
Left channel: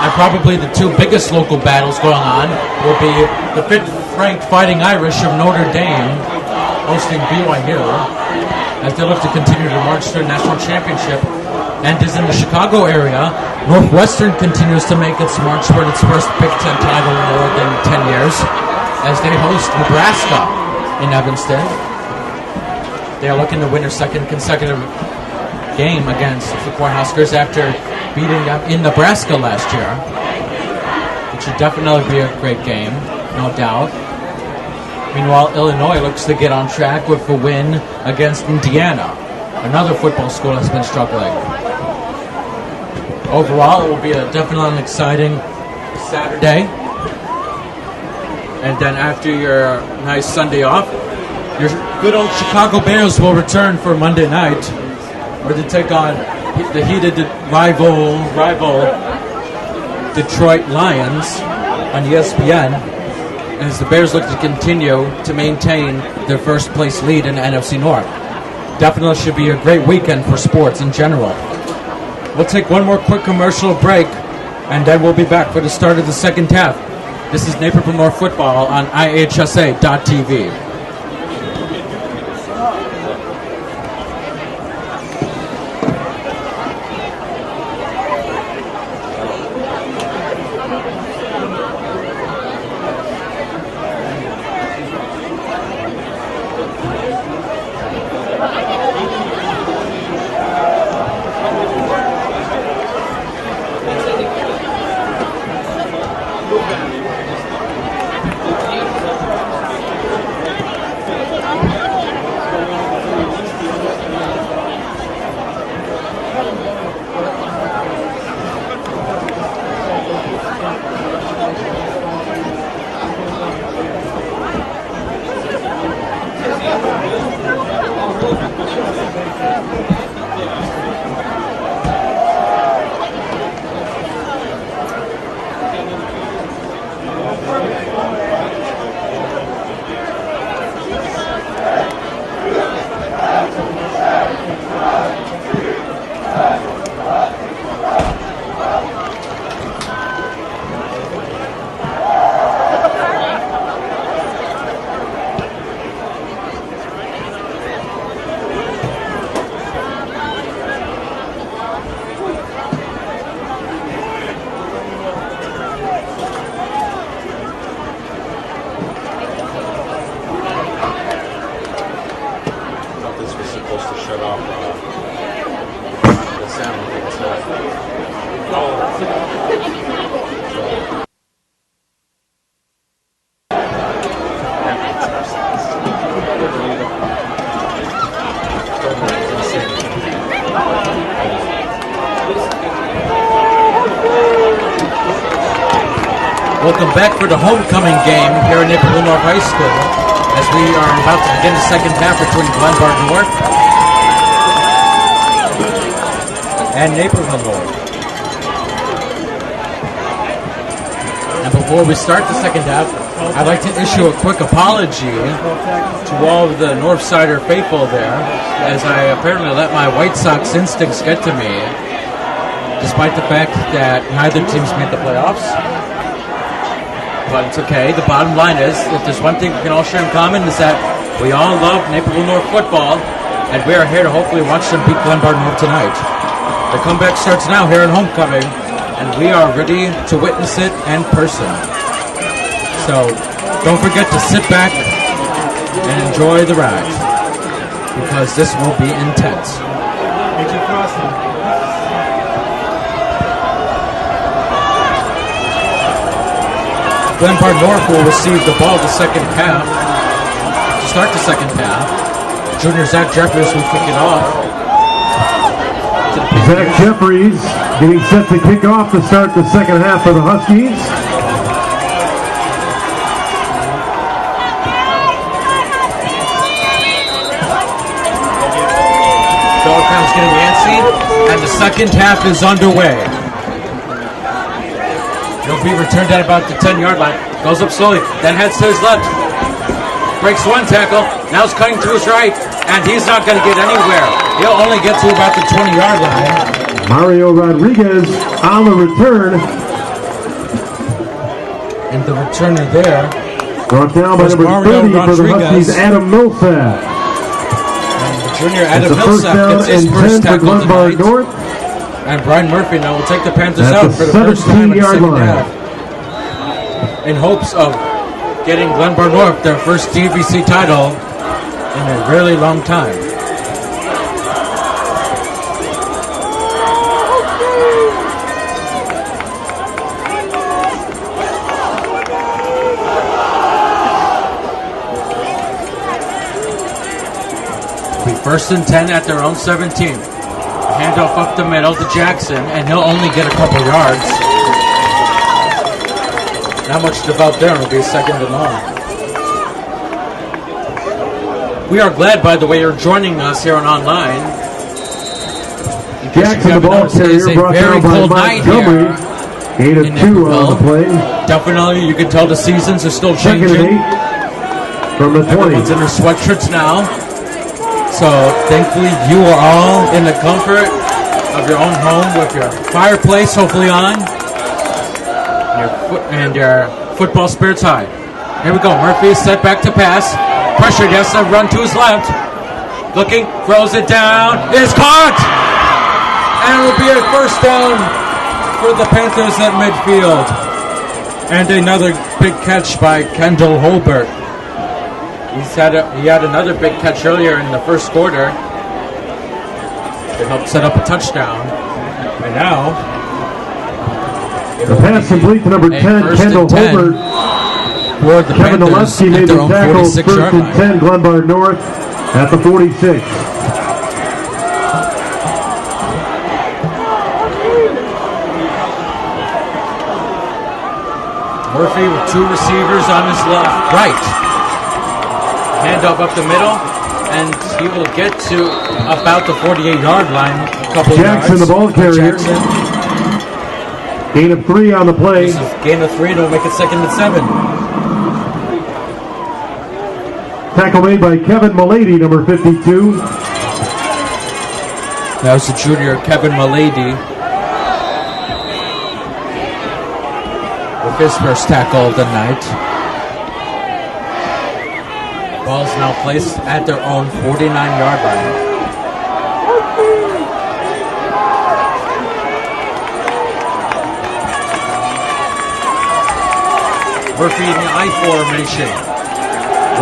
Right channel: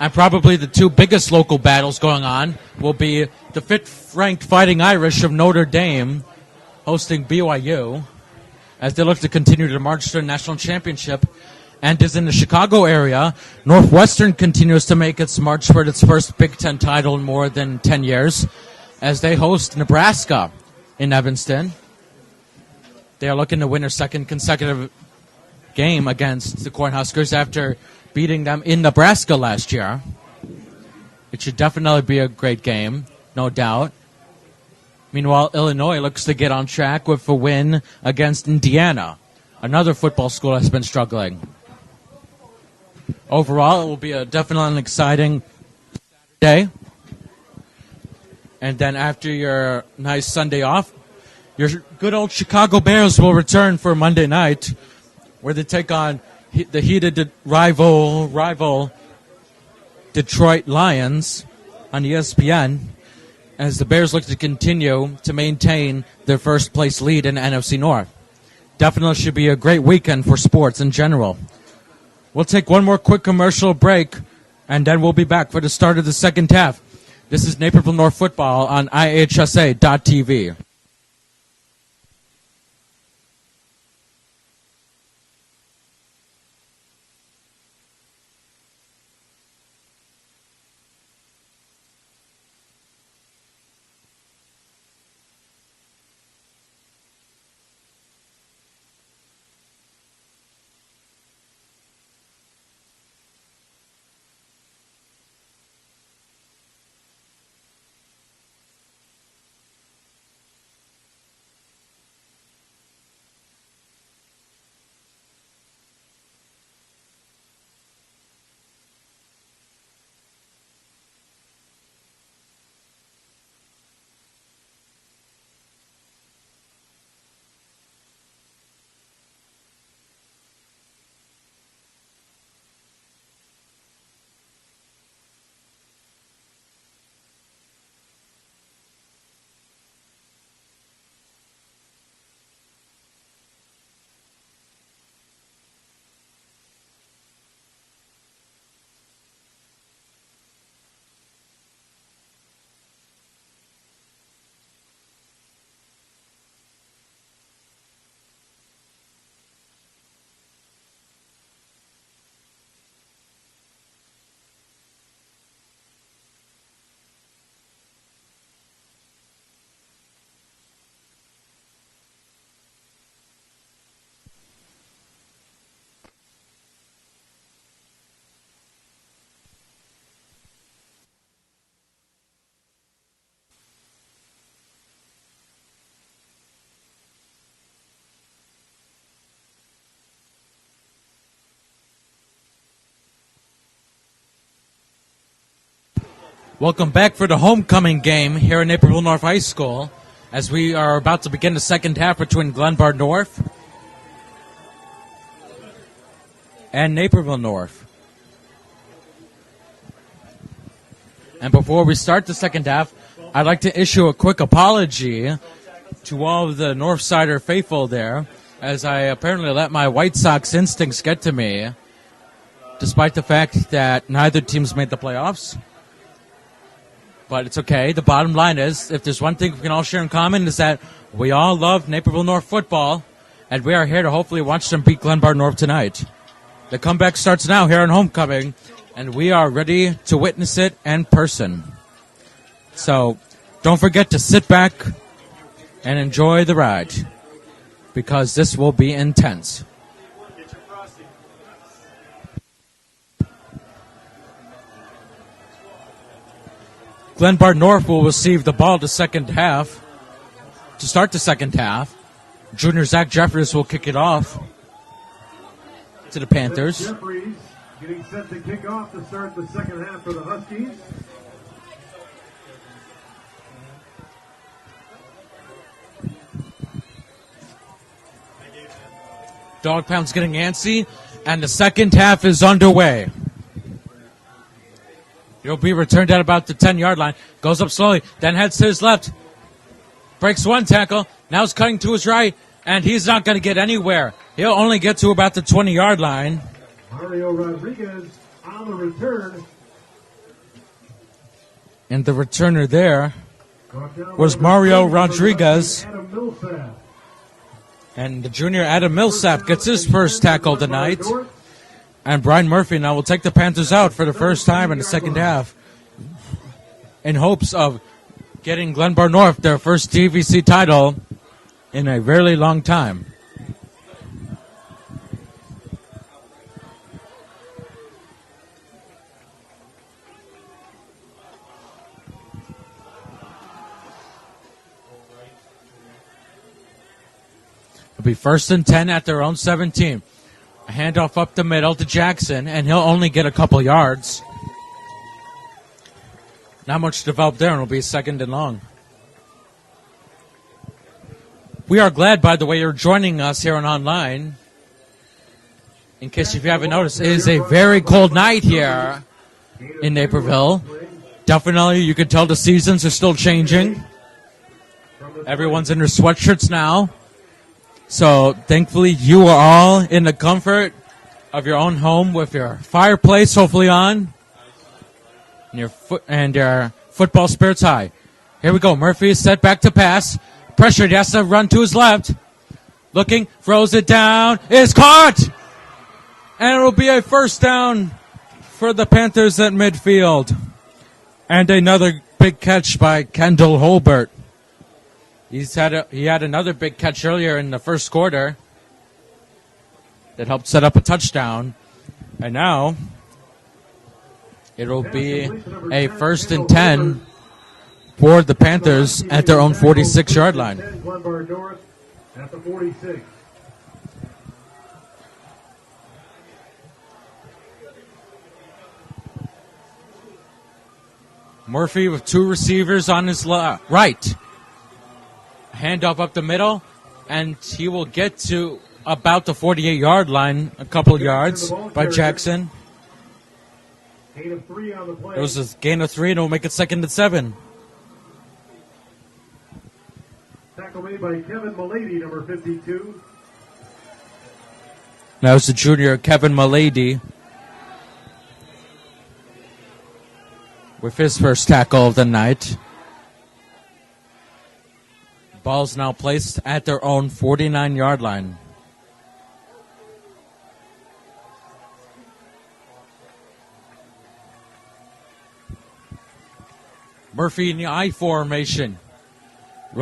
And probably the 2 biggest local battles going on will be the 5th ranked Fighting Irish of Notre Dame hosting BYU as they look to continue to march to the national championship. And is in the Chicago area, Northwestern continues to make its march toward its first Big Ten title in more than 10 years as they host Nebraska in Evanston. They are looking to win their 2nd consecutive game against the Cornhuskers after beating them in Nebraska last year. It should definitely be a great game, no doubt. Meanwhile, Illinois looks to get on track with a win against Indiana. Another football school has been struggling. Overall, it will be definitely an exciting Saturday. And then after your nice Sunday off, your good old Chicago Bears will return for Monday night, where they take on the heated rival Detroit Lions on ESPN, as the Bears look to continue to maintain their first place lead in the NFC North. Definitely should be a great weekend for sports in general. We'll take one more quick commercial break, and then we'll be back for the start of the second half. This is Naperville North Football on IHSA.TV. Welcome back for the homecoming game here at Naperville North High School as we are about to begin the second half between Glenbard North and Naperville North. And before we start the second half, I'd like to issue a quick apology to all of the Northsider faithful there, as I apparently let my White Sox instincts get to me, despite the fact that neither team's made the playoffs. But it's okay. The bottom line is, if there's one thing we can all share in common, is that we all love Naperville North football, and we are here to hopefully watch them beat Glenbard North tonight. The comeback starts now here in homecoming, and we are ready to witness it in person. So don't forget to sit back and enjoy the ride, because this will be intense. Glenbard North will receive the ball the second half. To start the second half, junior Zach Jeffries will kick it off to the Panthers. Zach Jeffries getting set to kick off to start the second half for the Huskies. Dog pound's getting antsy, and the second half is underway. It'll be returned at about the 10-yard line. Goes up slowly, then heads to his left. Breaks one tackle, now he's cutting to his right, and he's not going to get anywhere. He'll only get to about the 20-yard line. Mario Rodriguez on the return. And the returner there Brought down by was number Mario 30 for the Rodriguez. Huskies, Adam Millsap. And the junior Adam It's a first Millsap down gets his and first 10 for tackle Glenbard tonight. North. And Brian Murphy now will take the Panthers At out the for the first time in the 17-yard second line. half, in hopes of getting Glenbard North their first DVC title in a really long time. It'll be 1st and 10 at their own 17. Handoff up the middle to Jackson, and he'll only get a couple yards. Not much to develop there, it'll be a second and long. We are glad, by the way, you're joining us here on online. In case Jackson, you haven't the ball noticed, it is a carrier, brought very down by cold Mike night here Eight of in 2 on the Naperville. play. Definitely, you can tell the seasons are still Second and changing. 8 from the 20. Everyone's in their sweatshirts now. So thankfully you are all in the comfort of your own home with your fireplace hopefully on and your football spirits high. Here we go. Murphy is set back to pass. Pressured, he has to run to his left. Looking, throws it down. It's caught! And it will be a first down for the Panthers at midfield. And another big catch by Kendall Holbert. He had another big catch earlier in the first quarter that helped set up a touchdown. And now it'll Pass complete to number be a 10, 1st Kendall and 10 Holbert. for the Kevin Panthers Olewski at made their the own tackle, 46-yard 1st and line. 10, Glenbard North at the 46. Murphy with two receivers on his right. Handoff up the middle, and he will get to about the 48-yard line, a couple Jackson, yards. the ball By carrier. Jackson. Gain of 3 on the play. This is gain of 3, and it'll make it 2nd and 7. Tackle made by Kevin Mulady, number 52. That was the junior Kevin Mulady with his first tackle of the night. Ball's now placed at their own 49-yard line. Murphy in the I formation.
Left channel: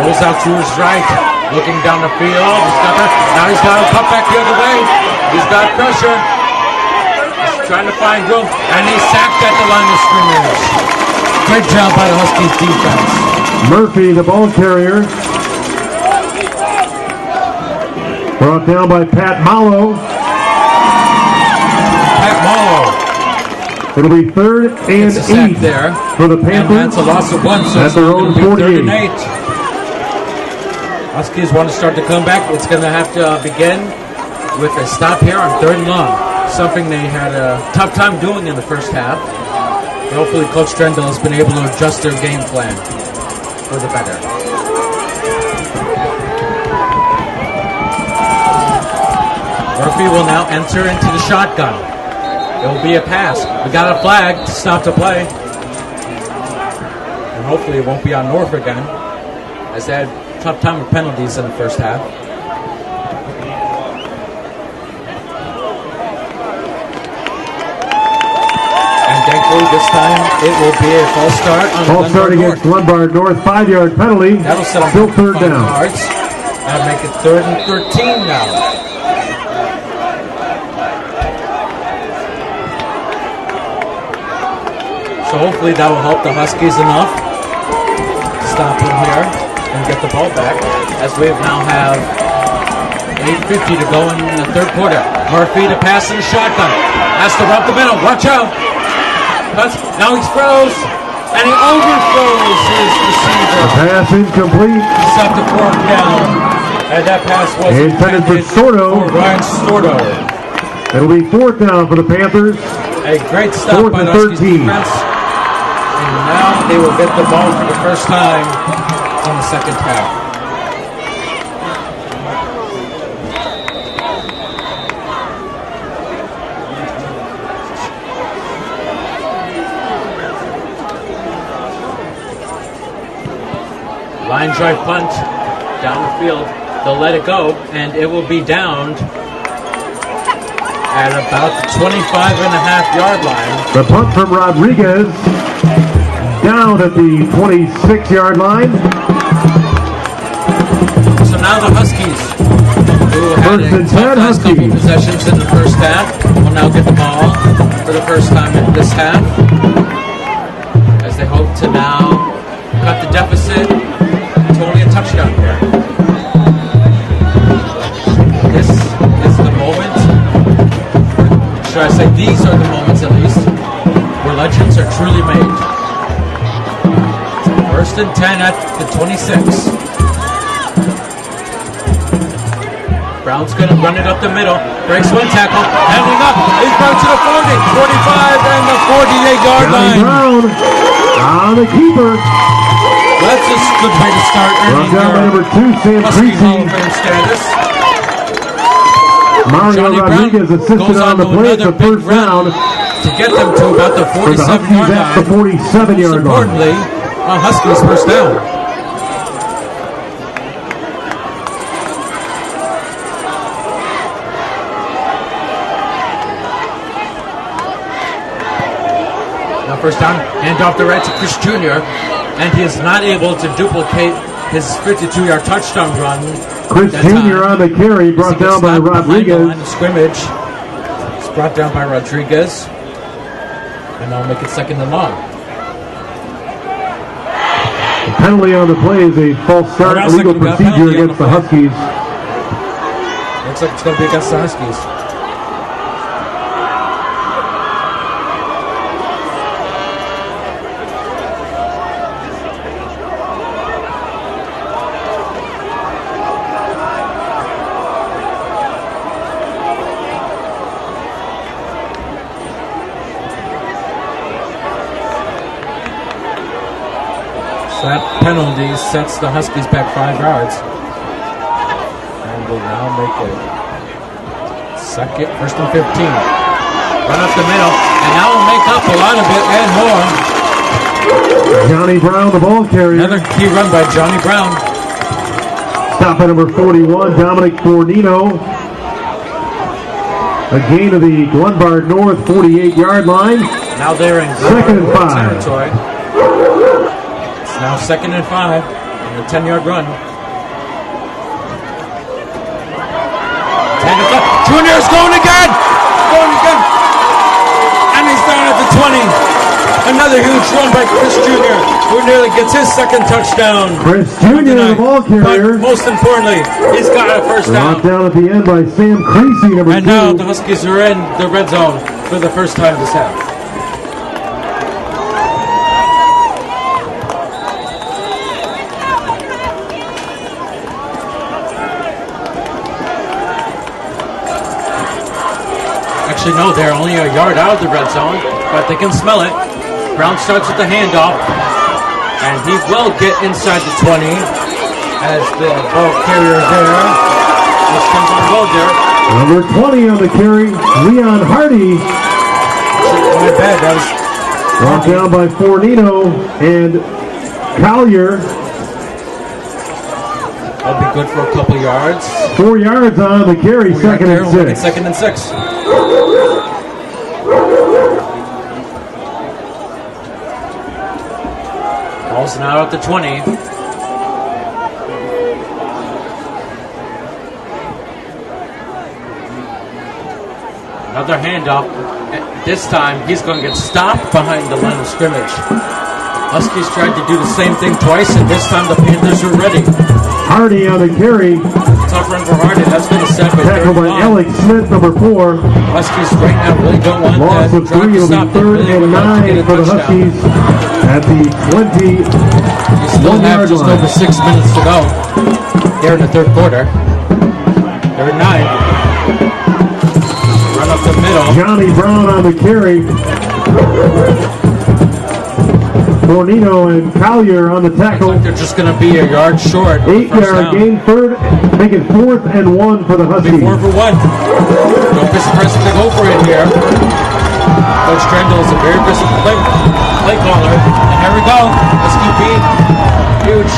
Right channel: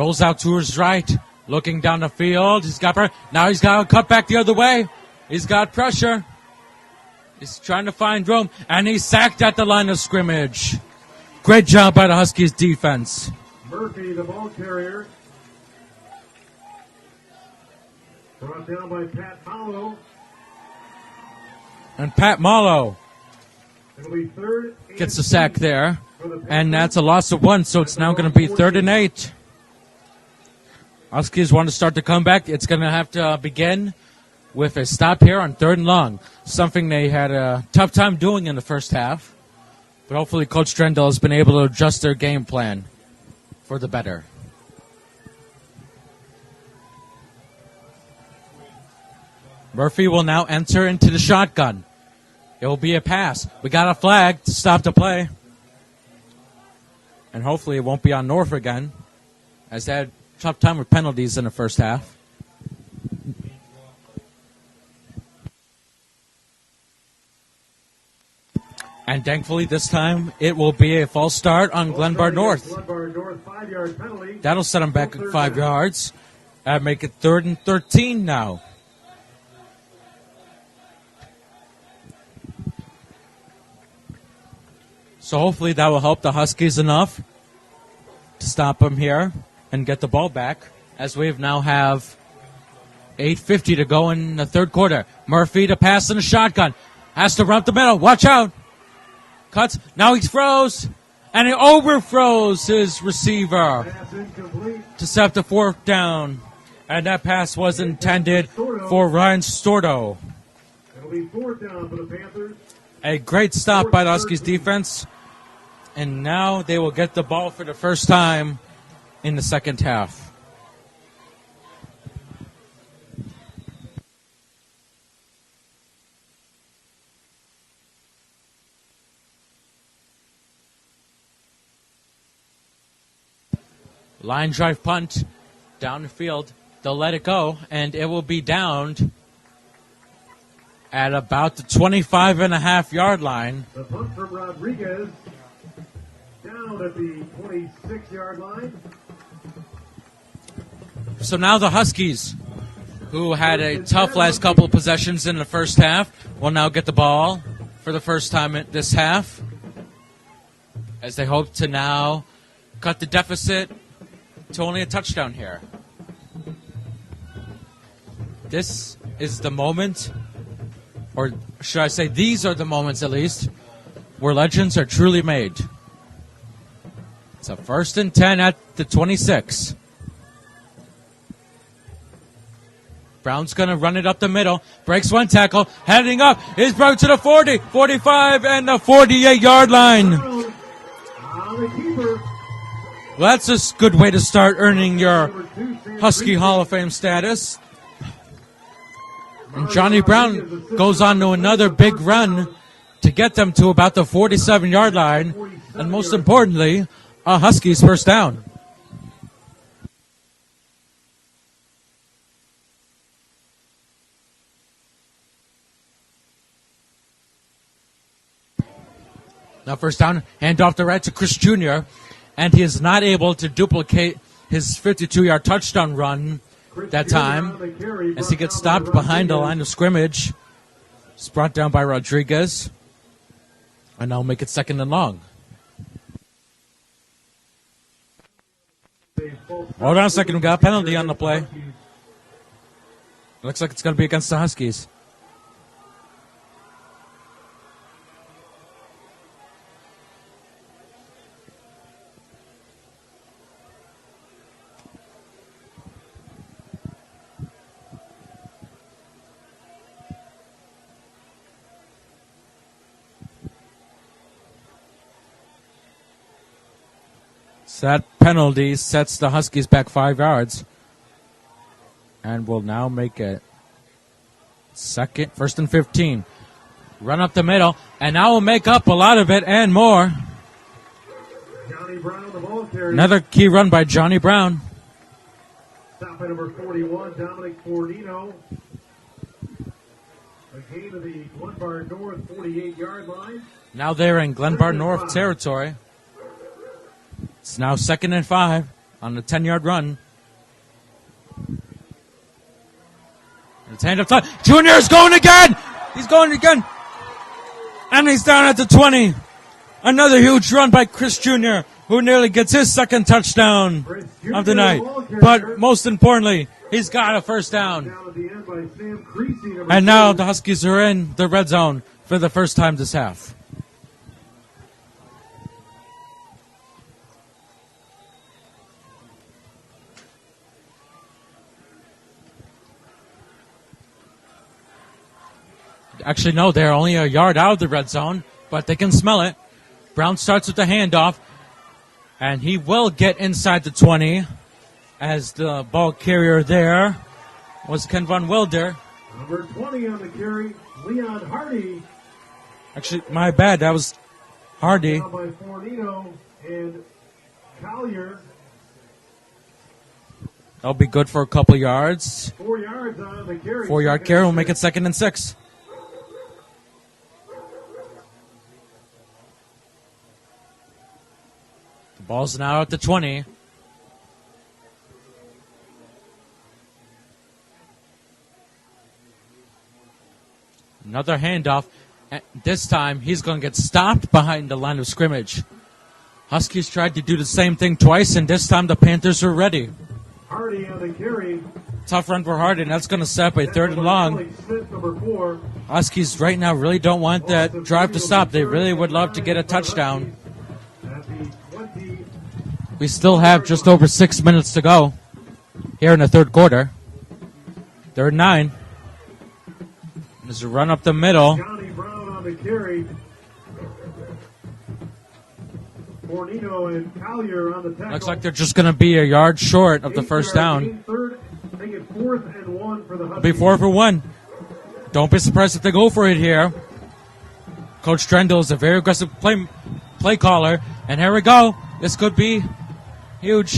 Rolls out to his right. Looking down the field. Now he's got to cut back the other way. He's got pressure. He's trying to find room. And he's sacked at the line of scrimmage. Great job by the Huskies defense. Murphy, the ball carrier. Brought down by Pat Mallow. Pat Mallow It'll be 3rd and It's a sack 8 there. for the Panthers. And that's a loss of 1, so it's now going to be 3rd and 8. Huskies want to start the comeback. It's going to have to begin with a stop here on 3rd and long. Something they had a tough time doing in the first half. But hopefully Coach Drendel has been able to adjust their game plan for the better. Murphy will now enter into the shotgun. It will be a pass. We got a flag to stop the play. And hopefully it won't be on North again, as they had a tough time with penalties in the first half. And thankfully this time it will be a false start on Glenbard North. Glenbard North, 5-yard penalty. That'll set them back to 5 yards. That'll make it 3rd and 13 now. So hopefully that will help the Huskies enough to stop them here and get the ball back, as we now have 8:50 to go in the 3rd quarter. Murphy to pass in a shotgun. Has to run up the middle. Watch out. Cuts. Now he's froze. And he overthrows his receiver. Pass incomplete. Set the fork down. And that pass was intended for Ryan Stordo. It'll be 4th down for the Panthers. A great stop by the Huskies defense. And now they will get the ball for the first time in the second half. Line drive punt down the field. They'll let it go, and it will be downed at about the 25.5-yard line. The punt from Rodriguez down at the 26-yard line. So now the Huskies, who had a tough last couple of possessions in the first half, will now get the ball for the first time in this half, as they hope to now cut the deficit to only a touchdown here. This is the moment, or should I say these are the moments at least, where legends are truly made. It's a 1st and 10 at the 26. Brown's going to run it up the middle, breaks one tackle, heading up, he's brought to the 40, 45, and the 48-yard line. Brown on the keeper. That's a good way to start earning your Husky Hall of Fame status. Johnny Brown goes on to another big run to get them to about the 47-yard line. And most importantly, a Huskies first down. Now first down, hand off the right to Chris Jr., and he is not able to duplicate his 52-yard touchdown run that time. On the carry, as he gets stopped behind the line of scrimmage. It's brought down by Rodriguez. And now make it 2nd and long. The penalty on the play is a false start. Hold on a second, we got a penalty on the play. Huskies. Looks like it's going to be against the Huskies. That penalty sets the Huskies back 5 yards. And will now make it 1st and 15. Run up the middle, and now will make up a lot of it and more. Johnny Brown, the ball carrier. Another key run by Johnny Brown. Stop at number 41, Dominic Fornino. A gain of the Glenbard North 48-yard line. Now they're in Glenbard North territory. Now 2nd and 5 on the 10-yard run. 10 to 5. Junior's going again! And he's down at the 20. Another huge run by Chris Jr., who nearly gets his 2nd touchdown of the night. But most importantly, he's got a first down. Down at the end by Sam Creasy, and now the Huskies are in the red zone for the first time this half. Actually, no, they're only a yard out of the red zone, but they can smell it. Brown starts with the handoff, and he will get inside the 20 as the ball carrier there is Kenvon Welder. Number 20 on the carry, Leon Hardy. My bad, that was Brought Hardy. down by Fornino and Collier. That'll be good for a couple yards. 4 yards on the carry. 4 yard second carry will and make it 6. 2nd and 6. Ball's now at the 20. Another handoff. This time he's going to get stopped behind the line of scrimmage. Huskies tried to do the same thing twice, and this time the Panthers were ready. Hardy on the carry. Tough run for Hardy. That's going to set up a third Tackled and by long. Alex Smith, number 4. Huskies right now really don't want Loss that of drive 3 to will stop. be They 3rd really and would love to 9 get a for the touchdown. Huskies at the 20. You still have just over 6 minutes to go here in the third quarter. 3rd and 9. Run up the middle. Johnny Brown on the carry. Fornino and Collier on the Looks tackle. like they're just going to be a yard short of the first 8-yard down. gain, make it 4th and 1 for the Huskies. Be 4 for 1. Don't be surprised if they go for it here. Coach Trendle is a very aggressive play caller. And here we go. This could be huge.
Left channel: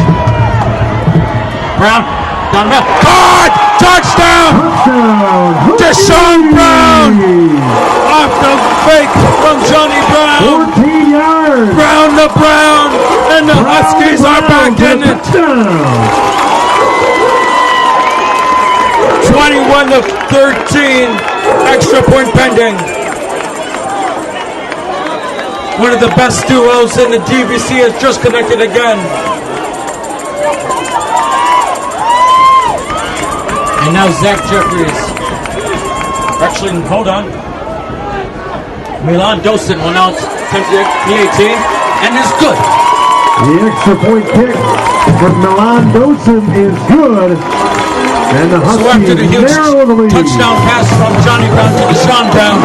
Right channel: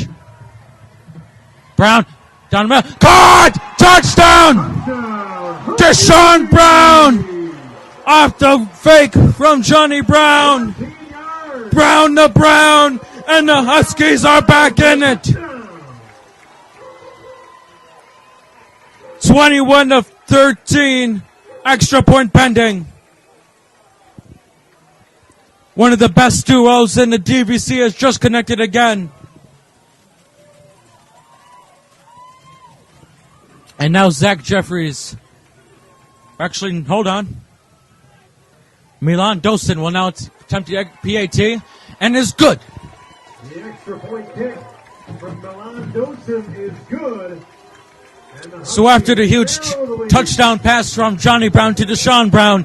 Brown, down the middle. Caught! Touchdown! Touchdown! Deshaun Brown! Off the fake from Johnny Brown. 14 yards. Brown to Brown. And the Huskies are back in it. Touchdown. 21 to 13. Extra point pending. One of the best duos in the DVC has just connected again. And now Zach Jeffries. Actually, hold on. Milan Dosen will now attempt the PAT and is good. The extra point kick from Milan Dosen is good. And the So after the huge touchdown pass from Johnny Brown to Deshaun Brown,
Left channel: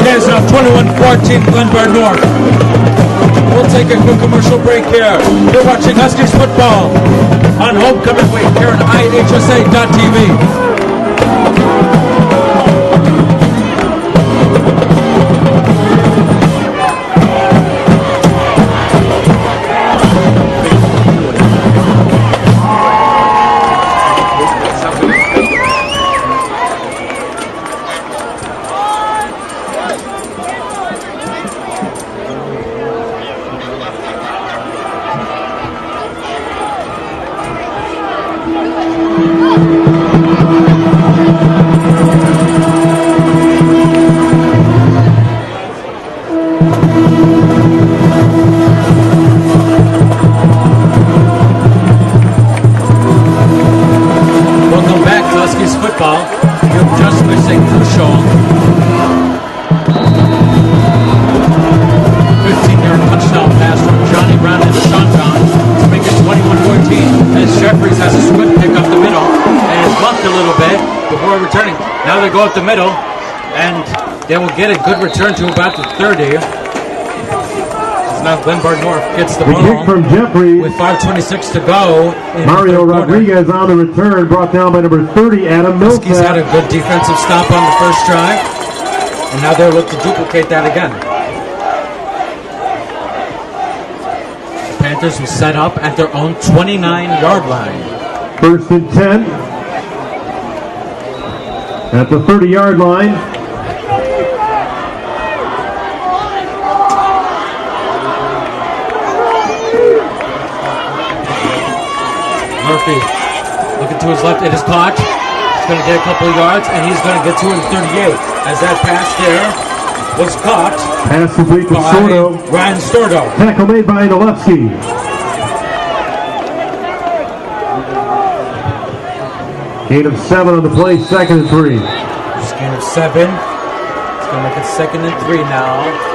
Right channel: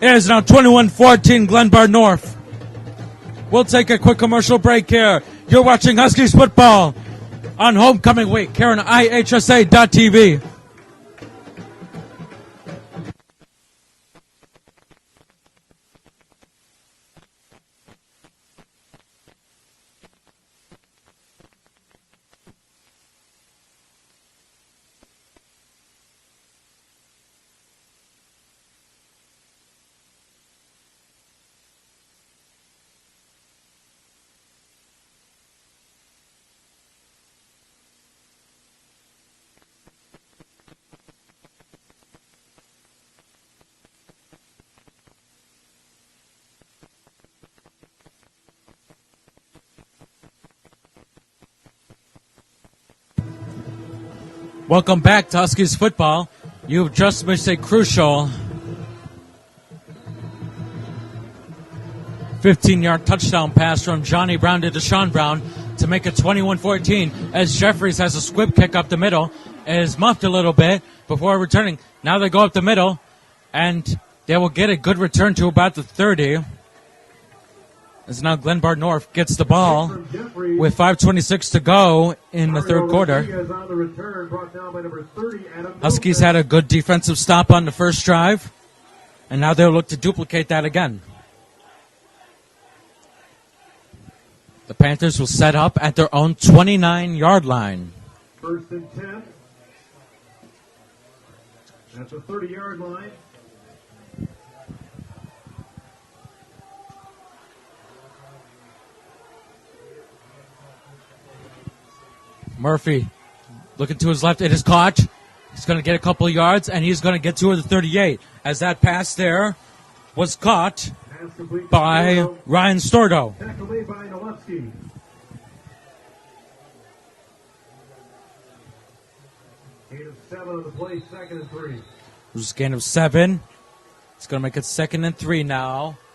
it is now 21-14 Glenbard North. We'll take a quick commercial break here. You're watching Huskies football on Homecoming Week here on IHSA.tv. Welcome back to Huskies football. You've just missed a crucial 15-yard touchdown pass from Johnny Brown and Deshaun Brown to make it 21-14 as Jeffries has a squib pick up the middle and is muffed a little bit before returning. Now they go up the middle and they will get a good return to about the 30. Now Glenbard North gets the ball from Jeffries with 5:26 to go in Mario the third quarter. Rodriguez on the return, brought down by number 30, Adam Millsap. Huskies had a good defensive stop on the first drive, and now they'll look to duplicate that again. The Panthers will set up at their own 29-yard line. 1st and 10 at the 30-yard line. Murphy looking to his left. It is caught. He's going to get a couple of yards, and he's going to get to the 38. As that pass there was caught Pass complete to by Stordo. Ryan Stordo. Tackle made by Nolewski. Gain of 7 on the play, 2nd and 3. Just gain of 7. It's going to make it 2nd and 3 now.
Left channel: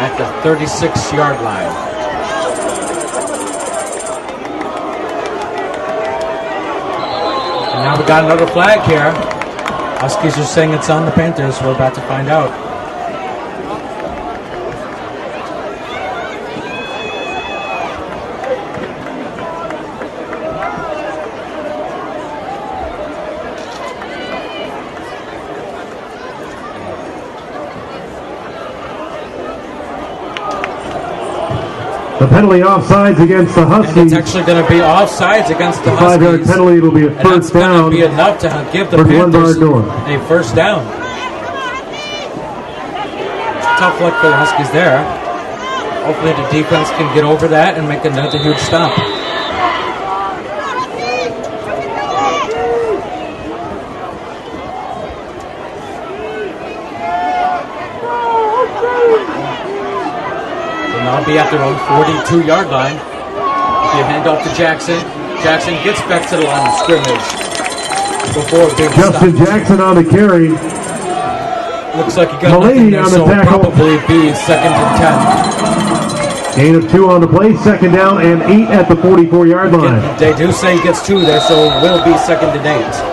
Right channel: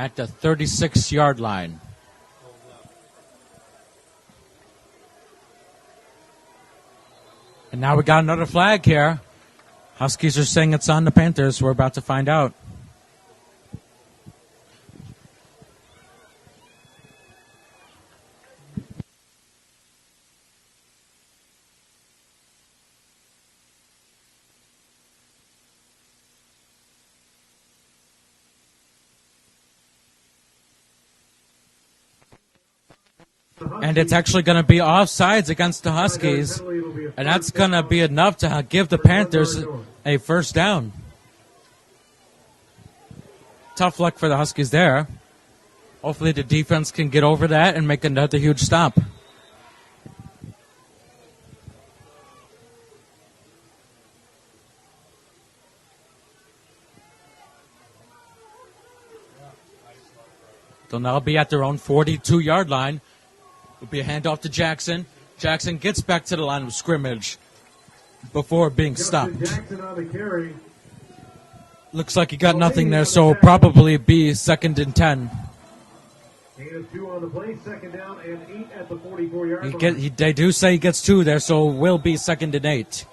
At the 36-yard line. And now we got another flag here. Huskies are saying it's on the Panthers. We're about to find out. The penalty offsides against the Huskies. And it's actually going to be offsides against the Huskies. Penalty, it'll be a and that's going to be enough to give the Panthers a first down. Tough luck for the Huskies there. Hopefully the defense can get over that and make another huge stop. They'll be at their own 42-yard line. Be a handoff to Jackson. Jackson gets back to the line of scrimmage before being stopped. Justin Jackson on the carry. Looks like he got nothing there, so it'll probably be 2nd and 10. Gain of 2 on the play, 2nd down and 8 at the 44-yard line. They do say he gets 2 there, so it will be 2nd and 8.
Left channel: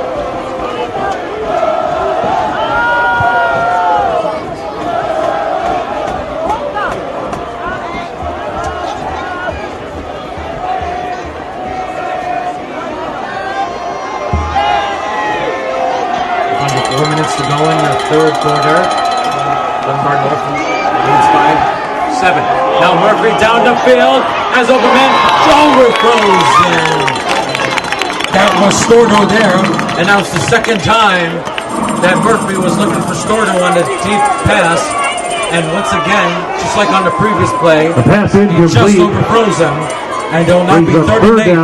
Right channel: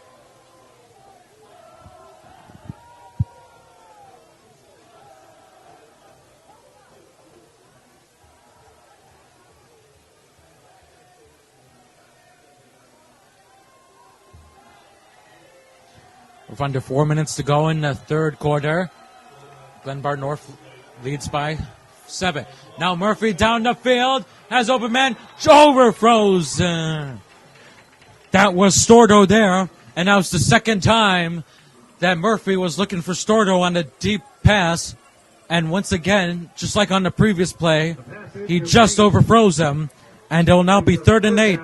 Under 4 minutes to go in the third quarter. Glenbard North leads by 7. Now Murphy down the field has open man. Overfrozen. That was Stordo there, and that was the second time that Murphy was looking for Stordo on the deep pass. And once again, just like on the previous play, he just overfroze him, and it will now be 3rd and 8.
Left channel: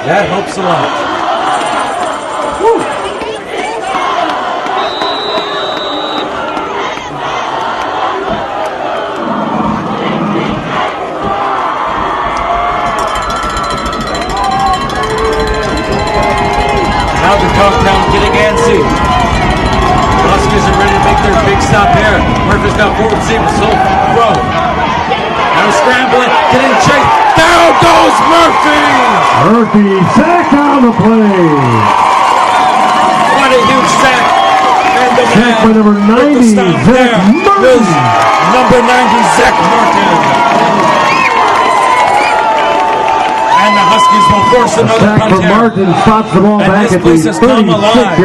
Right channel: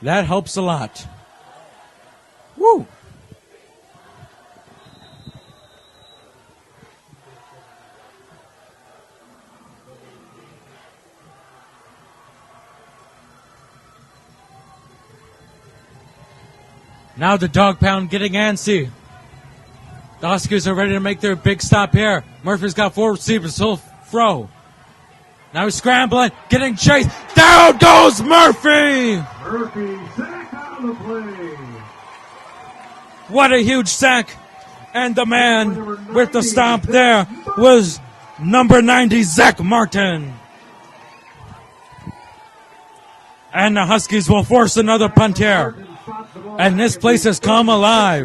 That helps a lot. Woo. Now the Dogtown getting antsy. The Huskies are ready to make their big stop here. Murphy's got 4 receivers, so throw. Now scrambling, getting chased. Down goes Murphy! Murphy, sack on the play. What a huge sack. And the man with the stop there was number 90, Zach Martin. And the Huskies will force another punt here. And this place has come alive.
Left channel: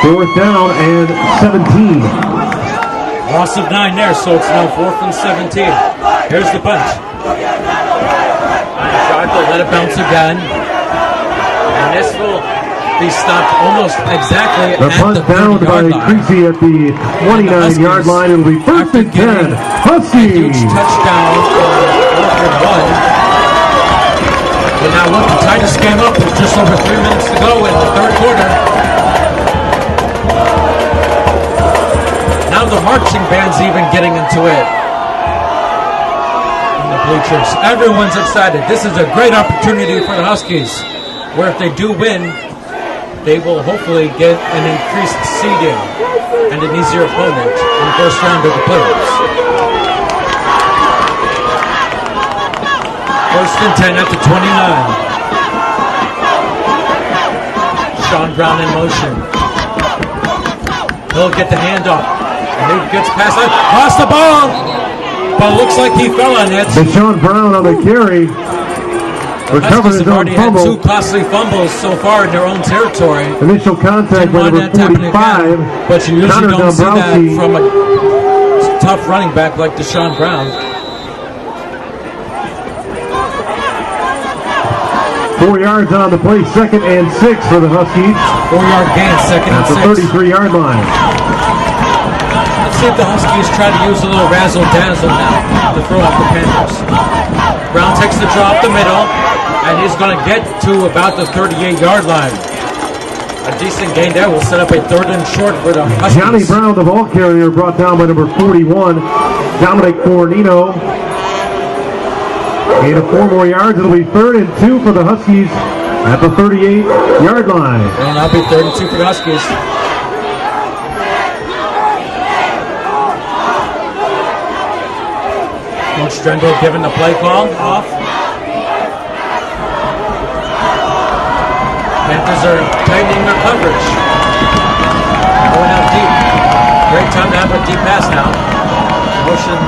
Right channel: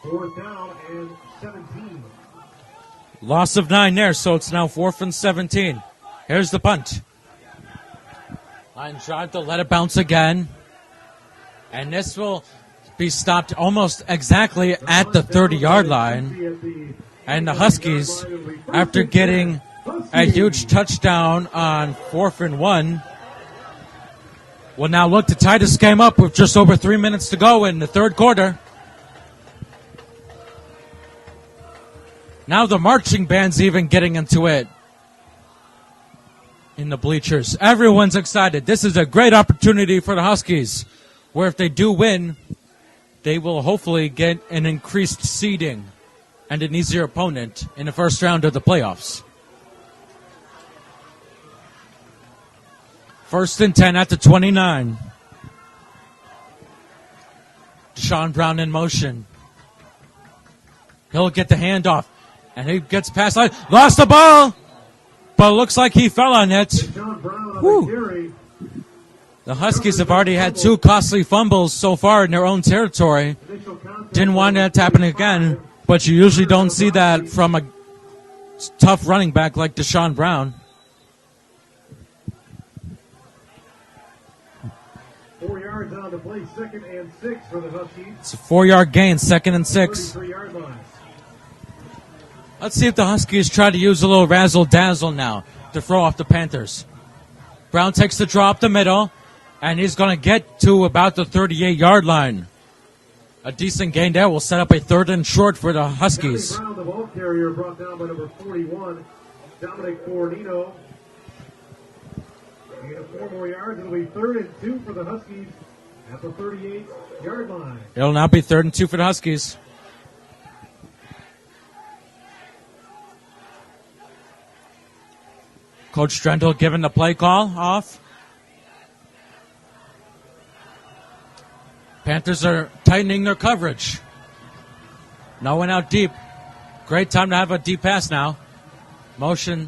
4th down and 17. Loss of 9 there, so it's now 4th and 17. Here's the punt. Tried to let it bounce again. And this will be stopped almost exactly at the 30-yard line. And the Huskies, after getting a huge touchdown on 4th and 1, will now look to tie this game up with just over 3 minutes to go in the third quarter. Now the marching band's even getting into it. In the bleachers. Everyone's excited. This is a great opportunity for the Huskies, where if they do win, they will hopefully get an increased seeding and an easier opponent in the first round of the playoffs. 1st and 10 at the 29. Sean Brown in motion. He'll get the handoff. And he gets past line. Lost the ball. But it looks like he fell on it. Sean Brown on the carry. The Huskies have already had 2 costly fumbles so far in their own territory. Initial contact. Didn't want that to happen again. But you usually don't see that from a tough running back like Deshaun Brown. 4 yards on the play, 2nd and 6 for the Huskies. 4-yard gain, 2nd and 6. 33-yard line. Let's see if the Huskies try to use a little razzle-dazzle now to throw off the Panthers. Brown takes the draw up the middle, and he's going to get to about the 38-yard line. A decent gain there will set up a 3rd and short for the Huskies. Johnny Brown, the ball carrier, brought down by number 41, Dominic Fornino. Gain of 4 more yards. It'll be 3rd and 2 for the Huskies at the 38-yard line. It'll now be 3rd and 2 for the Huskies. Coach Strendel giving the play call off. Panthers are tightening their coverage. Going out deep. Great time to have a deep pass now. Motion.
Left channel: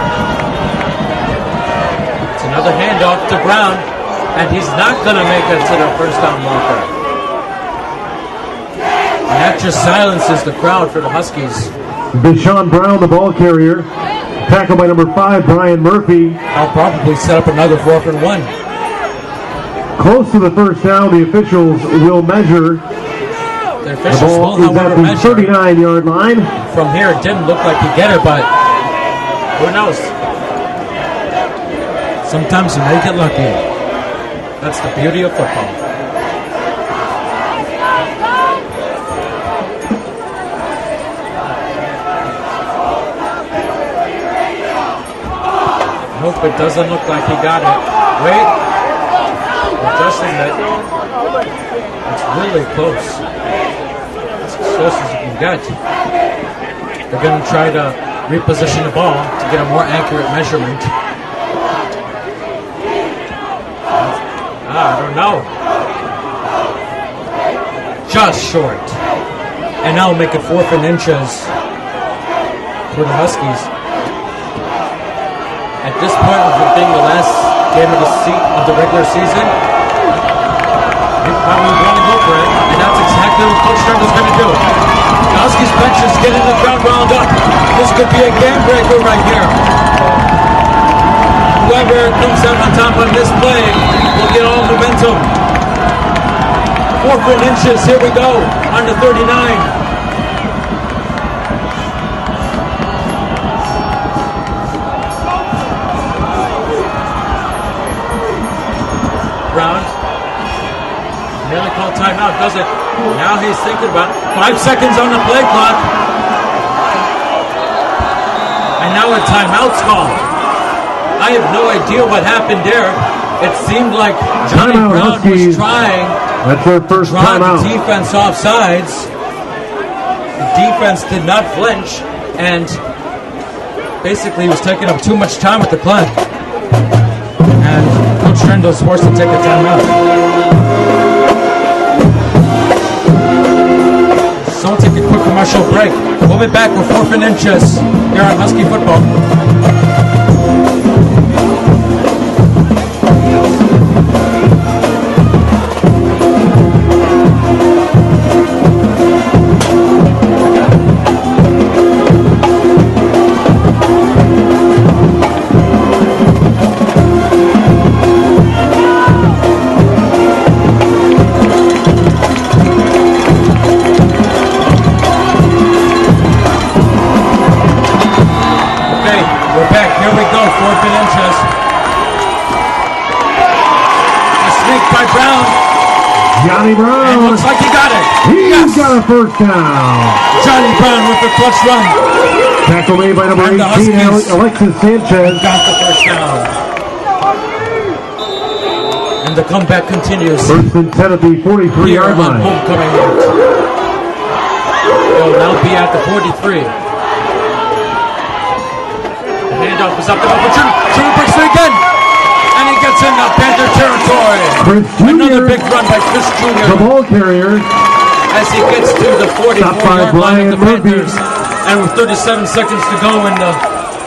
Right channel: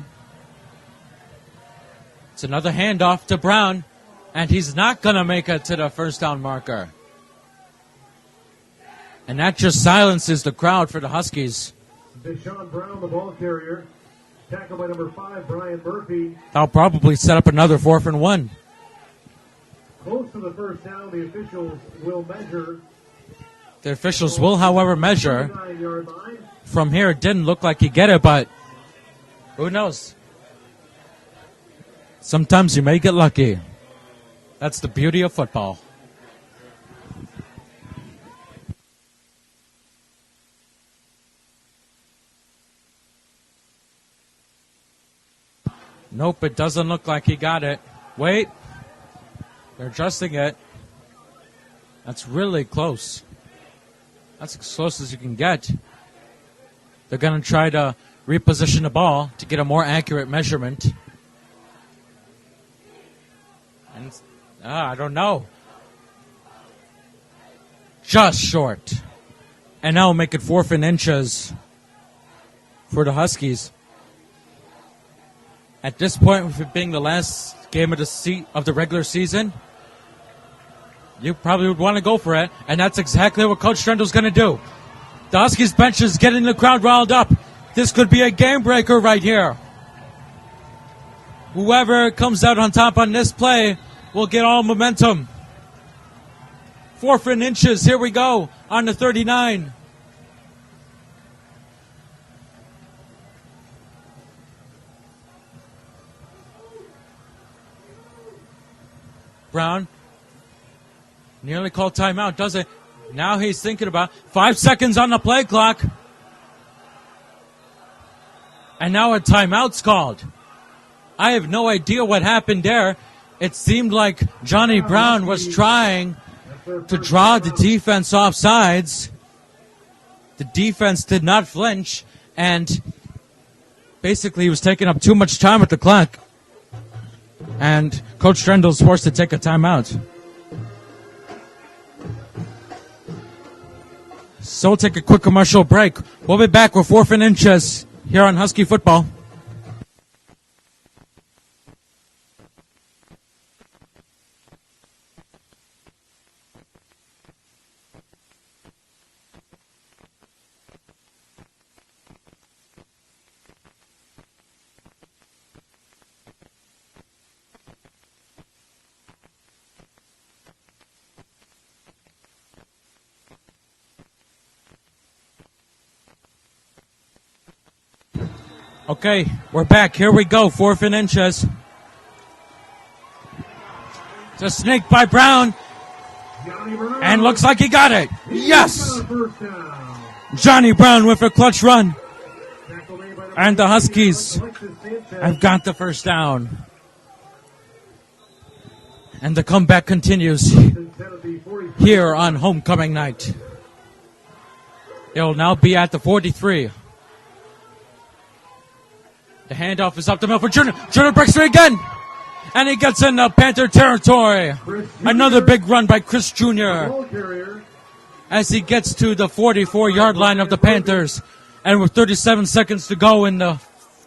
It's another handoff to Brown. And he's not going to make it to the first down marker. And that just silences the crowd for the Huskies. Deshaun Brown, the ball carrier. Tackled by number 5, Brian Murphy. I'll probably set up another 4th and 1. Close to the first down, the officials will measure. The officials will, however, measure. 39-yard line. From here, it didn't look like he'd get it, but who knows? Sometimes you may get lucky. That's the beauty of football. Nope, it doesn't look like he got it. Wait. Adjusting it. It's really close. That's as close as you can get. They're going to try to reposition the ball to get a more accurate measurement. I don't know. Just short. And now make it 4th and inches for the Huskies. At this point, with it being the last game of the regular season, you probably want to go for it, and that's exactly what Coach Strendel's going to do. The Huskies bench is getting the crowd wound up. This could be a game breaker right here. Whoever comes out on top on this play will get all momentum. 4th and inches, here we go, on the 39. Brown nearly called timeout, does it? Now he's thinking about 5 seconds on the play clock. And now a timeout's called. I have no idea what happened there. It seemed like Johnny Brown was trying to draw the defense off sides. The defense did not flinch, and basically he was taking up too much time with the clock. And Coach Strendel's forced to take a timeout. So we'll take a quick commercial break. We'll be back with 4th and inches here on Husky Football. We're back. Here we go. 4th and inches. A sneak by Brown. Johnny Brown. And looks like he got it. He's got a first down. Johnny Brown with a clutch run. Tackle made by number 18, And the Huskies Alexis Sanchez. got the first down. And the comeback continues 1st and 10 at the 43 here on homecoming night. It'll now be at the 43. Handoff is up the middle for Junior. Junior breaks through again. And he gets in the Panther territory. Another big run by Chris The Jr. ball carrier. as he gets to the 44-yard line of the Panthers. And with 37 seconds to go in the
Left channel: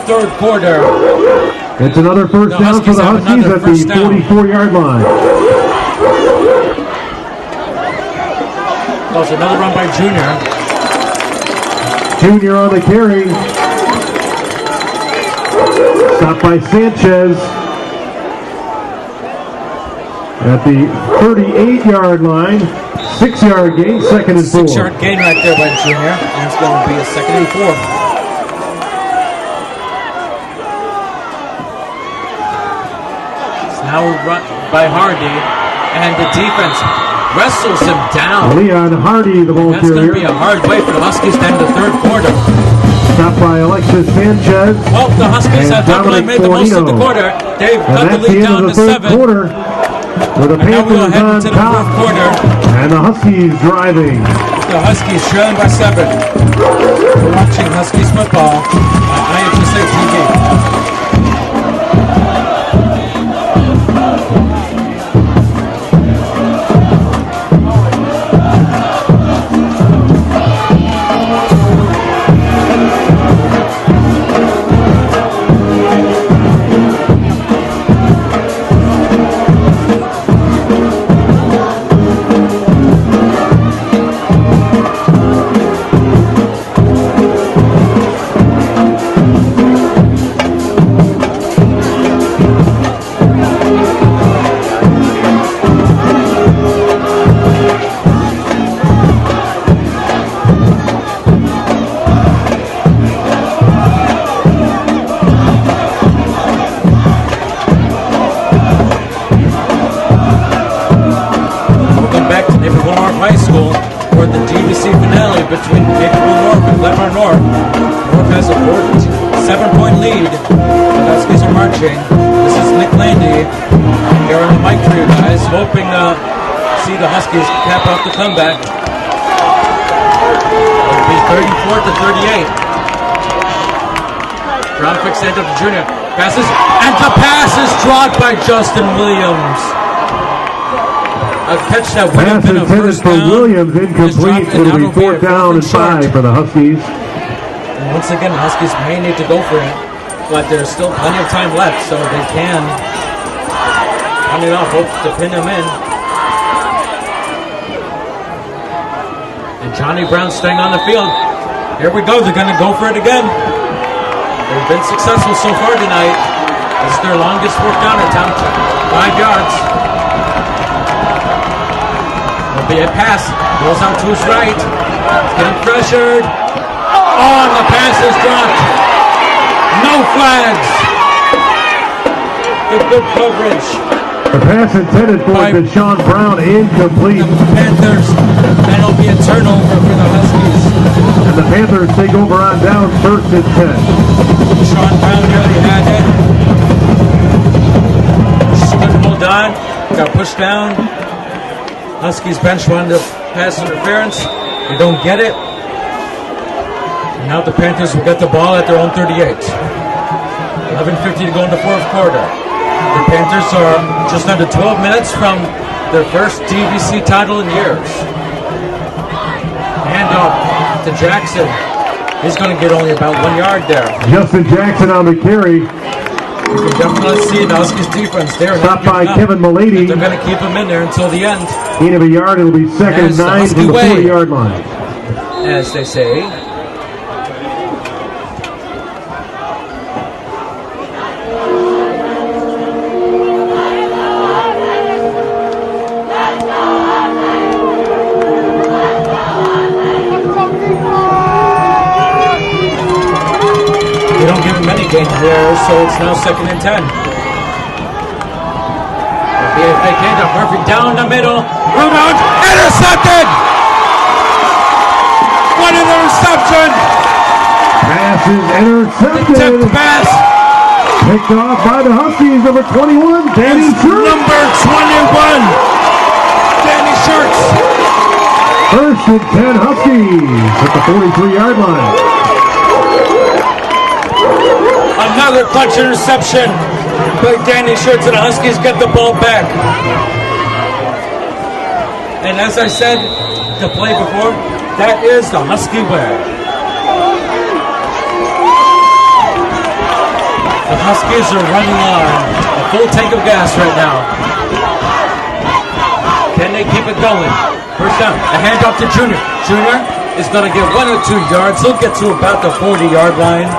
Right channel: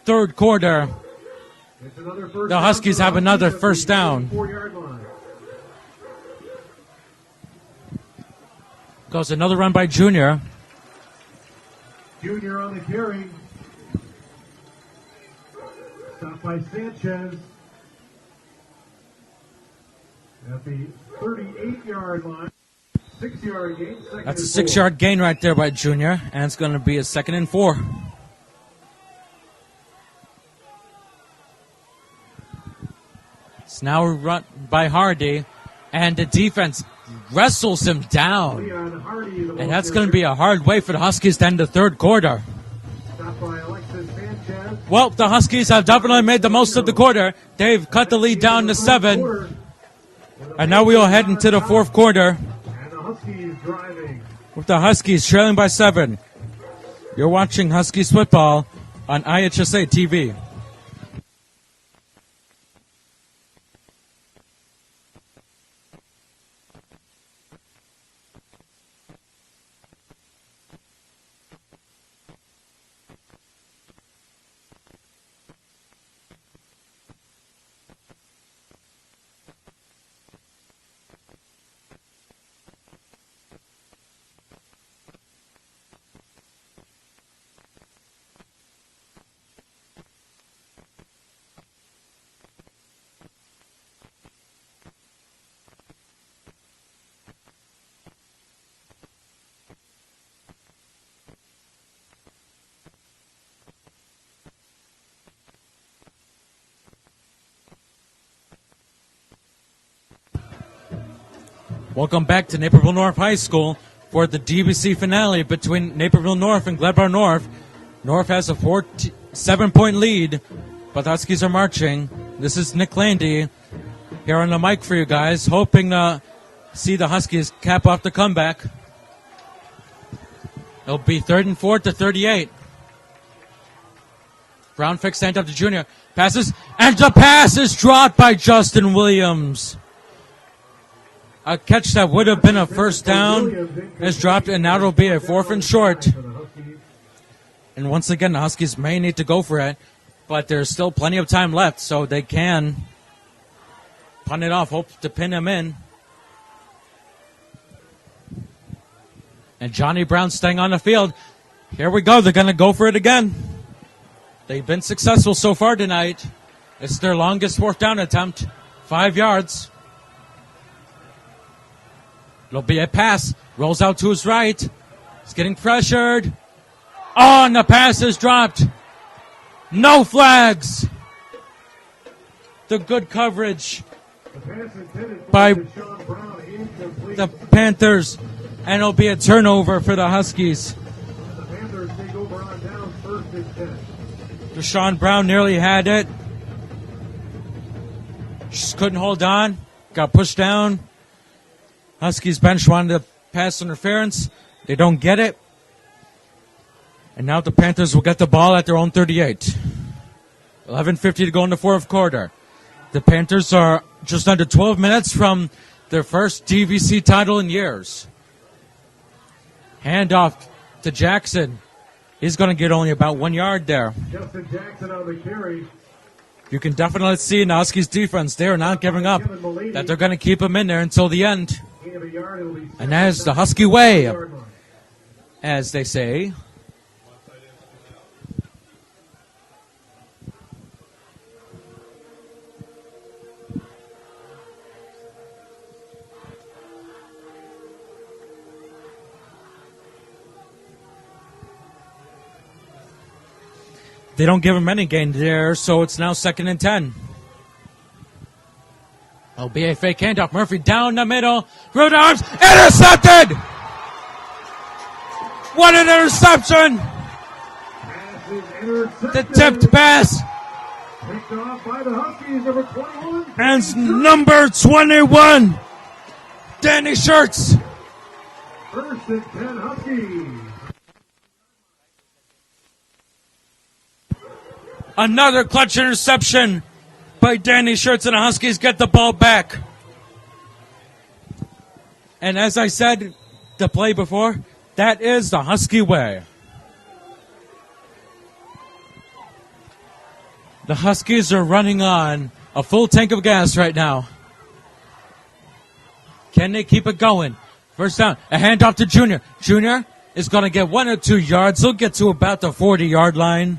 third quarter, It's another first the down. Huskies have another first down. 44-yard line. That was another run by Junior. Junior on the carry. Stopped by Sanchez at the 38-yard line. 6-yard gain, 2nd and 4. 6-yard gain right there by Junior, and it's going to be a 2nd and 4. It's now run by Hardy, and the defense wrestles him down. Leon Hardy, the ball And that's going to be a hard way for the Huskies to end the third quarter. Stopped by Alexis Sanchez. Well, the Huskies have definitely made the most of the quarter. They've cut the lead down to 7. And now we will head into the fourth quarter. And the Huskies driving. The Huskies trailing by 7. You're watching Huskies football on IHSA TV. Naperville North High School for the DVC finale between Naperville North and Glenbard North. North has a 7-point lead. The Huskies are marching. This is Nick Landy here on the mic for you guys, hoping to see the Huskies cap off the comeback. It'll be 34-38. Brown fix hand up to Junior. Passes, and the pass is dropped by Justin Williams. A catch that would have been a first down is dropped, and now it'll be a 4th and short for the Huskies. And once again, the Huskies may need to go for it, but there's still plenty of time left, so they can run it off, hope to pin them in. And Johnny Brown staying on the field. Here we go, they're going to go for it again. They've been successful so far tonight. This is their longest fourth down attempt, 5 yards. There'll be a pass, rolls out to his right. He's getting pressured. Oh, and the pass is dropped. No flags. The good coverage. The pass intended for Deshaun Brown, incomplete. The Panthers, and it'll be a turnover for the Huskies. And the Panthers take over on down, 1st and 10. Deshaun Brown nearly had it. Just couldn't hold on. Got pushed down. Huskies bench wanted to pass interference. They don't get it. And now the Panthers will get the ball at their own 38. 11:50 to go in the 4th quarter. The Panthers are just under 12 minutes from their first DVC title in years. Hand off to Jackson. He's going to get only about 1 yard there. Justin Jackson on the carry. You can definitely see in the Huskies defense, they're not giving up. Kevin Malady. They're going to keep him in there until the end. Gain of a yard, it'll be 2nd and 9 the Husky from the way, 40-yard line. as they say. They don't give him any gain there, so it's now 2nd and 10. There'll be a fake handoff. Murphy down the middle. Rudolph intercepted! What an interception! Pass is intercepted. The tipped pass. Picked off by the Huskies, number 21. That's number 21. Danny Shirts. 1st and 10 Huskies at the 43-yard line. Another clutch interception by Danny Shirts, and the Huskies get the ball back. And as I said the play before, that is the Husky way. The Huskies are running on a full tank of gas right now. Can they keep it going? First down, a handoff to Junior. Junior is going to get 1 or 2 yards. He'll get to about the 40-yard line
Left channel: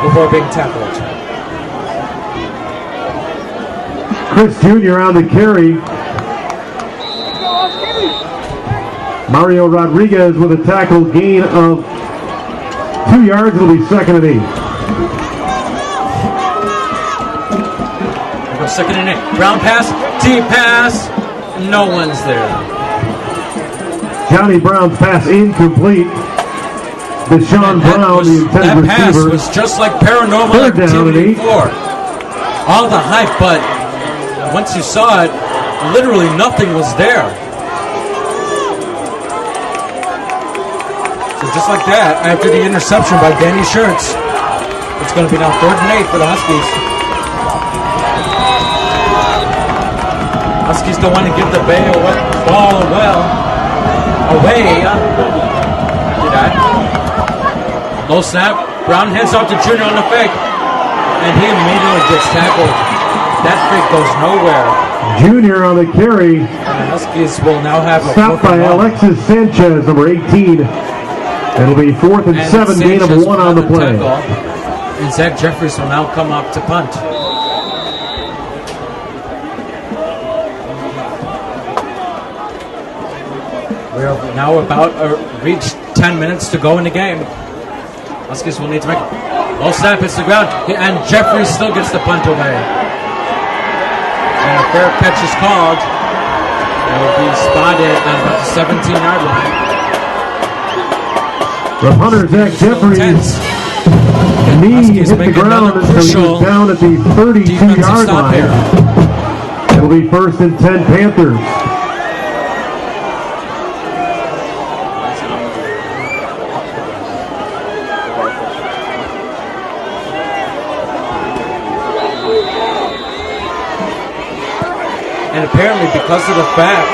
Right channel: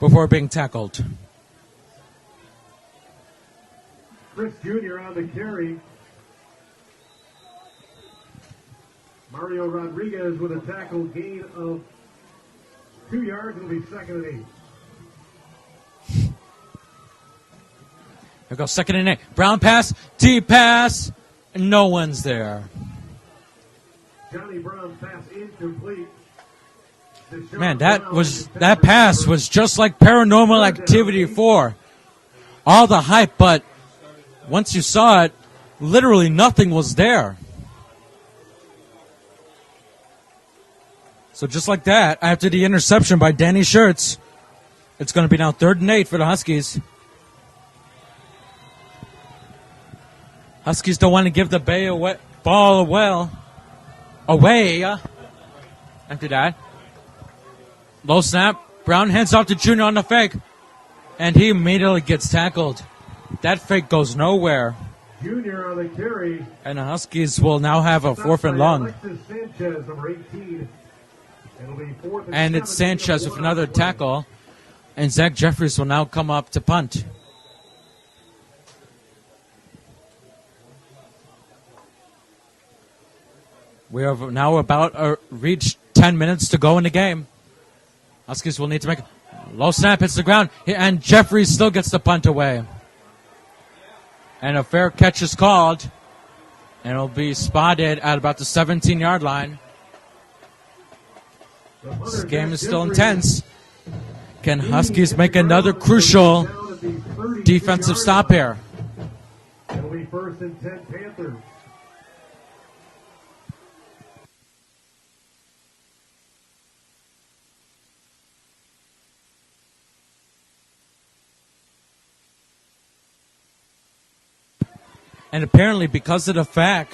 before being tackled. Chris Jr. on the carry. Mario Rodriguez with a tackle, gain of 2 yards. It'll be 2nd and 8. There goes 2nd and 8. Brown pass, deep pass. No one's there. Johnny Brown's pass incomplete. Deshaun Brown, that pass was just like Paranormal Activity 4. All the hype, but once you saw it, literally nothing was there. So just like that, after the interception by Danny Shirts, it's going to be now 3rd and 8 for the Huskies. Huskies don't want to give the ball away. Do that. Low snap. Brown hands off to Junior on the fake. And he immediately gets tackled. That fake goes nowhere. Junior on the carry. And the Huskies will now have a stopped 4th and by long. Alexis Sanchez, number 18. It'll be 4th and 7, gain of 1 on the play. Tackle. And Zach Jeffries will now come up to punt. We're now about reach 10 minutes to go in the game. Huskies will need to make low snap, hits the ground, and Jeffries still gets the punt away. And a fair catch is called. They'll be spotted at about the 17-yard line. The punter, This game Zach is still Jeffries. intense. Can Huskies Hit the make another ground. It's gonna be crucial down at the 32 defensive yard stop line. here? It'll be 1st and 10 Panthers. And apparently, because of the fact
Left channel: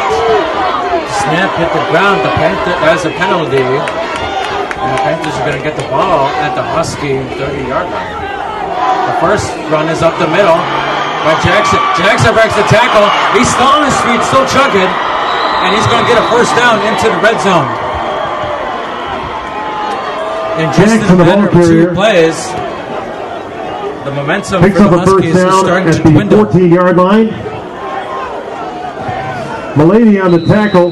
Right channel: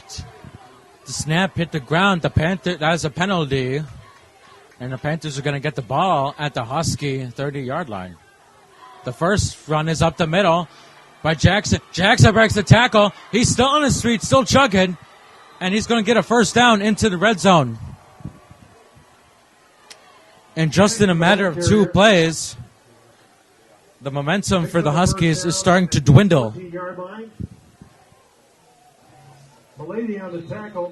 the snap hit the ground, the Panther as a penalty, and the Panthers are going to get the ball at the Husky 30-yard line. The first run is up the middle by Jackson. Jackson breaks the tackle. He's still on his feet, still chugging, and he's going to get a first down into the red zone. And just in a matter of 2 plays, the momentum Picks for the up a first Huskies is down starting at to the dwindle. 14-yard line. Mullaney on the tackle.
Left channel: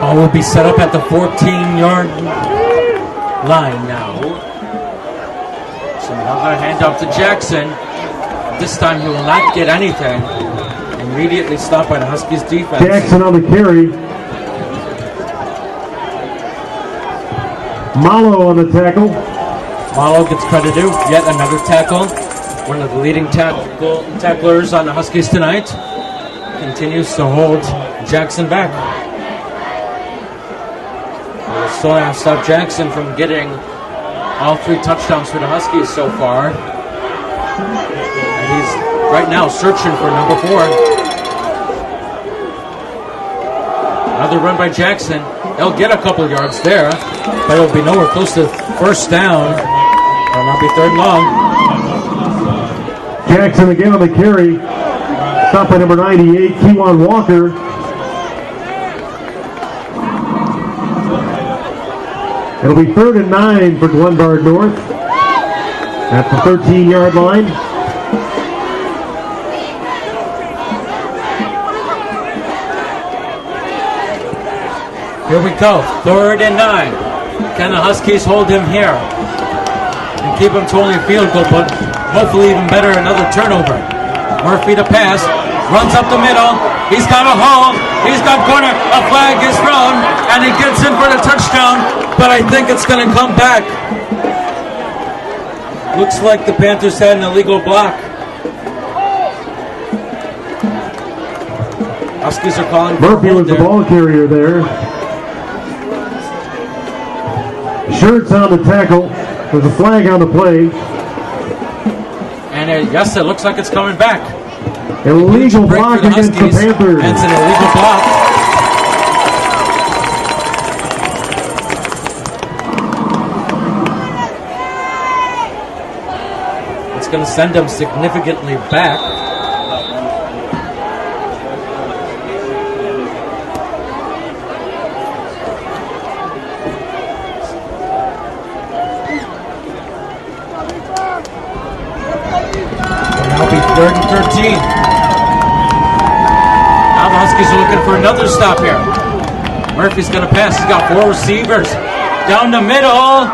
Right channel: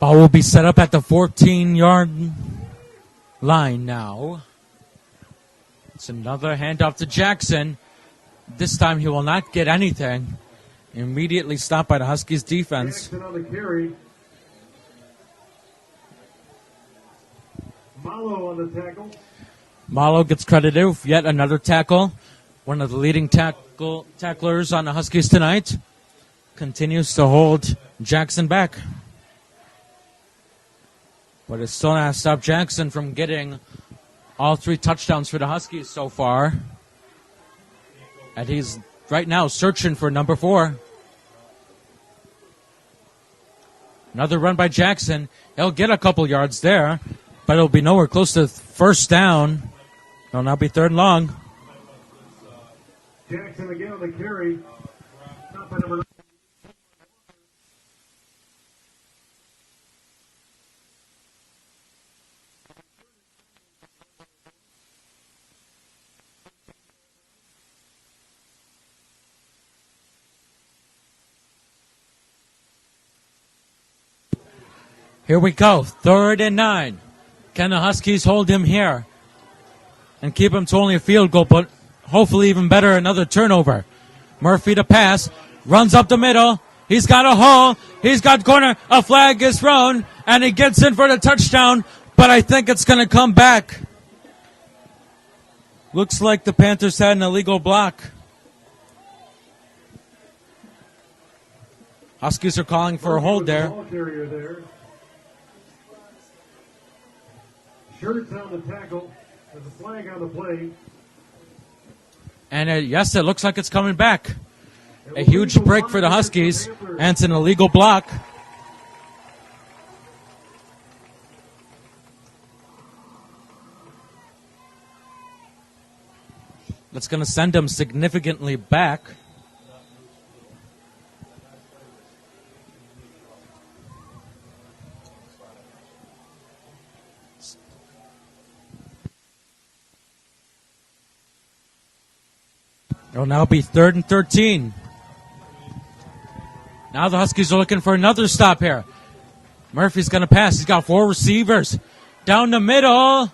Ball will be set up at the 14-yard line now. So another handoff to Jackson. This time he will not get anything. Immediately stopped by the Huskies defense. Jackson on the carry. Malo on the tackle. Malo gets credit due. Yet another tackle. One of the leading tacklers on the Huskies tonight. Continues to hold Jackson back. We'll still have to stop Jackson from getting all 3 touchdowns for the Huskies so far. And he's right now searching for number 4. Another run by Jackson. He'll get a couple yards there, but it'll be nowhere close to first down. It'll not be 3rd and long. Jackson again on the carry. Stopped by number 98, Kewan Walker. It'll be 3rd and 9 for Glenbard North at the 13-yard line. Here we go, 3rd and 9. Can the Huskies hold him here and keep him to only a field goal, but hopefully even better, another turnover. Murphy to pass, runs up the middle. He's got a hole. He's got corner. A flag is thrown, and he gets in for the touchdown, but I think it's going to come back. Looks like the Panthers had an illegal block. Huskies are calling for Murphy a hold was the there. ball carrier there. Shirts on the tackle. There's a flag on the play. And yes, it looks like it's coming back. A Illegal huge break block for the against Huskies, Panthers. and it's an illegal block. It's going to send them significantly back. Will now be 3rd and 13. Now the Huskies are looking for another stop here. Murphy's going to pass. He's got 4 receivers. Down the middle.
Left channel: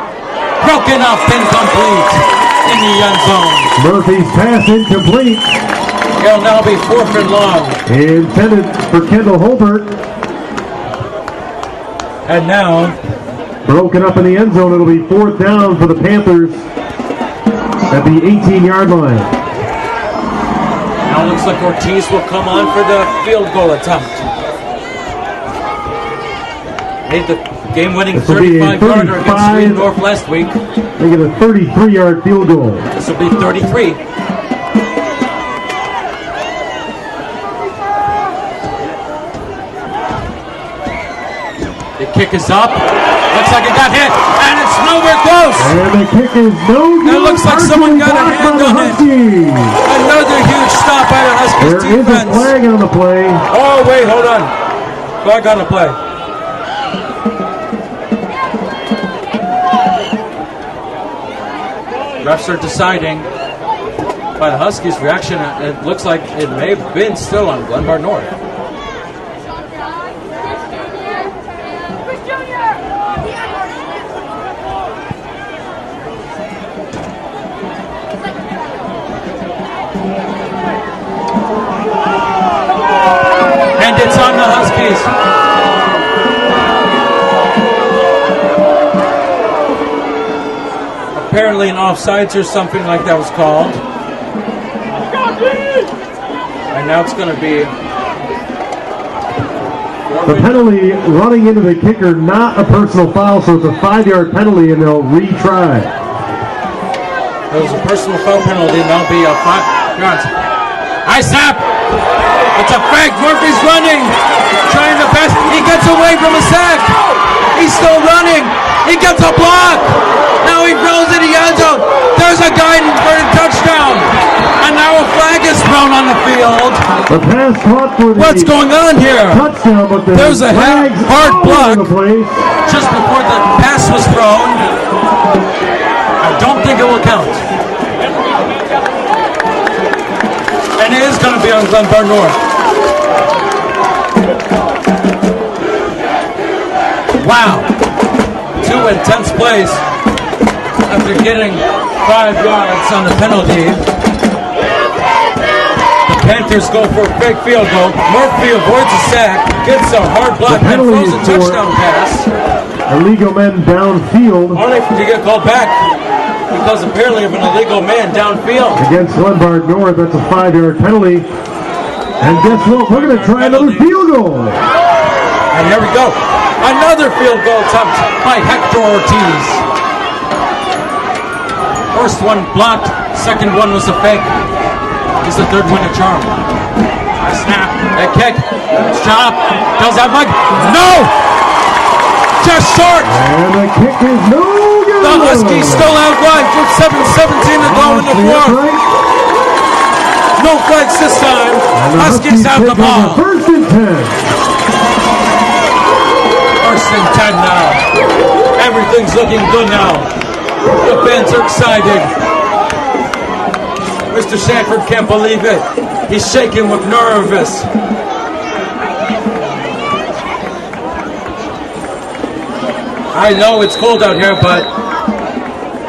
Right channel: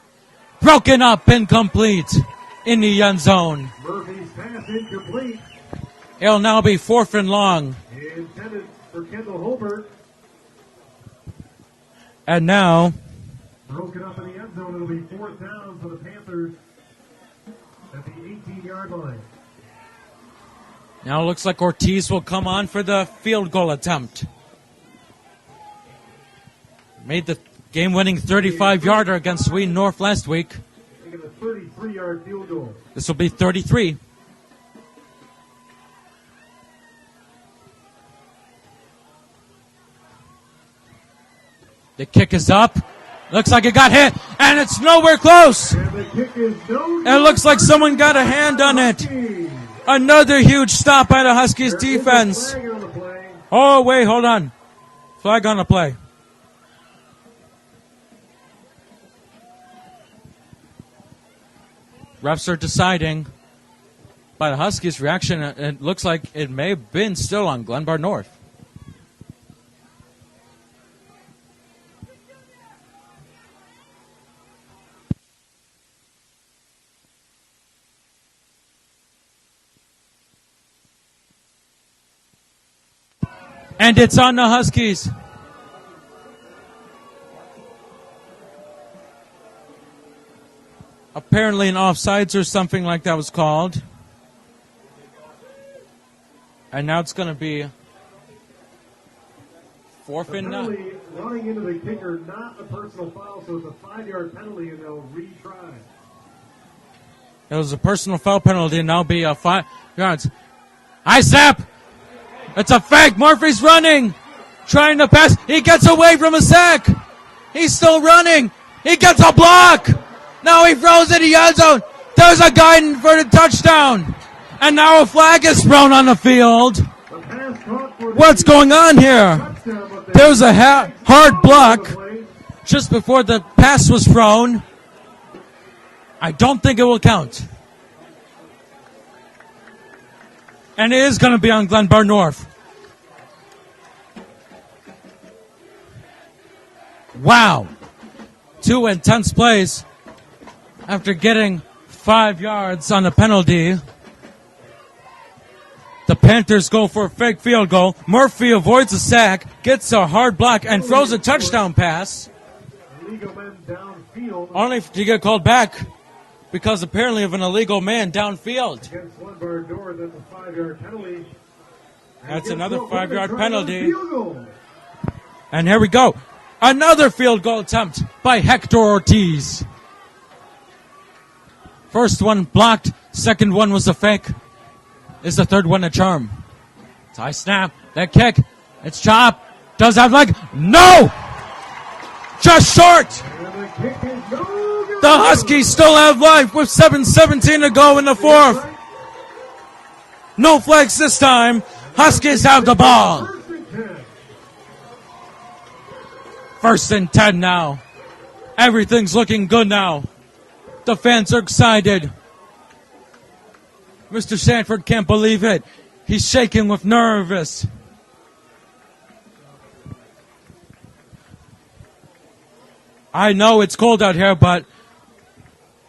Broken up, incomplete in the end zone. Murphy's pass incomplete. It'll now be 4th and long. Intended for Kendall Holbert. And now Broken up in the end zone. It'll be 4th down for the Panthers at the 18-yard line. Now it looks like Ortiz will come on for the field goal attempt. Made the game-winning 35-yarder against Sweden North last week. They get a 33-yard field goal. This will be 33. The kick is up. Looks like it got hit, and it's nowhere close. And the kick is no good. It looks like someone got a hand on it. Another huge stop by the Huskies There is a defense. flag on the play. Oh, wait, hold on. Flag on the play. Refs are deciding. By the Huskies' reaction, it looks like it may have been still on Glenbard North. And it's on the Huskies. Apparently an offsides or something like that was called. And now it's going to be... The penalty running into the kicker, not a personal foul, so it's a 5-yard penalty and they'll retry. It was a personal foul penalty and that'll be a 5 yards. High snap! It's a fake. Murphy's running, trying to pass. He gets away from a sack. He's still running. He gets a block. Now he throws it in the end zone. There's a guy for the touchdown. And now a flag is thrown on the field. The pass caught for the What's going on here? touchdown, but the There's a flags hard all block over the place. just before the pass was thrown. I don't think it will count. And it is going to be on Glenbard North. Wow. 2 intense plays after getting 5 yards on the penalty. The Panthers go for a big field goal. Murphy avoids a sack, gets a hard block, and throws a touchdown pass. Illegal men downfield. Only to get called back because apparently of an illegal man downfield. Against Glenbard North, that's a 5-yard penalty. And guess what? We're going to 5-yard try another penalty. field goal. And here we go. Another field goal attempt by Hector Ortiz. First one blocked. Second one was a fake. Is the third one a charm? A snap. A kick. It's chopped. Does that leg? No! Just short. And the kick is no good. The Huskies still have life with 7:17 to go in the fourth. No flags this time. Huskies have the ball. First and 10. First and 10 now. Everything's looking good now. The fans are excited. Mr. Sanford can't believe it. He's shaking with nervous. I know it's cold out here, but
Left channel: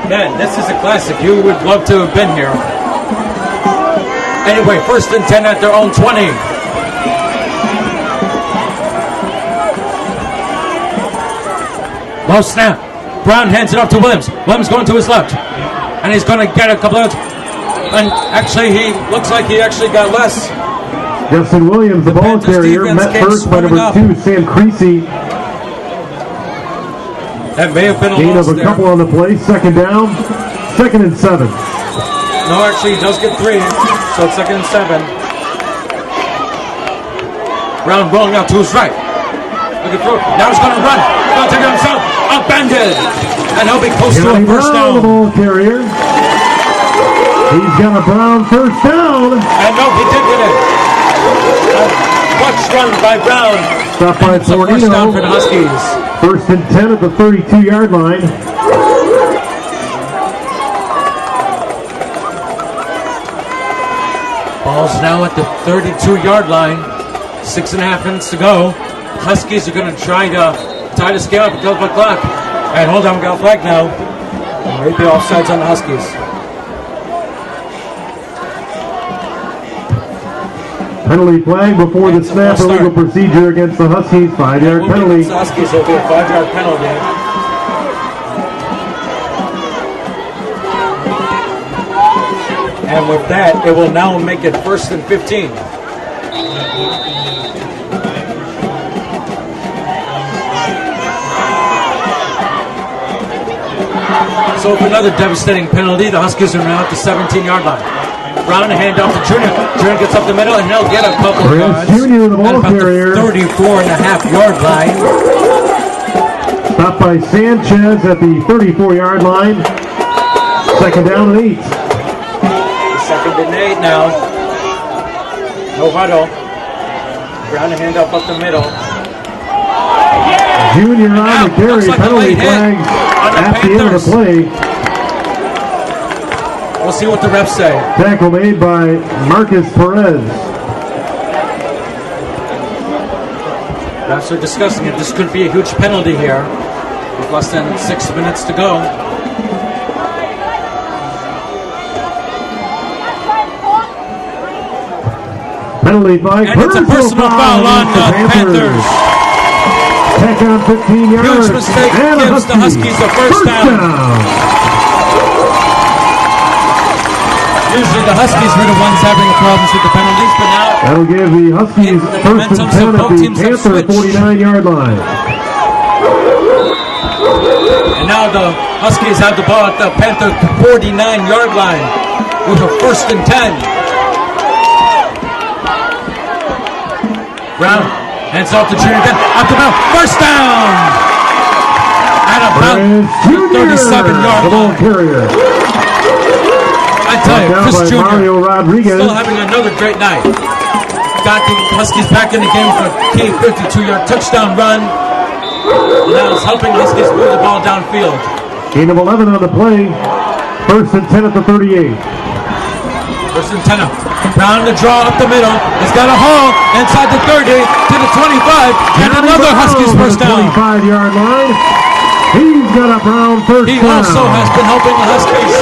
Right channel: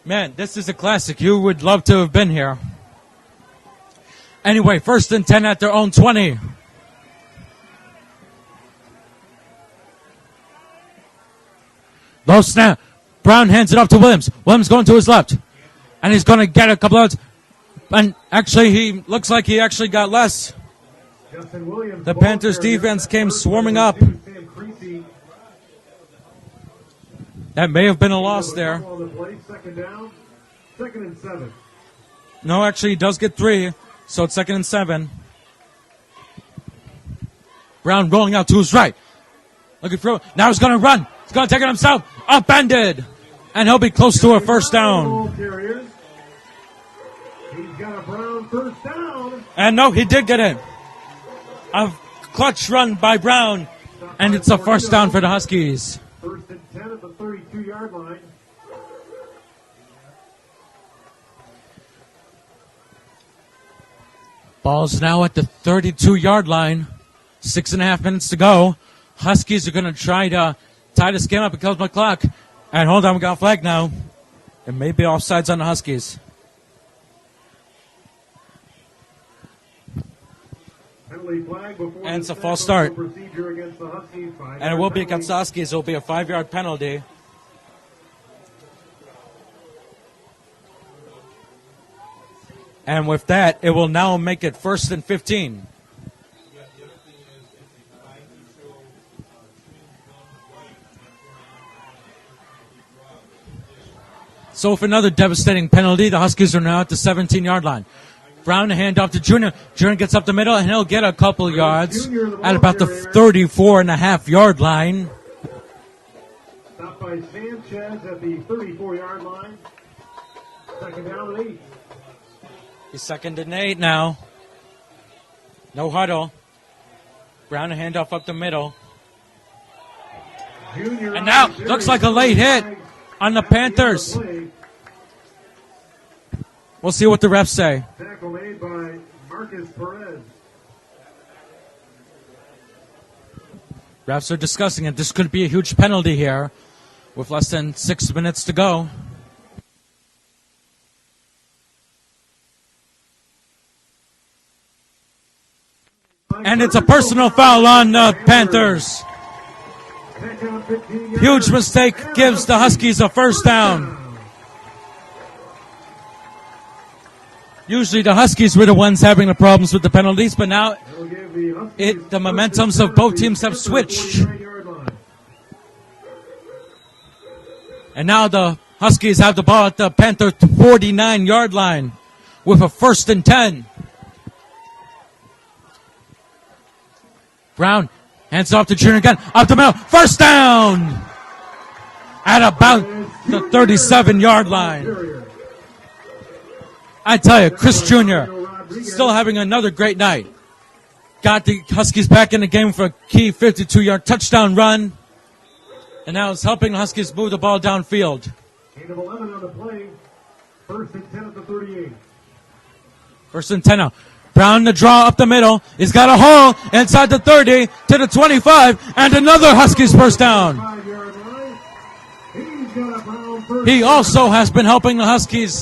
man, this is a classic. You would love to have been here. Anyway, first and 10 at their own 20. Low snap. Brown hands it off to Williams. Williams going to his left. And he's going to get a couple of... And actually, he looks like he actually got less. Justin Williams, The ball Panthers carrier, defense met came first by swarming number up. 2, Sam Creasy. That may have been a Gain loss of a there. couple on the play. Second down. Second and 7. No, actually, he does get 3. So it's second and 7. Brown rolling out to his right. Looking through. Now he's going to run. He's going to take it himself. Upended. And he'll be close to a first down. Ball carrier. He's got a Brown first down. And no, he did get it. A clutch run by Brown. Stopped And by it's a first Fornino. down for the Huskies. First and 10 at the 32-yard line. Ball's now at the 32-yard line. 6.5 minutes to go. Huskies are going to try to tie the scale up until the clock. And hold on, we got a flag now. Maybe offsides on the Huskies. Penalty flag before the It's a snap. false start. Illegal procedure against the Huskies. And it 5-yard will be penalty. against the Huskies. It'll be a 5-yard penalty. And with that, it will now make it first and 15. So with another devastating penalty, the Huskies are now at the 17-yard line. Brown, a handoff to Junior. Junior gets up the middle, and he'll get a couple of yards at about the 34.5-yard line. Stopped by Sanchez at the 34-yard line. Second down and 8. Second and 8 now. No huddle. Brown, a handoff up the middle. Junior And on now, the carry. looks like a Penalty late hit flag on the at end of Panthers. play. We'll see what the refs say. Tackle made by Marcus Perez. Refs are discussing it. This could be a huge penalty here with less than 6 minutes to go. Penalty penalty flag. And it's a personal foul on the Panthers. Back on 15 yards. Huge mistake And gives the Huskies a first down. Usually the Huskies were the ones having the problems with the penalties, but now That'll give the Huskies the momentum, so both teams have switched. 49-yard line. And now the Huskies have the ball at the Panther 49-yard line with a 1st and 10. Brown hands off to Junior again. Up the middle. First down at about the 37-yard line. I tell you, Chris Jr. still having another great night. Got the Huskies back in the game for a key 52-yard touchdown run. And now is helping the Huskies move the ball downfield. Gain of 11 on the play. 1st and 10 at the 38. 1st and 10. Brown to draw up the middle. He's got a hole inside the 30 to the 25. And another Huskies first down. 25-yard line. He's got a Brown first He down. also has been helping the Huskies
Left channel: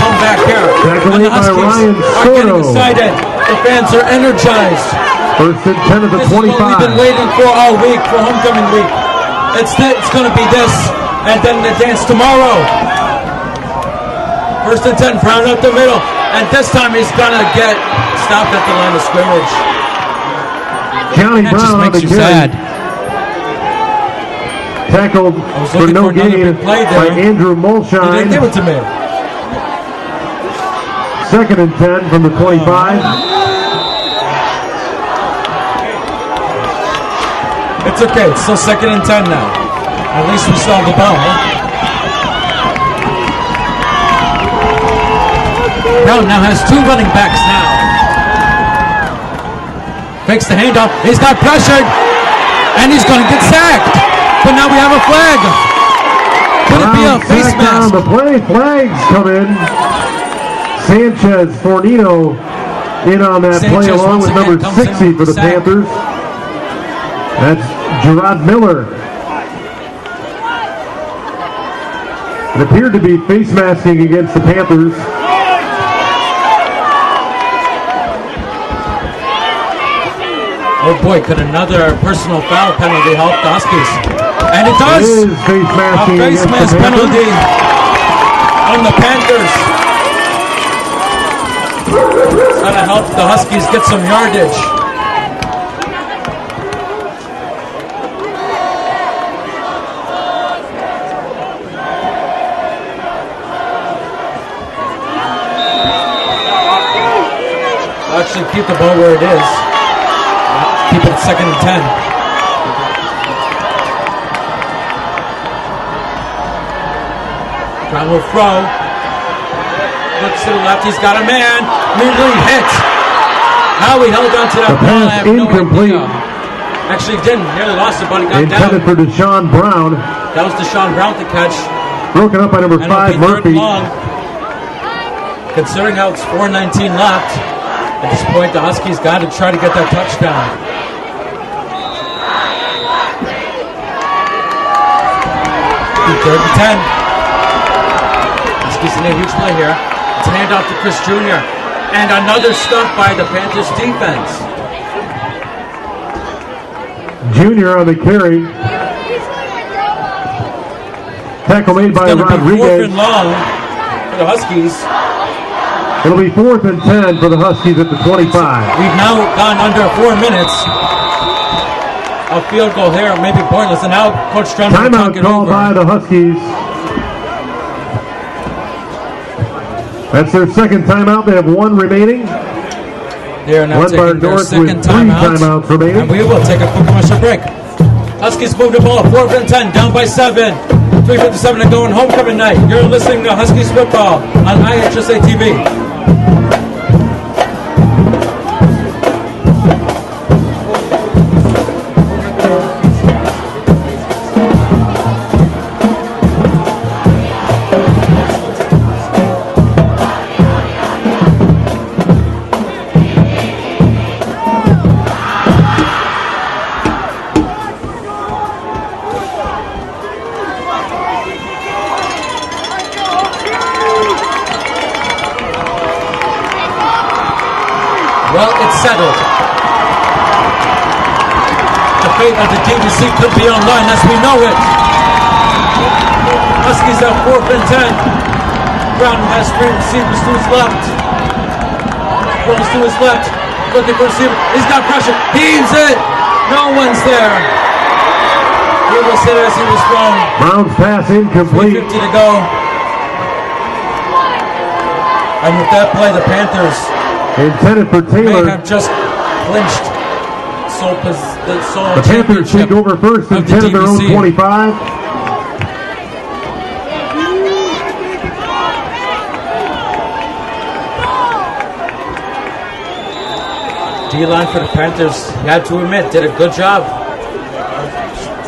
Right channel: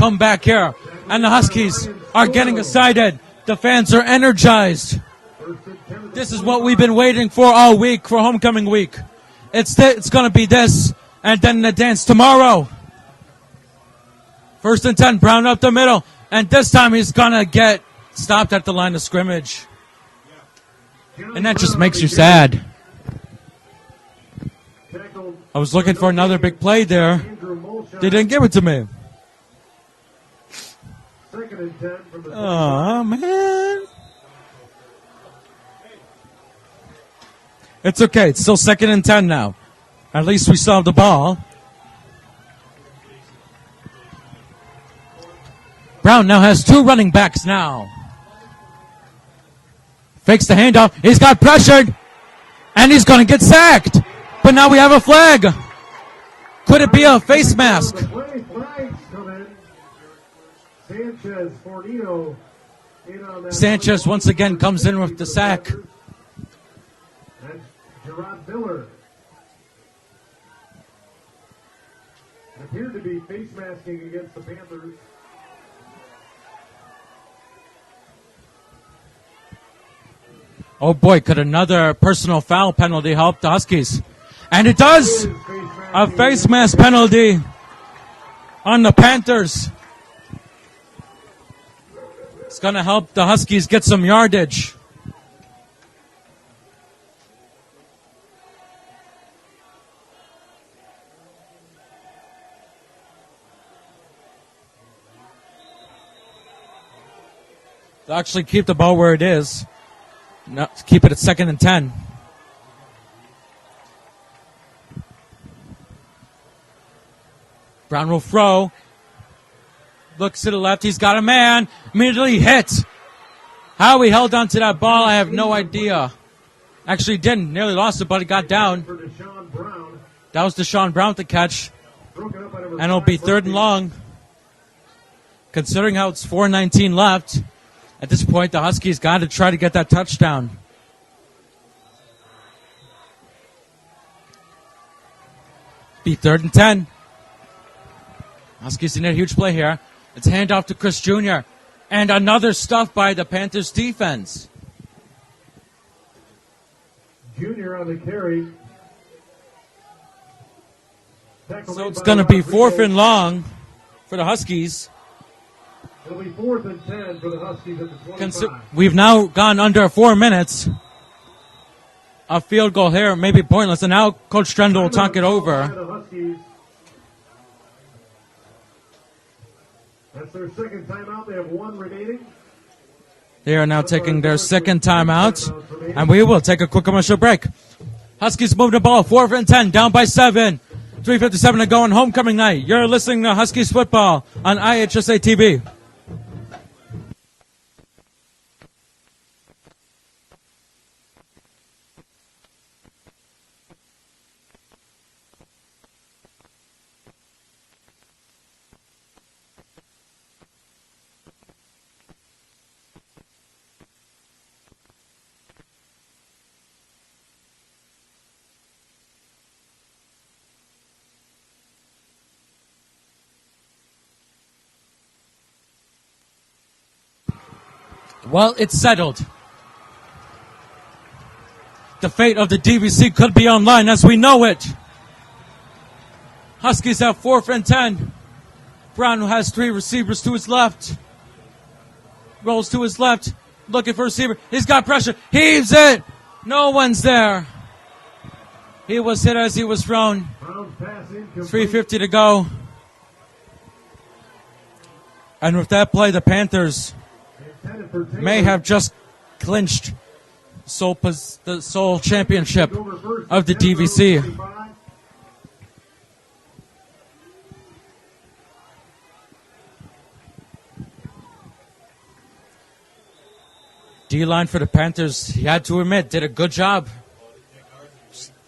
come back here. And the Huskies are getting excited. The fans are energized. 1st and 10 at the 25. This is what we've been waiting for all week, for homecoming week. It's going to be this, and then the dance tomorrow. 1st and 10, Brown up the middle. And this time he's going to get stopped at the line of scrimmage. And that just makes you sad. Tackled. I was looking for another big play there. Andrew Mulshine. They didn't give it to me. 2nd and 10 from the 25. It's okay. It's still 2nd and 10 now. At least we still have the ball. Brown now has 2 running backs now. Fakes the handoff. He's got pressured. And he's going to get sacked. But now we have a flag. Could it be a face mask? The play. Flags come in. Sanchez, Fornito in on that Sanchez play along once with again number comes in 60 with for the the sack. Panthers. That's Gerard Miller. It appeared to be face masking against the Panthers. Oh boy, could another personal foul penalty help the Huskies? And it does! A face mask penalty on the Panthers. It's going to help the Huskies get some yardage. They'll actually keep the ball where it is. Keep it at 2nd and 10. Brown will throw. Looks to the left. He's got a man. Immediately hit. How he held on to that ball, I have no idea. Actually didn't. Nearly lost it, but he got down. For Deshaun Brown. That was Deshaun Brown to catch. Broken up by number 5, And it'll be 3rd and Murphy. long. Considering how it's 4:19 left, at this point, the Huskies got to try to get that touchdown. Be 3rd and 10. Huskies in a huge play here. It's a handoff to Chris Jr. And another stuff by the Panthers defense. Junior on the carry. Tackle made It's by going to be Rodriguez. 4th and long for the Huskies. It'll be 4th and 10 for the Huskies at the 25. We've now gone under 4 minutes. A field goal here may be pointless, and now Coach Stremmer will talk it called over. by the Huskies. That's their 2nd timeout. They have 1 remaining. They are now Glenbard taking their North 2nd with 3 timeout, timeouts remaining. and we will take a quick commercial break. Huskies move the ball, 4th and 10, down by 7. 3:57 to go on homecoming night. You're listening to Huskies football on IHSA TV. Well, it's settled. the fate of the DVC could be on line as we know it. Huskies have 4th and 10. Brown has 3 receivers to his left. Rolls to his left, looking for a receiver. He's got pressure. Heaves it. No one's there. He was hit as he was thrown. Brown's pass incomplete. 3:50 to go. And with that play, the Panthers Intended for Taylor. may have just clinched the sole The Panthers championship take over first and of the 10 of their own DVC. 25. D-line for the Panthers, you had to admit, did a good job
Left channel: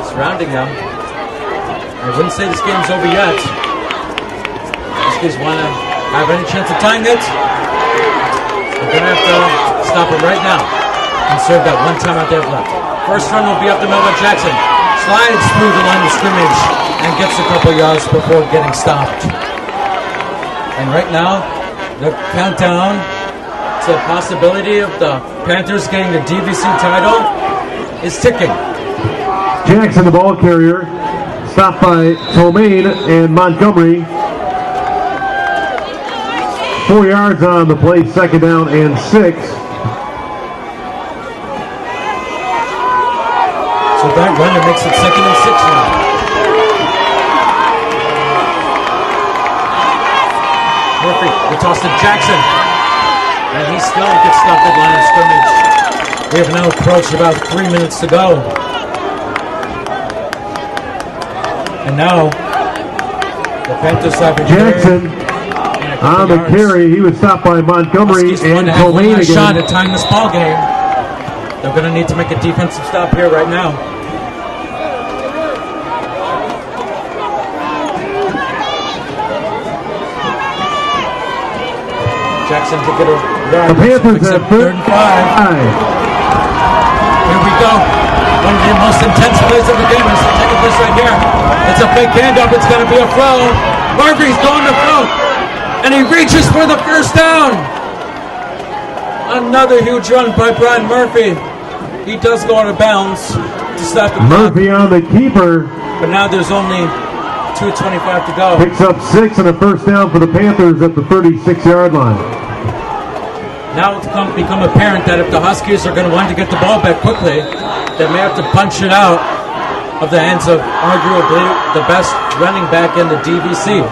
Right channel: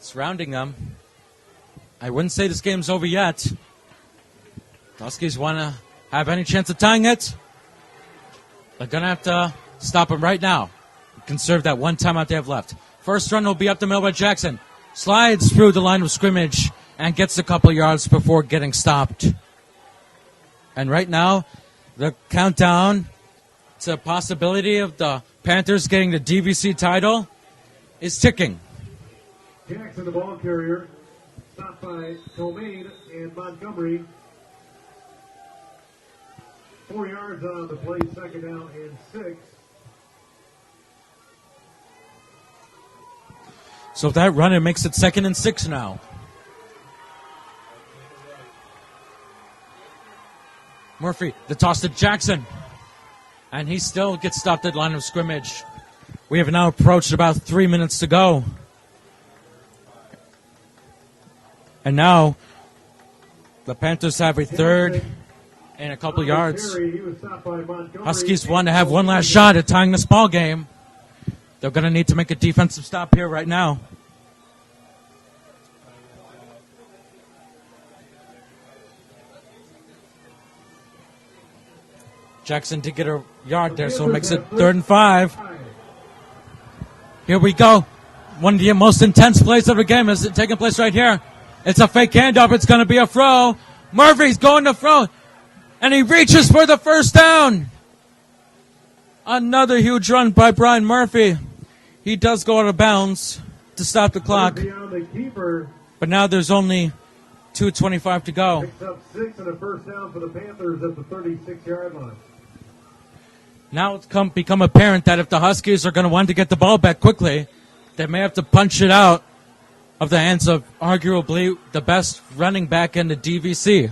surrounding them. I wouldn't say this game's over yet. Huskies want to have any chance of tying it. They're going to have to stop it right now and serve that one timeout they have left. First run will be up to Melvin Jackson. Slides through the line of scrimmage and gets a couple yards before getting stopped. And right now, the countdown to the possibility of the Panthers getting the DVC title is ticking. Jackson, the ball carrier, stopped by Tomaine and Montgomery. 4 yards on the play, 2nd down and 6. So that run, it makes it 2nd and 6 now. Murphy, the toss to Jackson. And he still gets stopped at line of scrimmage. We have now approached about 3 minutes to go. And now, the Panthers have a third Jackson and a couple on the yards. carry. He was stopped by Montgomery. Huskies and want to have one Tomaine last again. shot at tying this ball game. They're going to need to make a defensive stop here right now. Jackson to get a yard, The so Panthers makes it have 3rd and 5. Here we go. One of the most intense plays of the game is taking place right here. It's a fake handoff. It's going to be a throw. Murphy's going to throw. And he reaches for the first down. Another huge run by Brian Murphy. He does go out of bounds to stop the clock. Murphy on the keeper. But now there's only 2:25 to go. Picks up 6 and a first down for the Panthers at the 36-yard line. Now it's become apparent that if the Huskies are going to want to get the ball back quickly, they may have to punch it out of the hands of arguably the best running back in the DVC.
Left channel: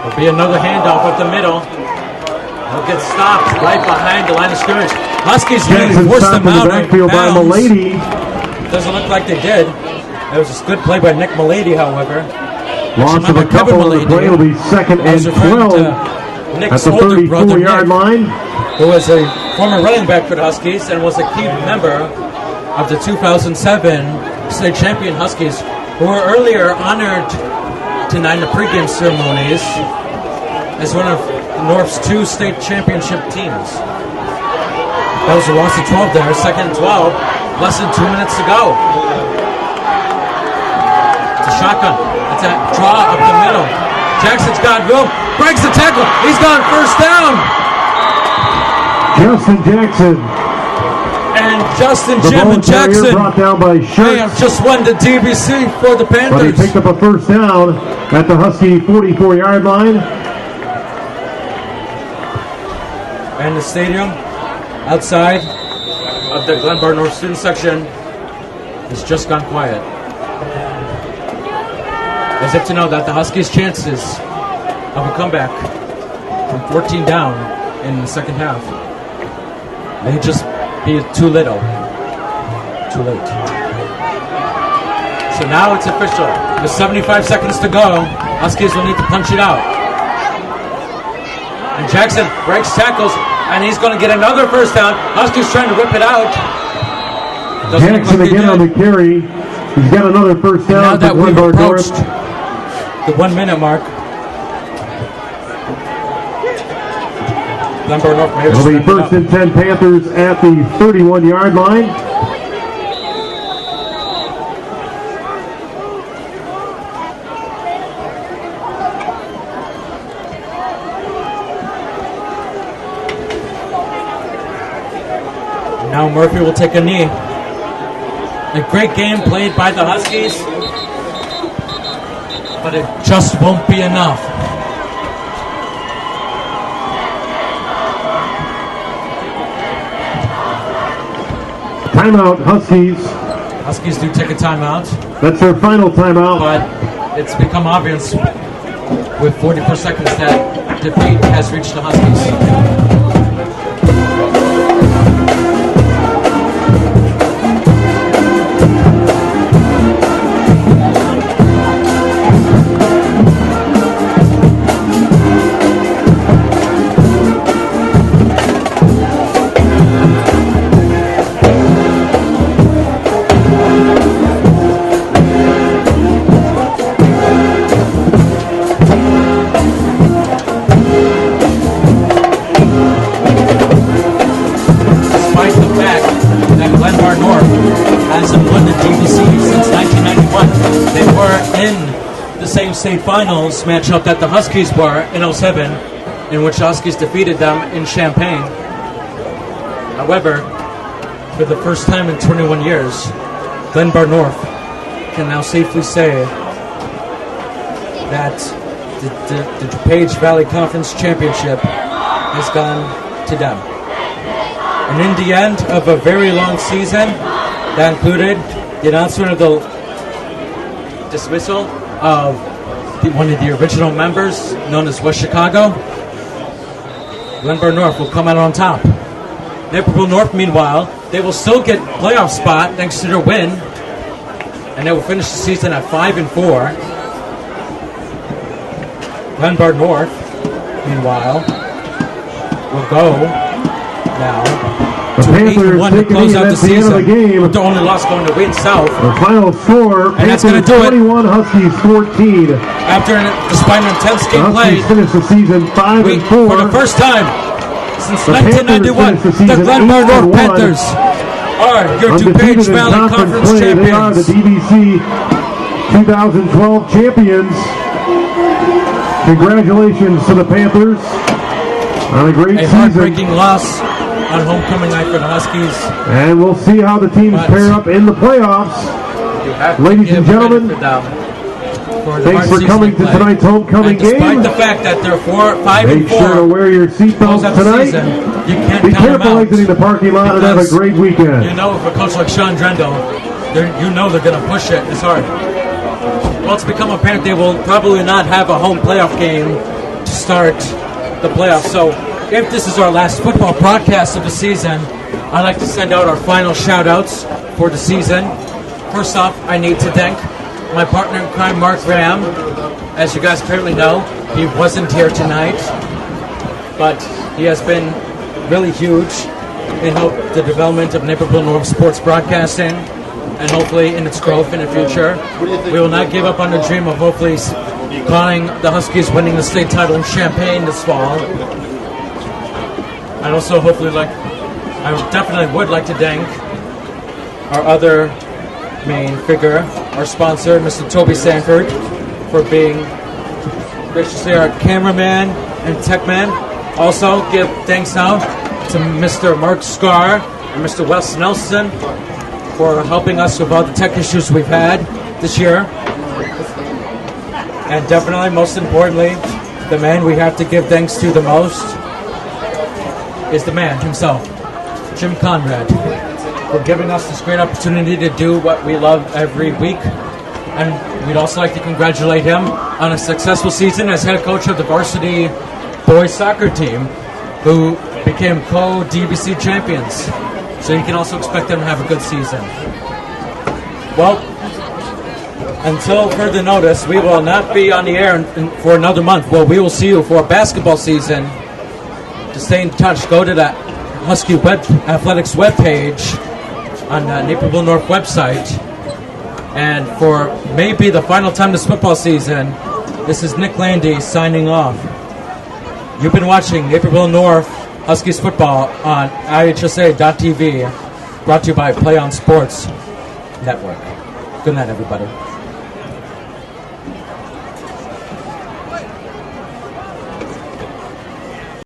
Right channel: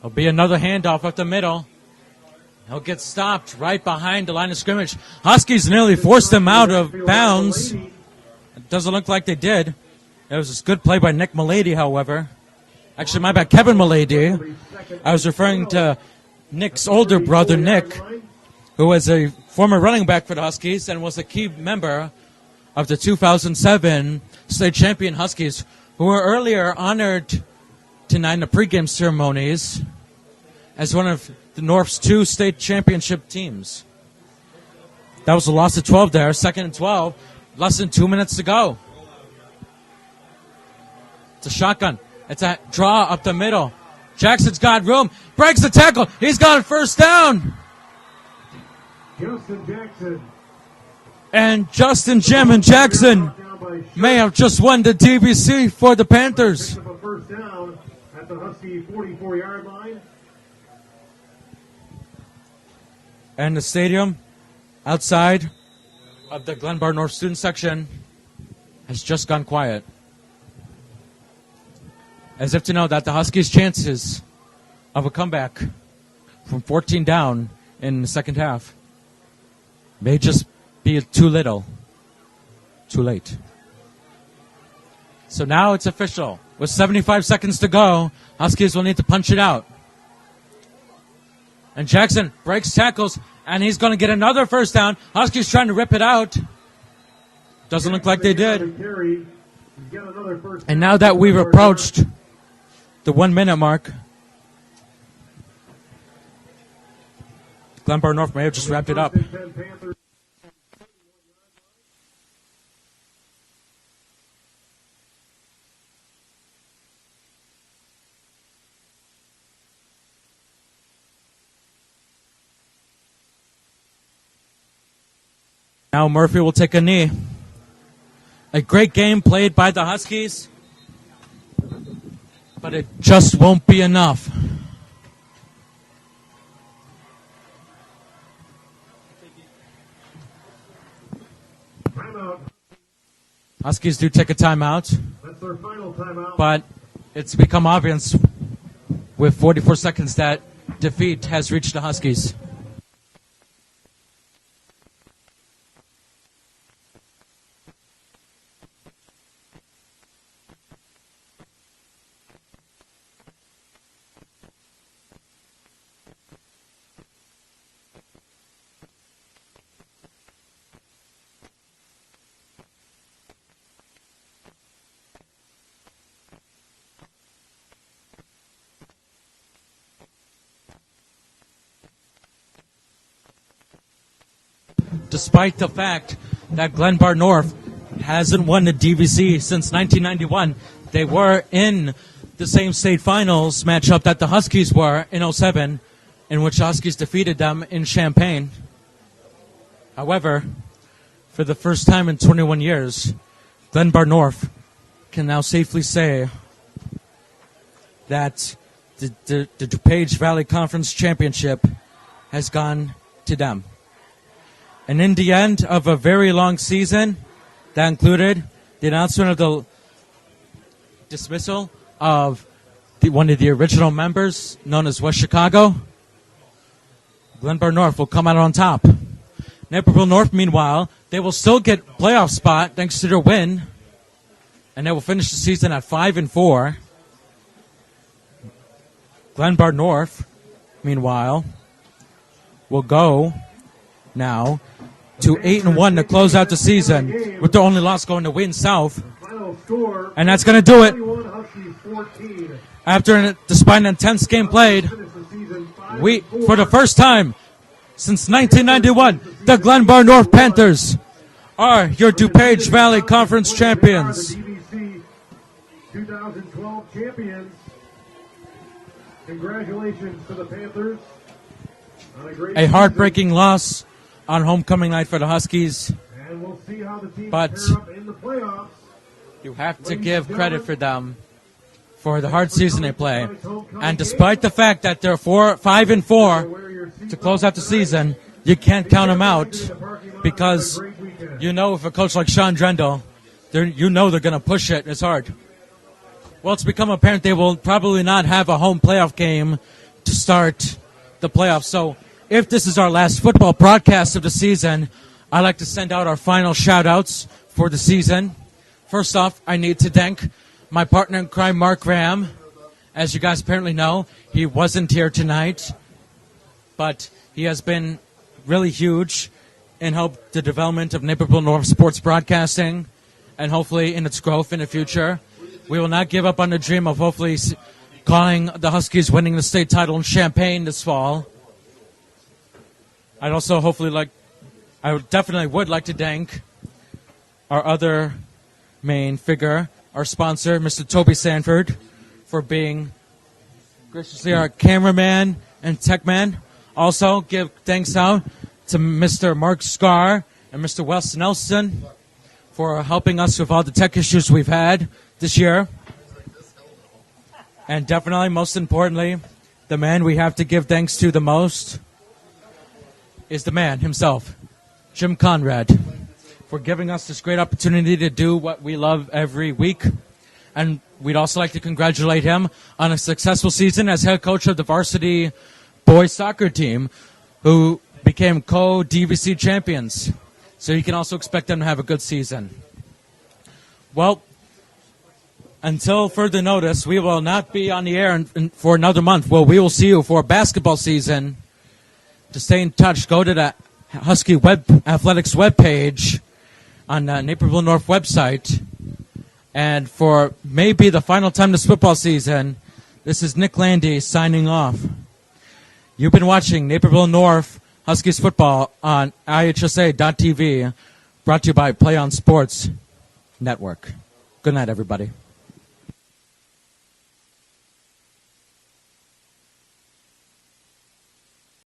There'll be another handoff up the middle. He'll get stopped right behind the line of scrimmage. Huskies nearly Jackson forced stopped him in the out of backfield by bounds. Malady. Doesn't look like they did. That was a good play by Nick Malady, however. Loss Actually, my of a bad, Kevin couple on the play. It'll be Malady. 2nd I was and referring 12 to Nick's at the older brother, 34-yard Nick, line. who was a former running back for the Huskies and was a key member of the 2007 state champion Huskies, who were earlier honored tonight in the pregame ceremonies as one of the North's 2 state championship teams. That was a loss of 12 there, 2nd and 12, less than 2 minutes to go. It's a shotgun. It's a draw up the middle. Jackson's got room, breaks the tackle. He's got first down. Justin Jackson. And Justin The Jim ball and carrier Jackson brought down by Schurz, may have just won the DVC for the but he Panthers. picked up a first down at the Husky 44-yard line. And the stadium outside of the Glenbard North student section has just gone quiet. As if to know that the Huskies' chances of a comeback from 14 down in the second half may just be too little, too late. So now it's official. With 75 seconds to go, Huskies will need to punch it out. And Jackson breaks tackles, and he's going to get another first down. Huskies trying to rip it out. Doesn't look like they Jackson again on did. the carry. He's got another first down. And now for that we've Glenbard approached North. the 1 minute mark, Glenbard North may have just It'll be wrapped it up. first and 10 Panthers at the 31-yard line. Now Murphy will take a knee. A great game played by the Huskies, but it just won't be enough. Timeout, Huskies. Huskies do take a timeout, That's their final timeout. but it's become obvious with 44 seconds that defeat has reached the Huskies. Despite the fact that Glenbard North hasn't won the DVC since 1991, they were in the same state finals matchup that the Huskies were in 07, in which the Huskies defeated them in Champaign. However, for the first time in 21 years, Glenbard North can now safely say that the DuPage Valley Conference Championship has gone to them. And in the end of a very long season, that included the announcement of the dismissal of one of the original members, known as West Chicago, Glenbard North will come out on top. Naperville North, meanwhile, they will still get playoff spot thanks to their win, and they will finish the season at 5-4. Glenbard North, meanwhile, will go now to 8-1 to close out the season, with their only loss going to Wayne South. The final score, And that's going to do it. 21, Huskies 14. Despite an intense game played, Huskies finished the season 5-4. for the first time since The 1991, Panthers finished the the season Glenbard North 8-1. Panthers are your Undefeated DuPage in Valley Conference play, they are champions. The DVC 2012 champions. Congratulations to the Panthers on a great A season. heartbreaking loss on homecoming night for the Huskies. And we'll see how the teams But- pair up in the playoffs. You have to Ladies give and credit gentlemen, for them for the thanks hard for season they coming to played. tonight's homecoming And despite game. the fact that they're 5 and Make sure to 4 wear your close seatbelts out the tonight. season, you can't Be count them careful out. exiting the parking lot and have a Because great weekend. you know, if a coach like Sean Drendel, you know they're going to push it. It's hard. Well, it's become apparent they will probably not have a home playoff game to start the playoffs. So if this is our last football broadcast of the season, I'd like to send out our final shout-outs for the season. First off, I need to thank my partner in crime, Mark Graham. As you guys apparently know, he wasn't here tonight, but he has been really huge in the development of Naperville North sports broadcasting, and hopefully in its growth in the future. We will not give up on the dream of hopefully calling the Huskies winning the state title in Champaign this fall. I'd also definitely would like to thank our other main figure, our sponsor, Mr. Toby Sanford, for being graciously our cameraman and tech man. Also, give thanks out to Mr. Mark Scar and Mr. Wes Nelson for helping us with all the tech issues we've had this year. And definitely, most importantly, the man we have to give thanks to the most is the man himself, Jim Conrad, for giving us this great opportunity to do what we love every week. And we'd also like to congratulate him on a successful season as head coach of the varsity boys soccer team, who became co-DVC champions. So you can also expect them to have a good season. Well, until further notice, we will not be on the air for another month. Well, we will see you for a basketball season. To stay in touch, go to the Husky Athletics webpage on the Naperville North website. And for maybe the final time this football season, this is Nick Landy signing off. You've been watching Naperville North Huskies football on IHSA.tv, brought to you by Play On Sports Network. Good night, everybody.